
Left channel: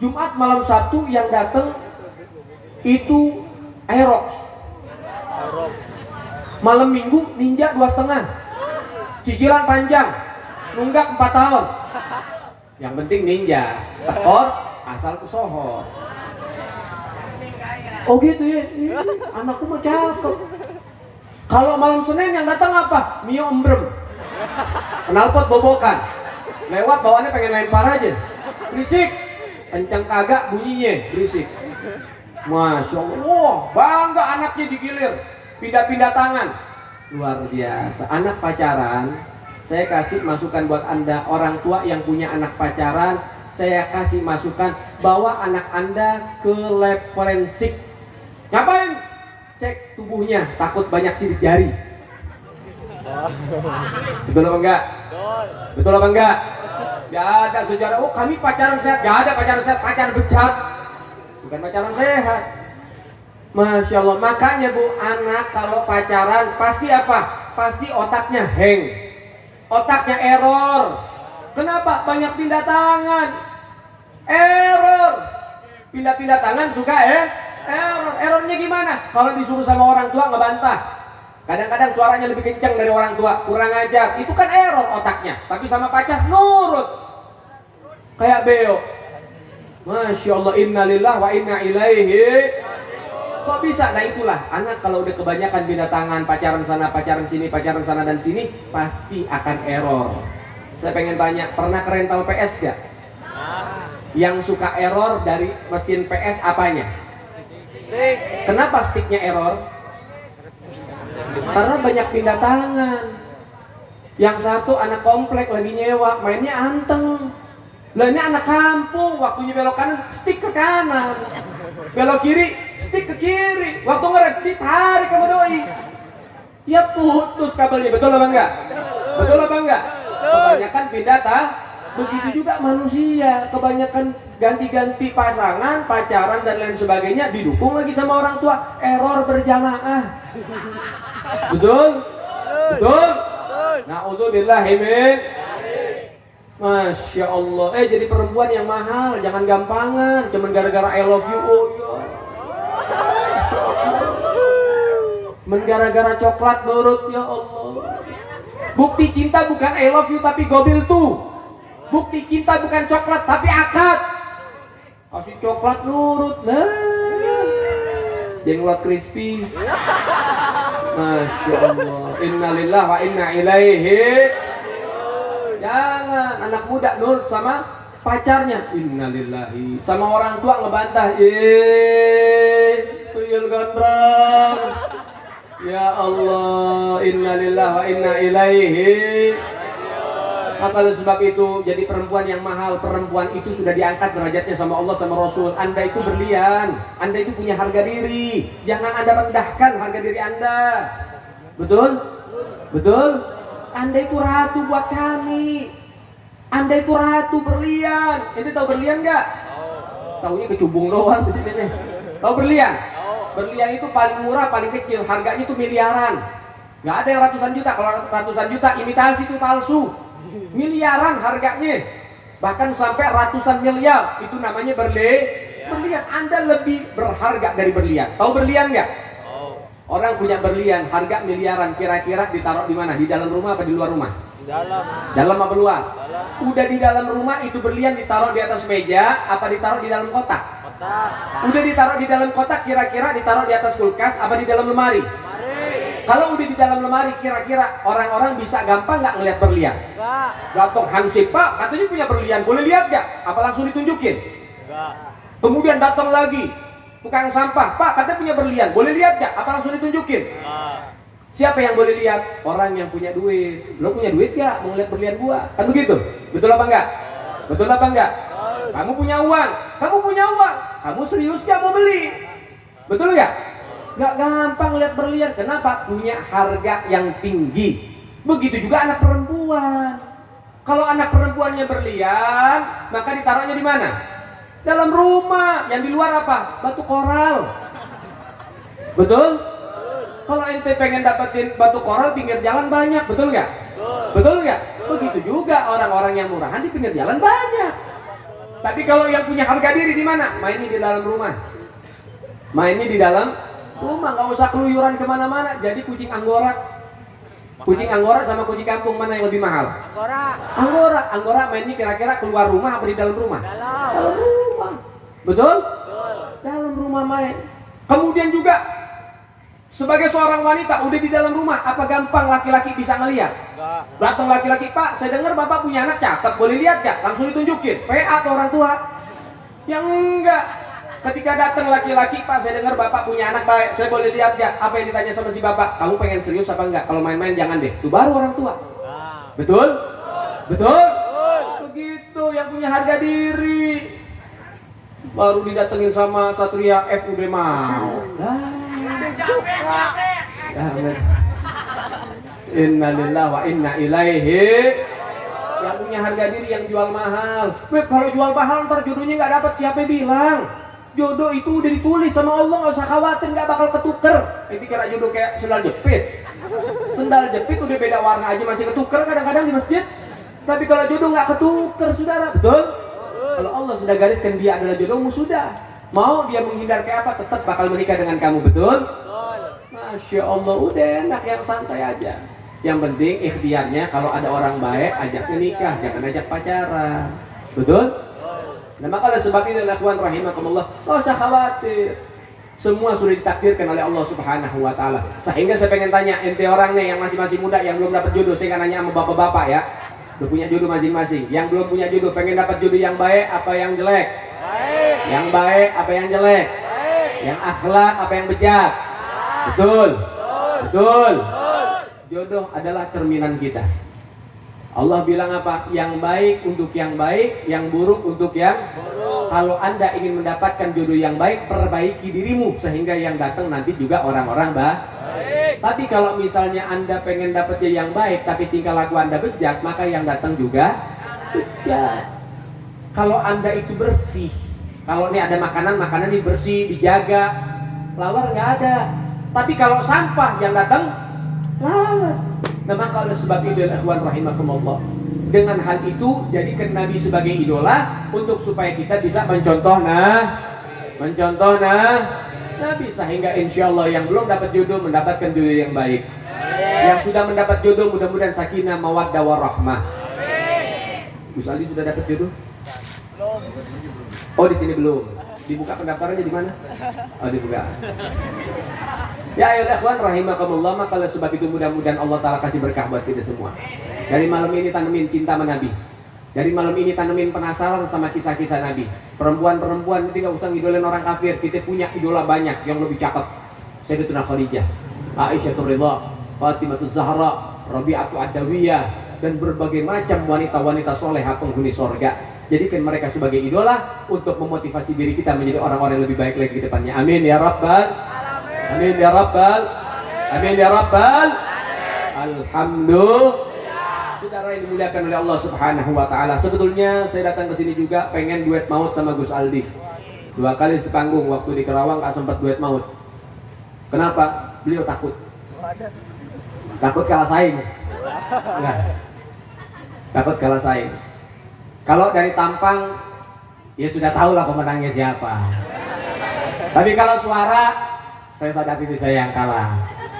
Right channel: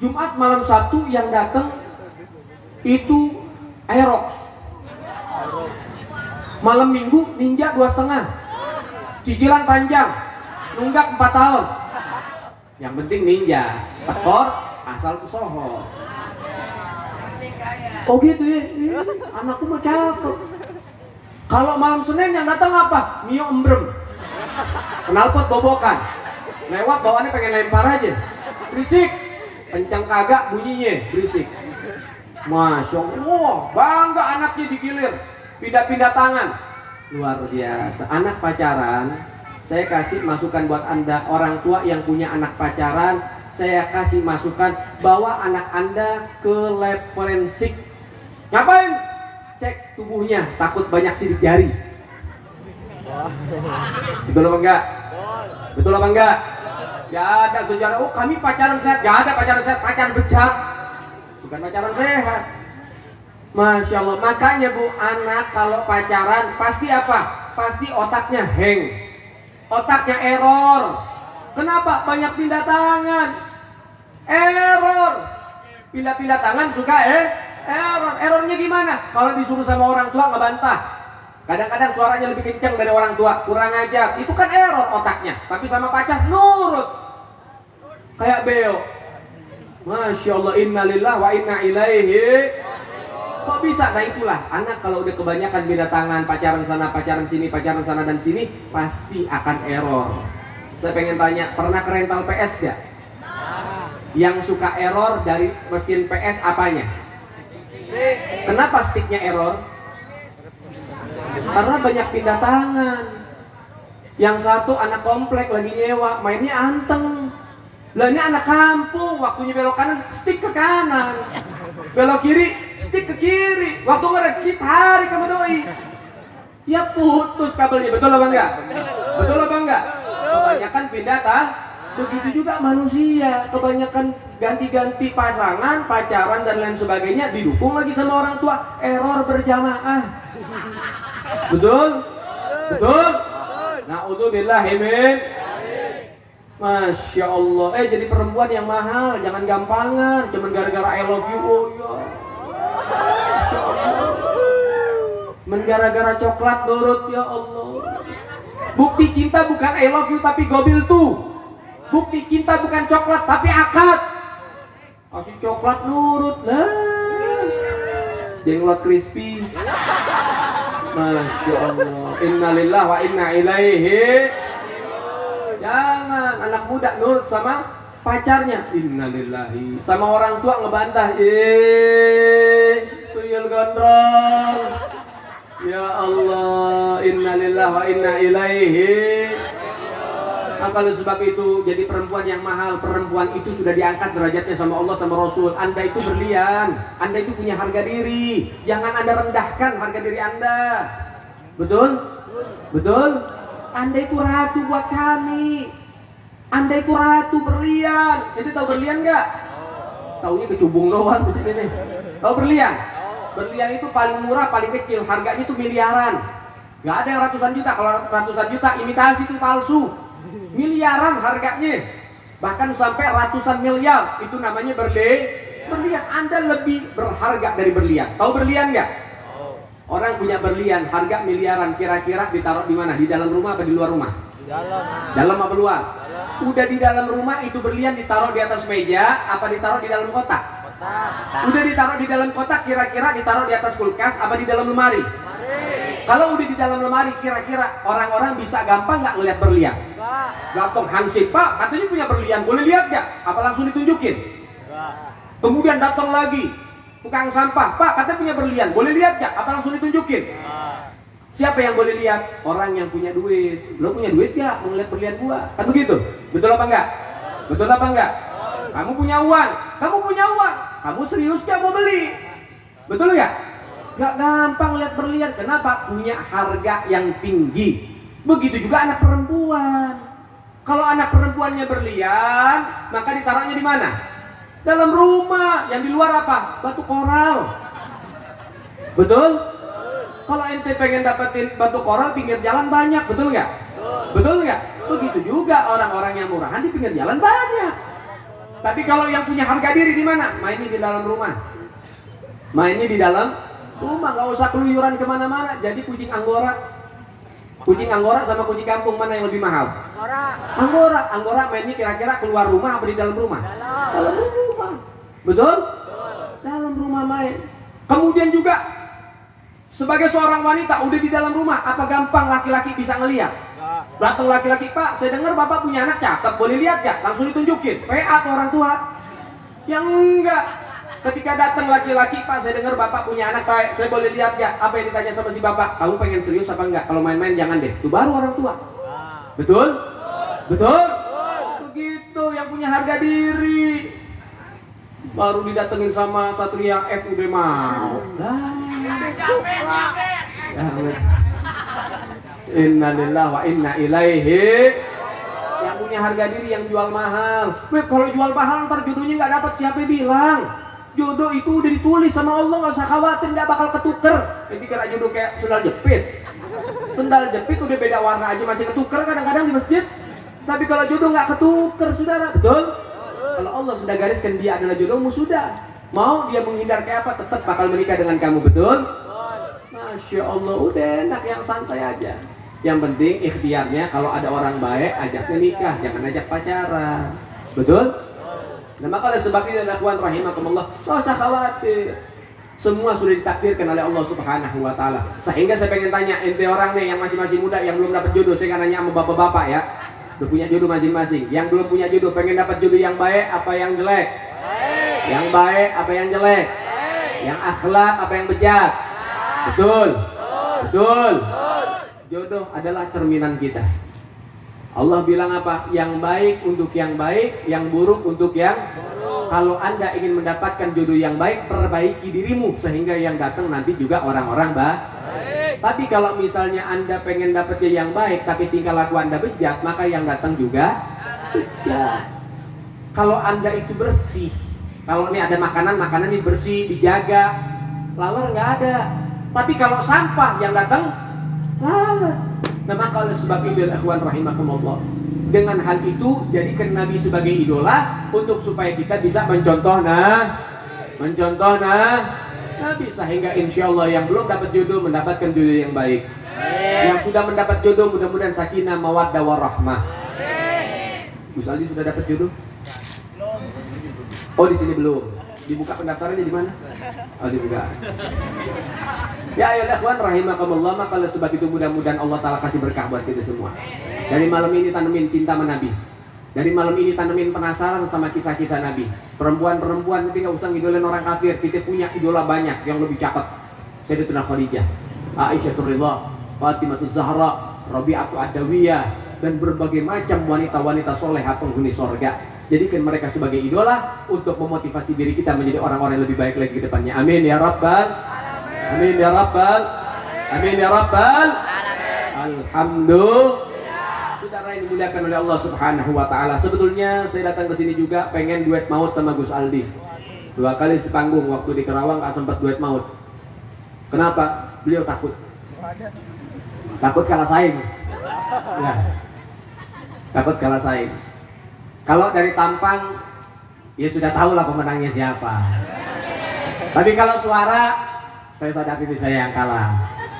Jumat malam Sabtu yang datang itu Aerox. Malam Minggu Ninja 2,5. Cicilan panjang. Nunggak 4 tahun. Yang penting Ninja. Tekor asal kesohor. Oh gitu ya. Anakku mah cakep. Kalau malam Senin yang datang apa? Mio embrem. Knalpot bobokan. Lewat bawaannya pengen lempar aja. Berisik. Kencang kagak bunyinya berisik. Masya Allah. Wah, bangga anaknya digilir. Pindah-pindah tangan. Luar biasa. Anak pacaran, saya kasih masukan buat Anda orang tua yang punya anak pacaran, saya kasih masukan bawa anak Anda ke lab forensik. Ngapain? Cek tubuhnya, takut banyak sidik jari. Betul apa enggak? Betul apa enggak? Gak ada sejarah, oh kami pacaran sehat. Gak ada pacaran sehat, pacaran bejat. Bukan pacaran sehat. Masya Allah, makanya Bu, anak kalau pacaran pasti apa? Pasti otaknya hang, otaknya error. Kenapa? Banyak pindah tangan. Error. Pindah-pindah tangan suka error. Errornya gimana? Kalau disuruh sama orang tua ngebantah. Kadang-kadang suaranya lebih kencang dari orang tua, kurang ajar. Itu kan error otaknya. Tapi sama pacar nurut. Kayak beo. Masya Allah, innalillah wa inna ilaihi. Kok bisa? Nah itulah, anak kalau udah kebanyakan pindah tangan, pacaran sana, pacaran sini, pacaran sana dan sini, pasti akan error. Saya pengen tanya, pernah ke rental PS gak? Yang suka error dari mesin PS apanya? Kenapa sticknya error? Karena banyak pindah tangan. Yang satu anak komplek lagi nyewa, mainnya anteng. Lah ini anak kampung, waktunya belok kanan, stick ke kanan. Belok kiri, stick ke kiri. Waktu ngerem, ditarik sama doi. Ya putus kabelnya, betul apa enggak? Betul apa enggak? Kebanyakan pindah begitu juga manusia. Kebanyakan ganti-ganti pasangan, pacaran dan lain sebagainya, didukung lagi sama orang tua. Error berjamaah. Betul? Betul? Na'udzubillahi min. Masya Allah. Jadi perempuan yang mahal, jangan gampangan. Cuman gara-gara I love you. Oh ya. Masya Allah. Gara-gara coklat nurut, ya Allah. Bukti cinta bukan I love you tapi gobil tuh. Bukti cinta bukan coklat tapi akad. Kasih coklat nurut. Nah. Jenglot crispy. Masya Allah. Innalillah wa inna ilaihi. Jangan anak muda nurut sama pacarnya. Innalillahi. Sama orang tua ngebantah. Tuyul gondrong. Ya Allah. Innalillahi wa inna ilaihi. Kalau sebab itu jadi perempuan yang mahal. Perempuan itu sudah diangkat derajatnya sama Allah sama Rasul. Anda itu berlian. Anda itu punya harga diri. Jangan Anda rendahkan harga diri Anda. Betul? Betul? Anda itu ratu buat kami. Anda itu ratu berlian. Itu tahu berlian nggak? Taunya kecubung doang di sini nih. Tahu berlian? Berlian itu paling murah, paling kecil. Harganya itu miliaran. Nggak ada yang ratusan juta. Kalau ratusan juta imitasi itu palsu. Miliaran harganya. Bahkan sampai ratusan miliar. Itu namanya Berlian, Anda lebih berharga dari berlian. Tahu berlian nggak? Orang punya berlian, harga miliaran, kira-kira ditaruh di mana? Di dalam rumah apa di luar rumah? Dalam apa luar? Udah di dalam rumah itu berlian ditaruh di atas meja, apa ditaruh di dalam kotak? Udah ditaruh di dalam kotak, kira-kira ditaruh di atas kulkas, apa di dalam lemari? Kalau udah di dalam lemari, kira-kira orang-orang bisa gampang nggak ngeliat berlian? Datang Hansip, Pak, katanya punya berlian, boleh lihat nggak? Apa langsung ditunjukin? Kemudian datang lagi tukang sampah, Pak, katanya punya berlian, boleh lihat nggak? Apa langsung ditunjukin? Siapa yang boleh lihat? Orang yang punya duit. Lo punya duit nggak? Mau ngeliat berlian gua? Kan begitu? Betul apa enggak? Betul apa enggak? Kamu punya uang, kamu serius nggak mau beli? Betul nggak? Nggak gampang lihat berlian. Kenapa? Punya harga yang tinggi. Begitu juga anak perempuan. Kalau anak perempuannya berlian, maka ditaruhnya di mana? Dalam rumah. Yang di luar apa? Batu koral. Betul? Kalau ente pengen dapetin batu koral pinggir jalan banyak, betul nggak? Betul nggak? Begitu juga orang-orang yang murahan di pinggir jalan banyak. Tapi kalau yang punya harga diri di mana? Mainnya di dalam rumah. Mainnya di dalam rumah, nggak usah keluyuran kemana-mana. Jadi kucing Anggora sama kucing kampung mana yang lebih mahal? Anggora mainnya kira-kira keluar rumah apa di dalam rumah? Dalam rumah. Betul? Dalam rumah main. Kemudian juga sebagai seorang wanita udah di dalam rumah, apa gampang laki-laki bisa ngelihat? Datang laki-laki, Pak, saya dengar Bapak punya anak cakep, boleh lihat gak? Langsung ditunjukin, PA atau orang tua? Yang enggak. Ketika datang laki-laki, Pak, saya dengar Bapak punya anak, Pak, saya boleh lihat gak? Apa yang ditanya sama si Bapak? Kamu pengen serius apa enggak? Kalau main-main jangan deh. Itu baru orang tua. Betul? Betul? Begitu yang punya harga diri. Baru didatengin sama Satria F udah mau. Innalillahi wa inna ilaihi. Yang punya harga diri yang jual mahal. Kalau jual mahal ntar jodohnya nggak dapat, siapa bilang? Jodoh itu udah ditulis sama Allah, nggak usah khawatir, nggak bakal ketuker. Jadi kira jodoh kayak sendal jepit. Sendal jepit udah beda warna aja masih ketuker kadang-kadang di masjid. Tapi kalau jodoh nggak ketuker, saudara, betul? Kalau Allah sudah gariskan dia adalah jodohmu, sudah. Mau dia menghindar kayak apa, tetap bakal menikah dengan kamu, betul? Masya Allah, udah enak, yang santai aja. Yang penting ikhtiarnya kalau ada orang baik ajaknya nikah, jangan ajak pacaran. Betul? Nah maka oleh sebab ini ikhwan rahimakumullah, nggak usah khawatir. Semua sudah ditakdirkan oleh Allah Subhanahu wa taala. Sehingga saya pengen tanya, ente orang nih yang masih muda yang belum dapat jodoh, saya kan nanya sama bapak-bapak ya. Udah punya jodoh masing-masing. Yang belum punya jodoh pengen dapat jodoh yang baik apa yang jelek? Yang baik apa yang jelek? Yang akhlak apa yang bejat? Betul. Betul. Jodoh adalah cerminan kita. Allah bilang apa? Yang baik untuk yang baik, yang buruk untuk yang buruk. Kalau Anda ingin mendapatkan jodoh yang baik, perbaiki dirimu sehingga yang datang nanti juga orang-orang baik. Tapi kalau misalnya Anda pengen dapatnya yang baik tapi tingkah laku Anda bejat, maka yang datang juga bejat. Kalau Anda itu bersih, kalau ini ada makanan ini bersih, dijaga, laler nggak ada. Tapi kalau sampah yang datang laler. Nah maka oleh sebab itu ikhwan rahimakumullah, dengan hal itu jadikan Nabi sebagai idola untuk supaya kita bisa mencontoh Nabi, sehingga insya Allah yang belum dapat jodoh mendapatkan jodoh yang baik. Yang sudah mendapat jodoh mudah-mudahan sakinah mawaddah warahmah. Gus Ali sudah dapat jodoh? Oh di sini belum. Dibuka pendaftarannya di mana? Oh dibuka. Ya ayo ikhwan rahimakumullah, maka oleh sebab itu mudah-mudahan Allah Ta'ala kasih berkah buat kita semua. Dari malam ini tanemin cinta sama Nabi. Dari malam ini tanemin penasaran sama kisah-kisah Nabi. Perempuan-perempuan itu gak usah ngidolain orang kafir. Kita punya idola banyak yang lebih cakep. Sayyidatuna Khadijah, Aisyah Ridha, Fatimah Zahra, Rabi'atu Adawiyah, dan berbagai macam wanita-wanita solehah penghuni sorga. Jadikan mereka sebagai idola untuk memotivasi diri kita menjadi orang-orang yang lebih baik lagi ke depannya. Amin ya Rabbal. Amin ya Rabbal. Amin ya Rabbal. Alhamdulillah. Saudara yang dimuliakan oleh Allah Subhanahu wa taala, sebetulnya saya datang ke sini juga pengen duet maut sama Gus Aldi. 2 kali sepanggung waktu di Kerawang gak sempat duet maut. Kenapa? Beliau takut. Takut kalah saing. Ya. Takut kalah saing. Kalau dari tampang ya sudah tahu lah pemenangnya siapa. Tapi kalau suara, saya sadar diri saya yang kalah.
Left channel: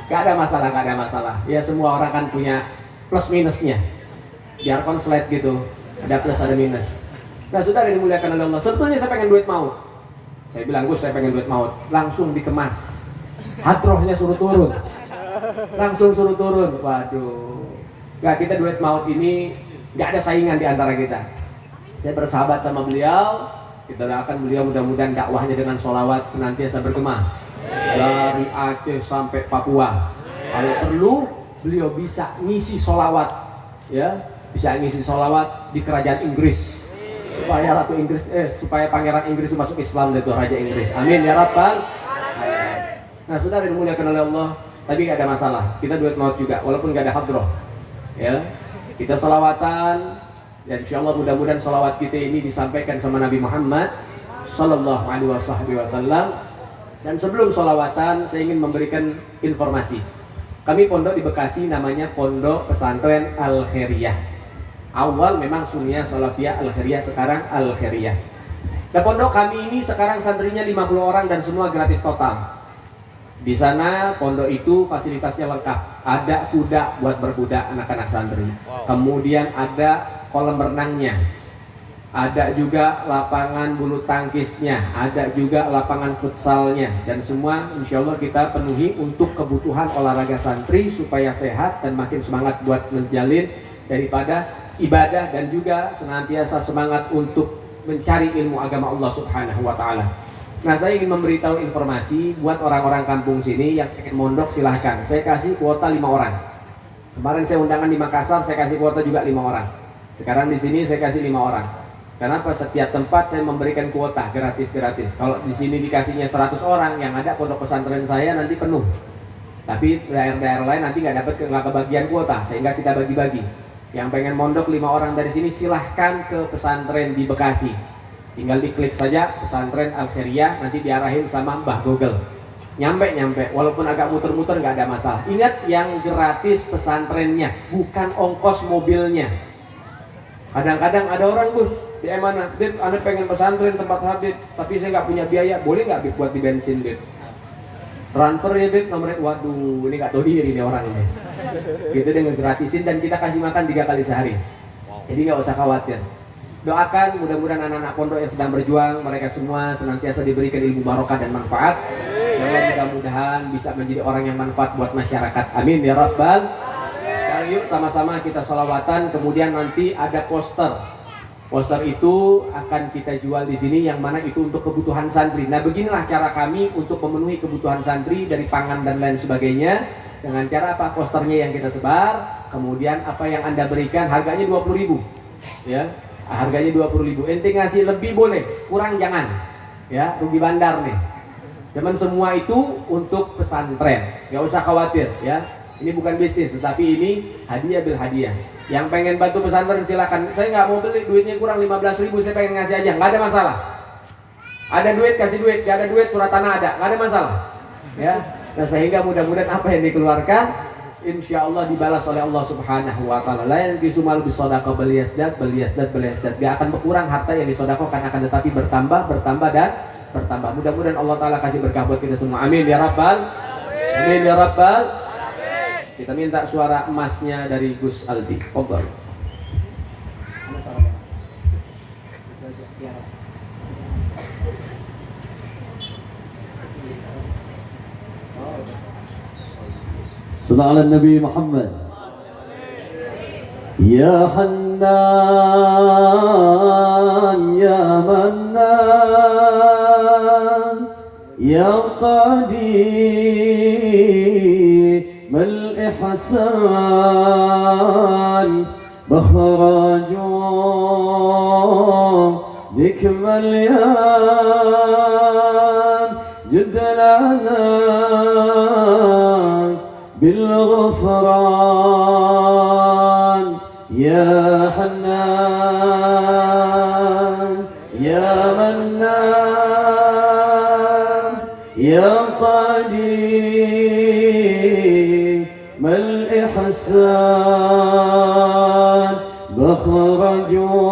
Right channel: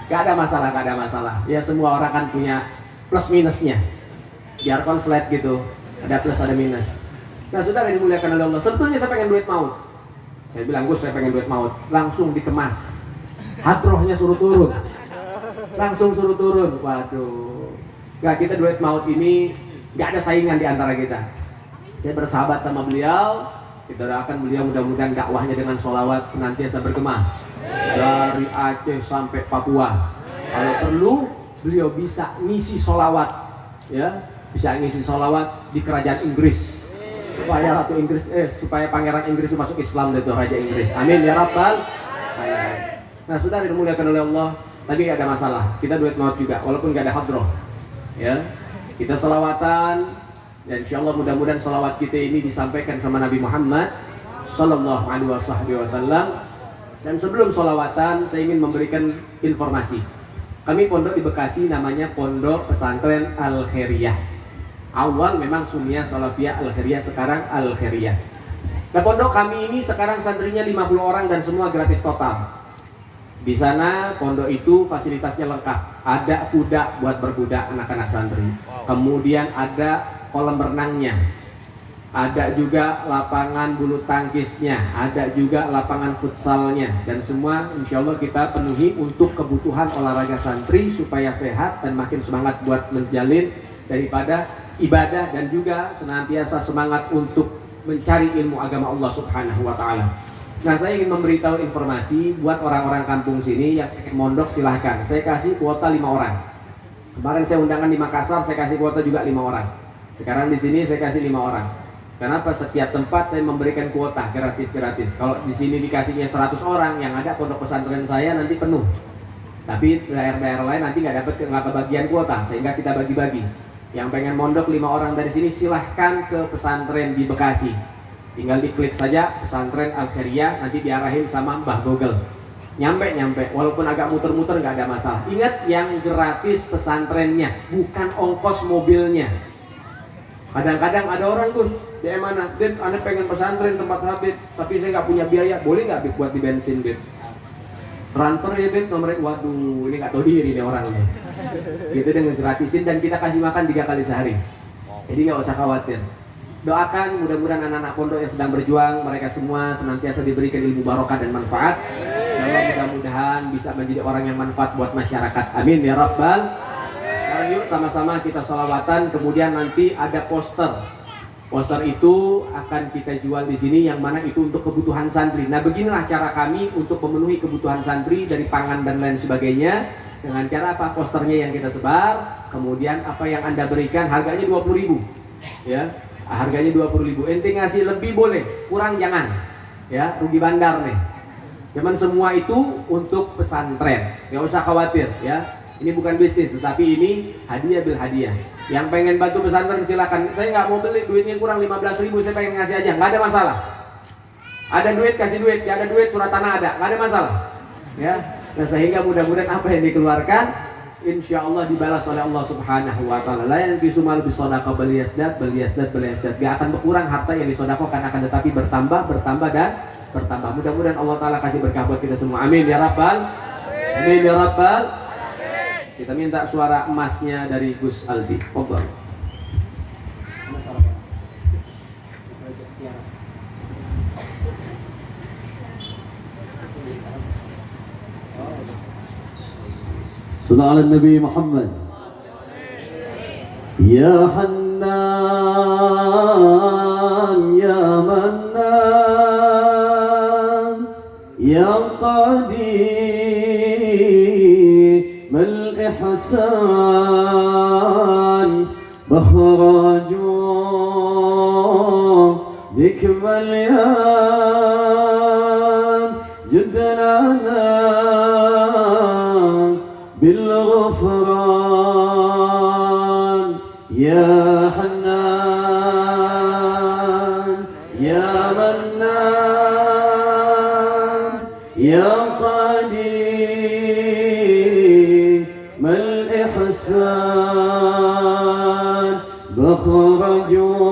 Gak ada masalah, gak ada masalah. Ya semua orang kan punya plus minusnya. Biar konslet gitu, ada plus ada minus. Nah saudara yang dimuliakan oleh Allah, sebetulnya saya pengen duit maut. Saya bilang, Gus saya pengen duit maut. Langsung dikemas. Hadrohnya suruh turun. Langsung suruh turun. Waduh. Gak, kita duit maut ini gak ada saingan di antara kita. Saya bersahabat sama beliau. Kita doakan beliau mudah-mudahan dakwahnya dengan sholawat senantiasa bergema dari Aceh sampai Papua. Kalau perlu beliau bisa ngisi sholawat, ya, bisa ngisi sholawat di kerajaan Inggris supaya Ratu Inggris, supaya Pangeran Inggris masuk Islam itu Raja Inggris. Amin ya Rabbal alamin. Nah saudara dimuliakan oleh Allah, tadi ada masalah. Kita duit maut juga, walaupun gak ada hadroh, ya. Kita sholawatan. Dan insyaallah mudah-mudahan salawat kita ini disampaikan sama Nabi Muhammad sallallahu alaihi wasallam. Dan sebelum salawatan saya ingin memberikan informasi. Kami pondok di Bekasi namanya Pondok Pesantren Al-Khairiyah. Awal memang Sunniyah Salafiyah Al-Khairiyah, sekarang Al-Khairiyah. Nah pondok kami ini sekarang santrinya 50 orang dan semua gratis total. Di sana pondok itu fasilitasnya lengkap. Ada kuda buat berkuda anak-anak santri. Kemudian ada kolam renangnya, ada juga lapangan bulu tangkisnya, ada juga lapangan futsalnya, dan semua insya Allah kita penuhi untuk kebutuhan olahraga santri supaya sehat dan makin semangat buat menjalin daripada ibadah dan juga senantiasa semangat untuk mencari ilmu agama Allah Subhanahu wa Ta'ala. Nah saya ingin memberitahu informasi buat orang-orang kampung sini yang ingin mondok, silahkan. Saya kasih kuota 5 orang. Kemarin saya undangan di Makassar, saya kasih kuota juga 5 orang. Sekarang di sini saya kasih 5 orang. Kenapa? Setiap tempat saya memberikan kuota gratis-gratis. Kalau di sini dikasihnya 100 orang, yang ada pondok pesantren saya nanti penuh. Tapi daerah-daerah lain nanti nggak kebagian kuota, sehingga kita bagi-bagi. Yang pengen mondok 5 orang dari sini silahkan ke pesantren di Bekasi. Tinggal diklik saja pesantren Al-Khairiyah, nanti diarahin sama Mbah Google. Nyampe, walaupun agak muter-muter nggak ada masalah. Ingat yang gratis pesantrennya, bukan ongkos mobilnya. Kadang-kadang ada orang, Gus, di mana? Bib, Anda pengen pesantren tempat Habib, tapi saya nggak punya biaya. Boleh nggak Bib buat di bensin, Bib? Transfer ya Bib nomornya. Waduh, ini nggak tahu diri nih orangnya. Gitu dengan gratisin dan kita kasih makan 3 kali sehari. Jadi nggak usah khawatir. Doakan mudah-mudahan anak-anak pondok yang sedang berjuang, mereka semua senantiasa diberikan ilmu barokah dan manfaat. Mudah-mudahan bisa menjadi orang yang manfaat buat masyarakat. Amin ya Rabbal. Sekarang yuk sama-sama kita sholawatan, kemudian nanti ada poster. Poster itu akan kita jual di sini, yang mana itu untuk kebutuhan santri. Nah beginilah cara kami untuk memenuhi kebutuhan santri dari pangan dan lain sebagainya. Dengan cara apa? Posternya yang kita sebar, kemudian apa yang Anda berikan, harganya 20.000, ya, harganya 20.000. Ente ngasih lebih boleh, kurang jangan, ya, rugi bandar nih. Cuman semua itu untuk pesantren, nggak usah khawatir, ya. Ini bukan bisnis, tetapi ini hadiah bil hadiah. Yang pengen bantu pesantren silakan. Saya nggak mau beli, duitnya kurang 15.000, saya pengen ngasih aja, nggak ada masalah. Ada duit kasih duit, nggak ada duit surat tanah ada, nggak ada masalah. Ya, nah sehingga mudah-mudahan apa yang dikeluarkan, insya Allah dibalas oleh Allah Subhanahu Wa Taala. Lain bisumal bisodaqah beliasdat. Gak akan berkurang harta yang disodakohkan, akan tetapi bertambah dan bertambah. Mudah-mudahan Allah Taala kasih berkah buat kita semua. Amin ya Rabbal. Amin ya Rabbal. Kita minta suara emasnya dari Gus Aldi. Pokok. Sallallahu ala Nabi Muhammad. Ya Hannan, Ya Mannan, Ya Qadim al-ihsan, Bahraju dik malyan, Judlana بالغفران يا حنان يا منان يا قديم الإحسان بخرجوا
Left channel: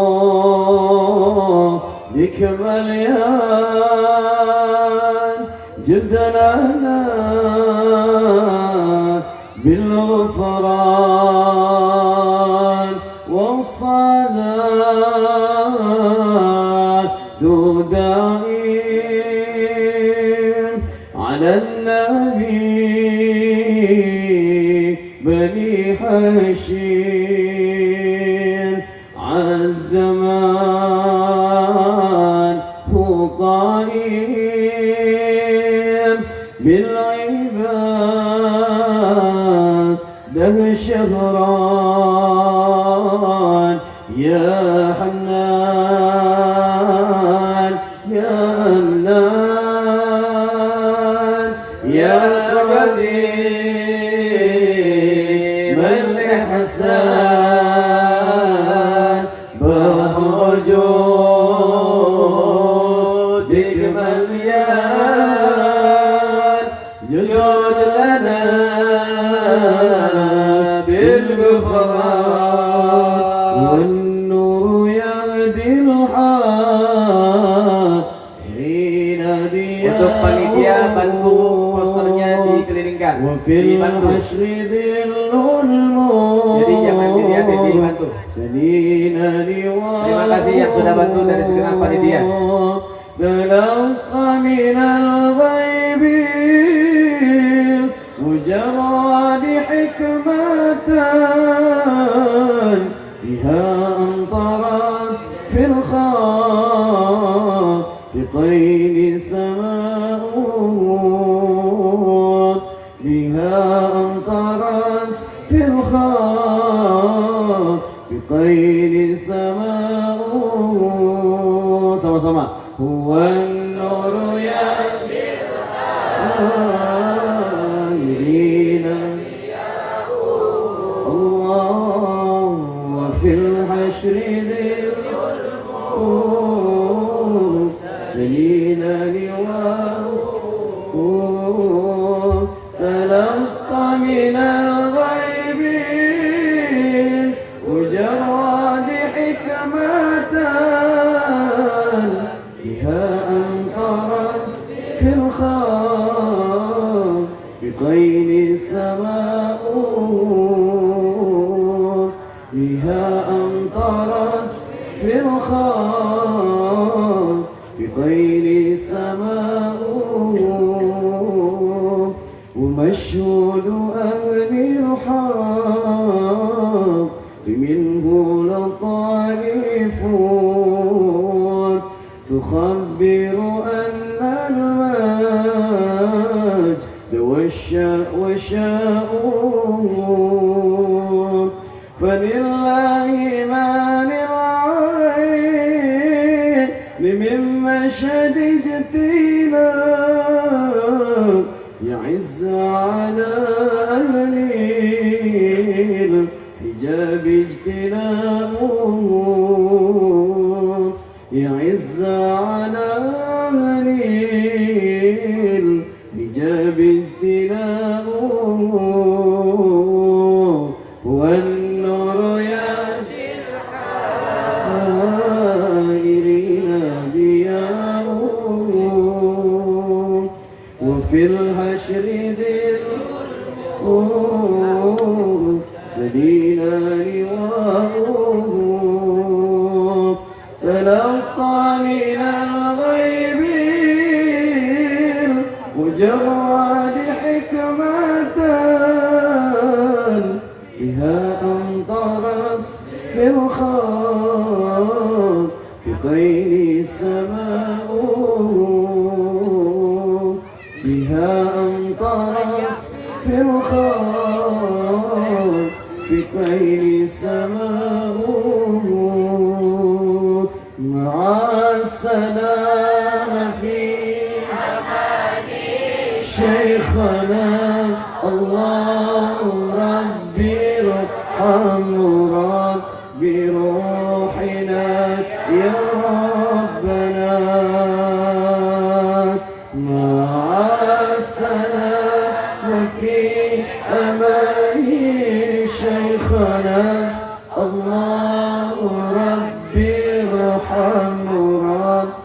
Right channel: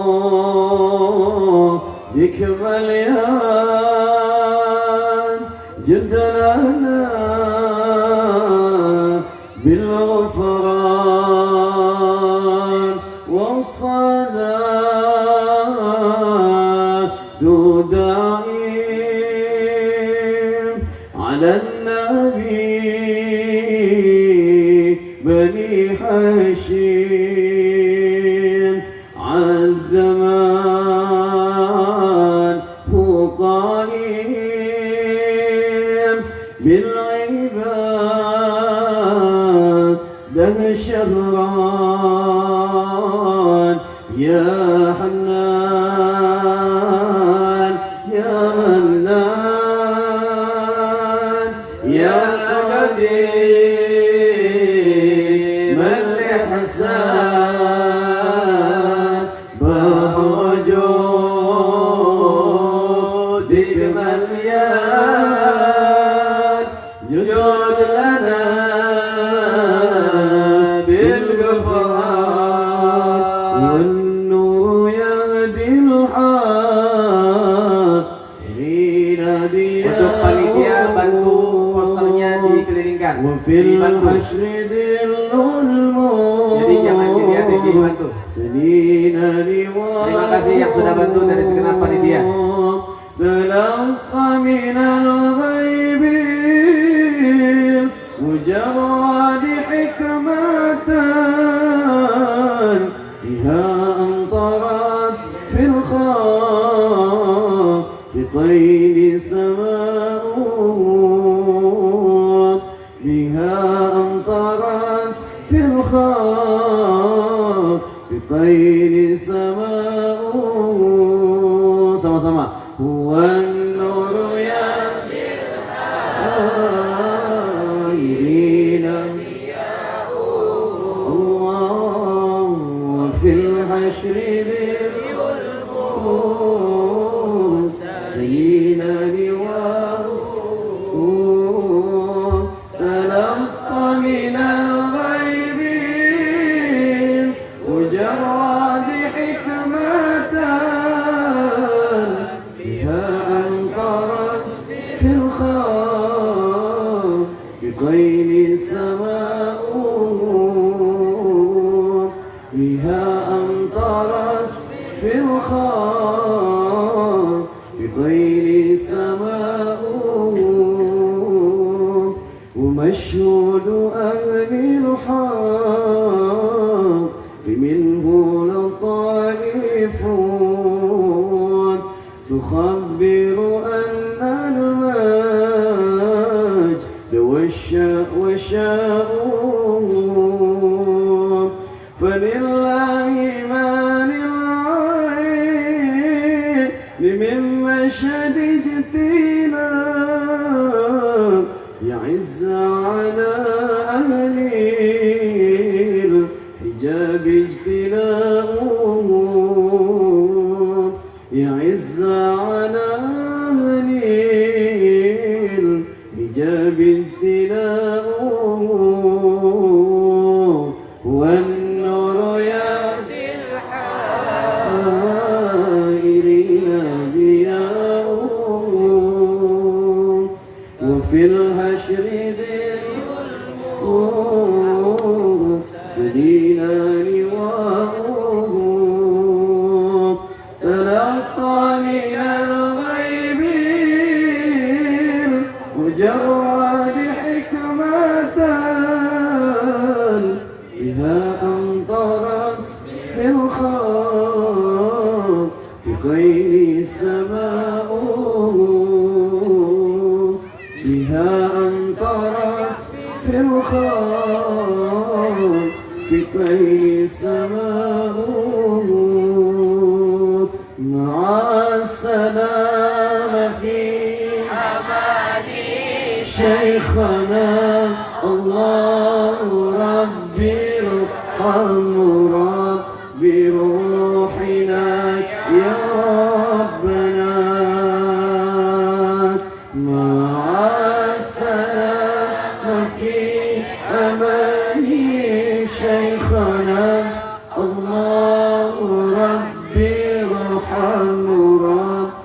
بك مليان جد لنا بالغفران والصلاة دائم على النبي بني حشيم عالزمان هو قائم بالعباد ده شهران يا حنان يا منان يا قديم الإحسان بوجودك مليان جود لنا بالغفران والنور يهدي الحائرين Untuk panitia bantu posternya dikelilingkan, وفي dibantu. الحشر ذل Jadi jangan dilihatin, dibantu. Terima kasih yang sudah bantu dari segenap panitia. تلقى من الغيب مجرد حكمة بها أمطرت في الخافقين سماء بها أمطرت في الخافقين سماء sama-sama هو النور يهدي الحائرين الله وفي الحشر سيدنا لواء تلقى من الغيب مجرد حكمة بها أمطرت في الخاء بغير سماء بها أمطرت في الخاء بغير سماء ومشهود أهل الحق منه لطائفون تخبر أن المجد والشاء فلله ما للعين من مشهد اجتناب يعز على أهل الحجاب اجتناب يعز على أهل الحجاب اجتناب والنور يهدي الحائرين ضياء وفي الحشر سدينا لواء تلقى من الغيب مجرد حكمة بها أمطرت في الخاء في غير سماء بها أمطرت في الخاء في غير سماء مع السلام في شيخنا الله ربي ارحم ربي روحنا يا ربنا مع السلام في أمان شيخنا الله ربي ارحم ربي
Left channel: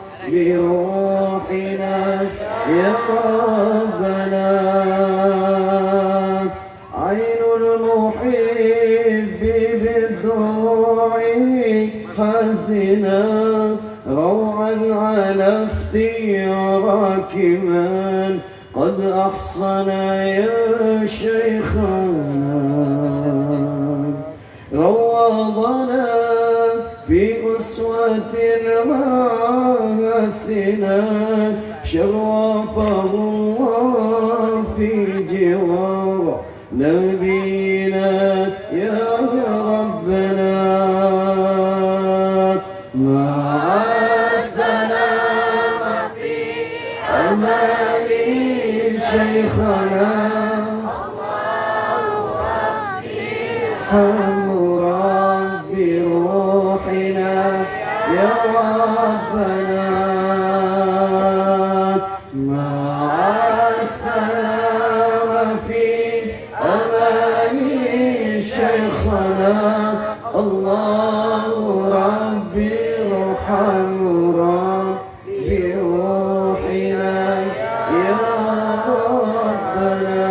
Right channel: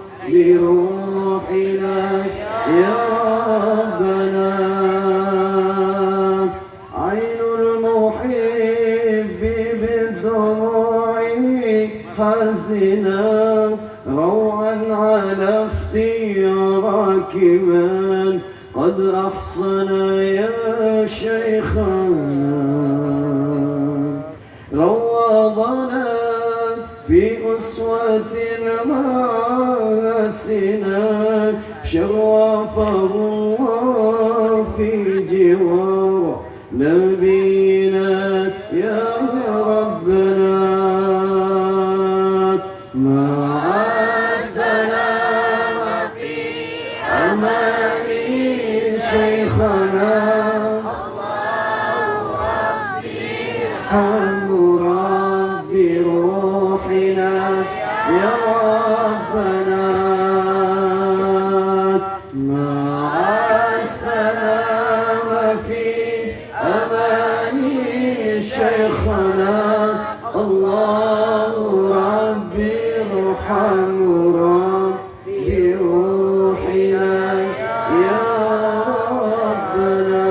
يا شيخنا روضنا في أسوة حسنة شرفه الله في جوار نبينا يا ربنا مع السلامة في أمان شيخنا ارحم ربي روحنا يا ربنا مع السلامة في أمان شيخنا الله ربي ارحم ربي روحنا يا ربنا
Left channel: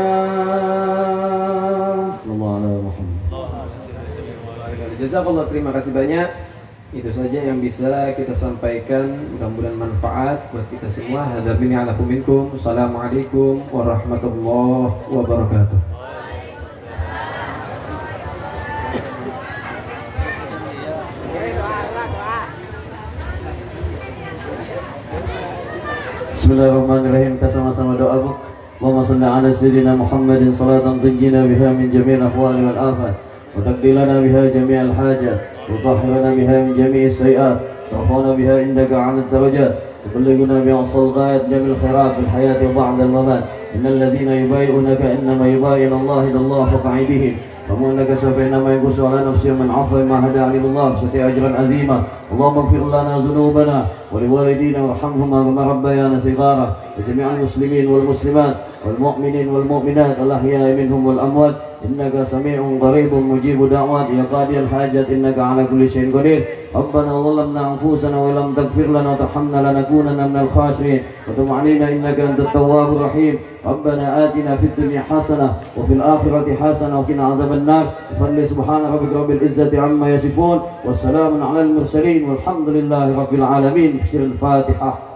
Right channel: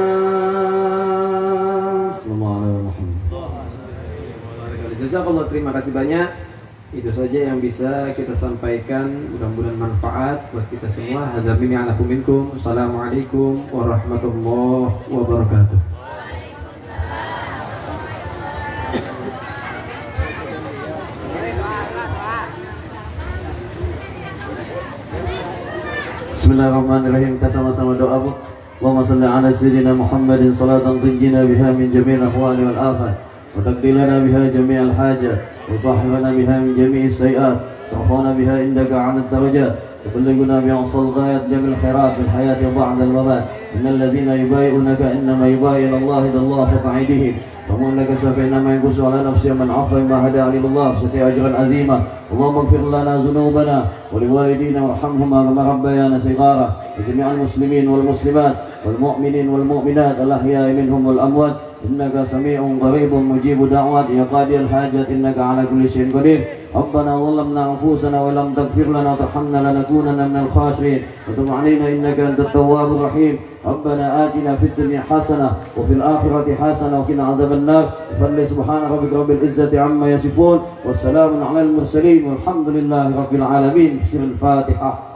صلى الله عليه وسلم. Jazakallah, terima kasih banyak. Itu saja yang bisa kita sampaikan, mudah-mudahan manfaat buat kita semua. Hadzabini ala minkum. Assalamualaikum warahmatullahi wabarakatuh. Bismillahirrahmanirrahim. Kita sama-sama doa, Bu. Allahumma shalli ala sayyidina Muhammadin salatan tunjina biha min jami'il ahwali wal afat wa taqdilana biha jami'al hajat wa tahhirana biha min jami'is sayiat wa tarfa'una biha indaka 'ala ad-darajat wa tuballighuna biha ghayat jamil khairat fil hayati ba'da al-mamat. Innal ladzina yubayyi'unaka innama yubayyi'una Allah idallahi fawqa aydihim فمن لك سوف إنما ينقص على نفسه من عفو ما هدى عليه الله ستي أجرا عظيما. اللهم اغفر لنا ذنوبنا ولوالدينا وارحمهما كما ربيانا صغارا وجميع المسلمين والمسلمات والمؤمنين والمؤمنات الأحياء منهم والأموات إنك سميع قريب مجيب دعوات يا قاضي الحاجات إنك على كل شيء قدير. ربنا ظلمنا أنفسنا وإن لم تغفر لنا وترحمنا لنكونن من الخاسرين وتب علينا إنك أنت التواب الرحيم. ربنا آتنا في الدنيا حسنة وفي الآخرة حسنة وقنا عذاب النار. صل سبحان ربك رب العزة عما يصفون والسلام على المرسلين والحمد لله رب العالمين. في الفاتحة.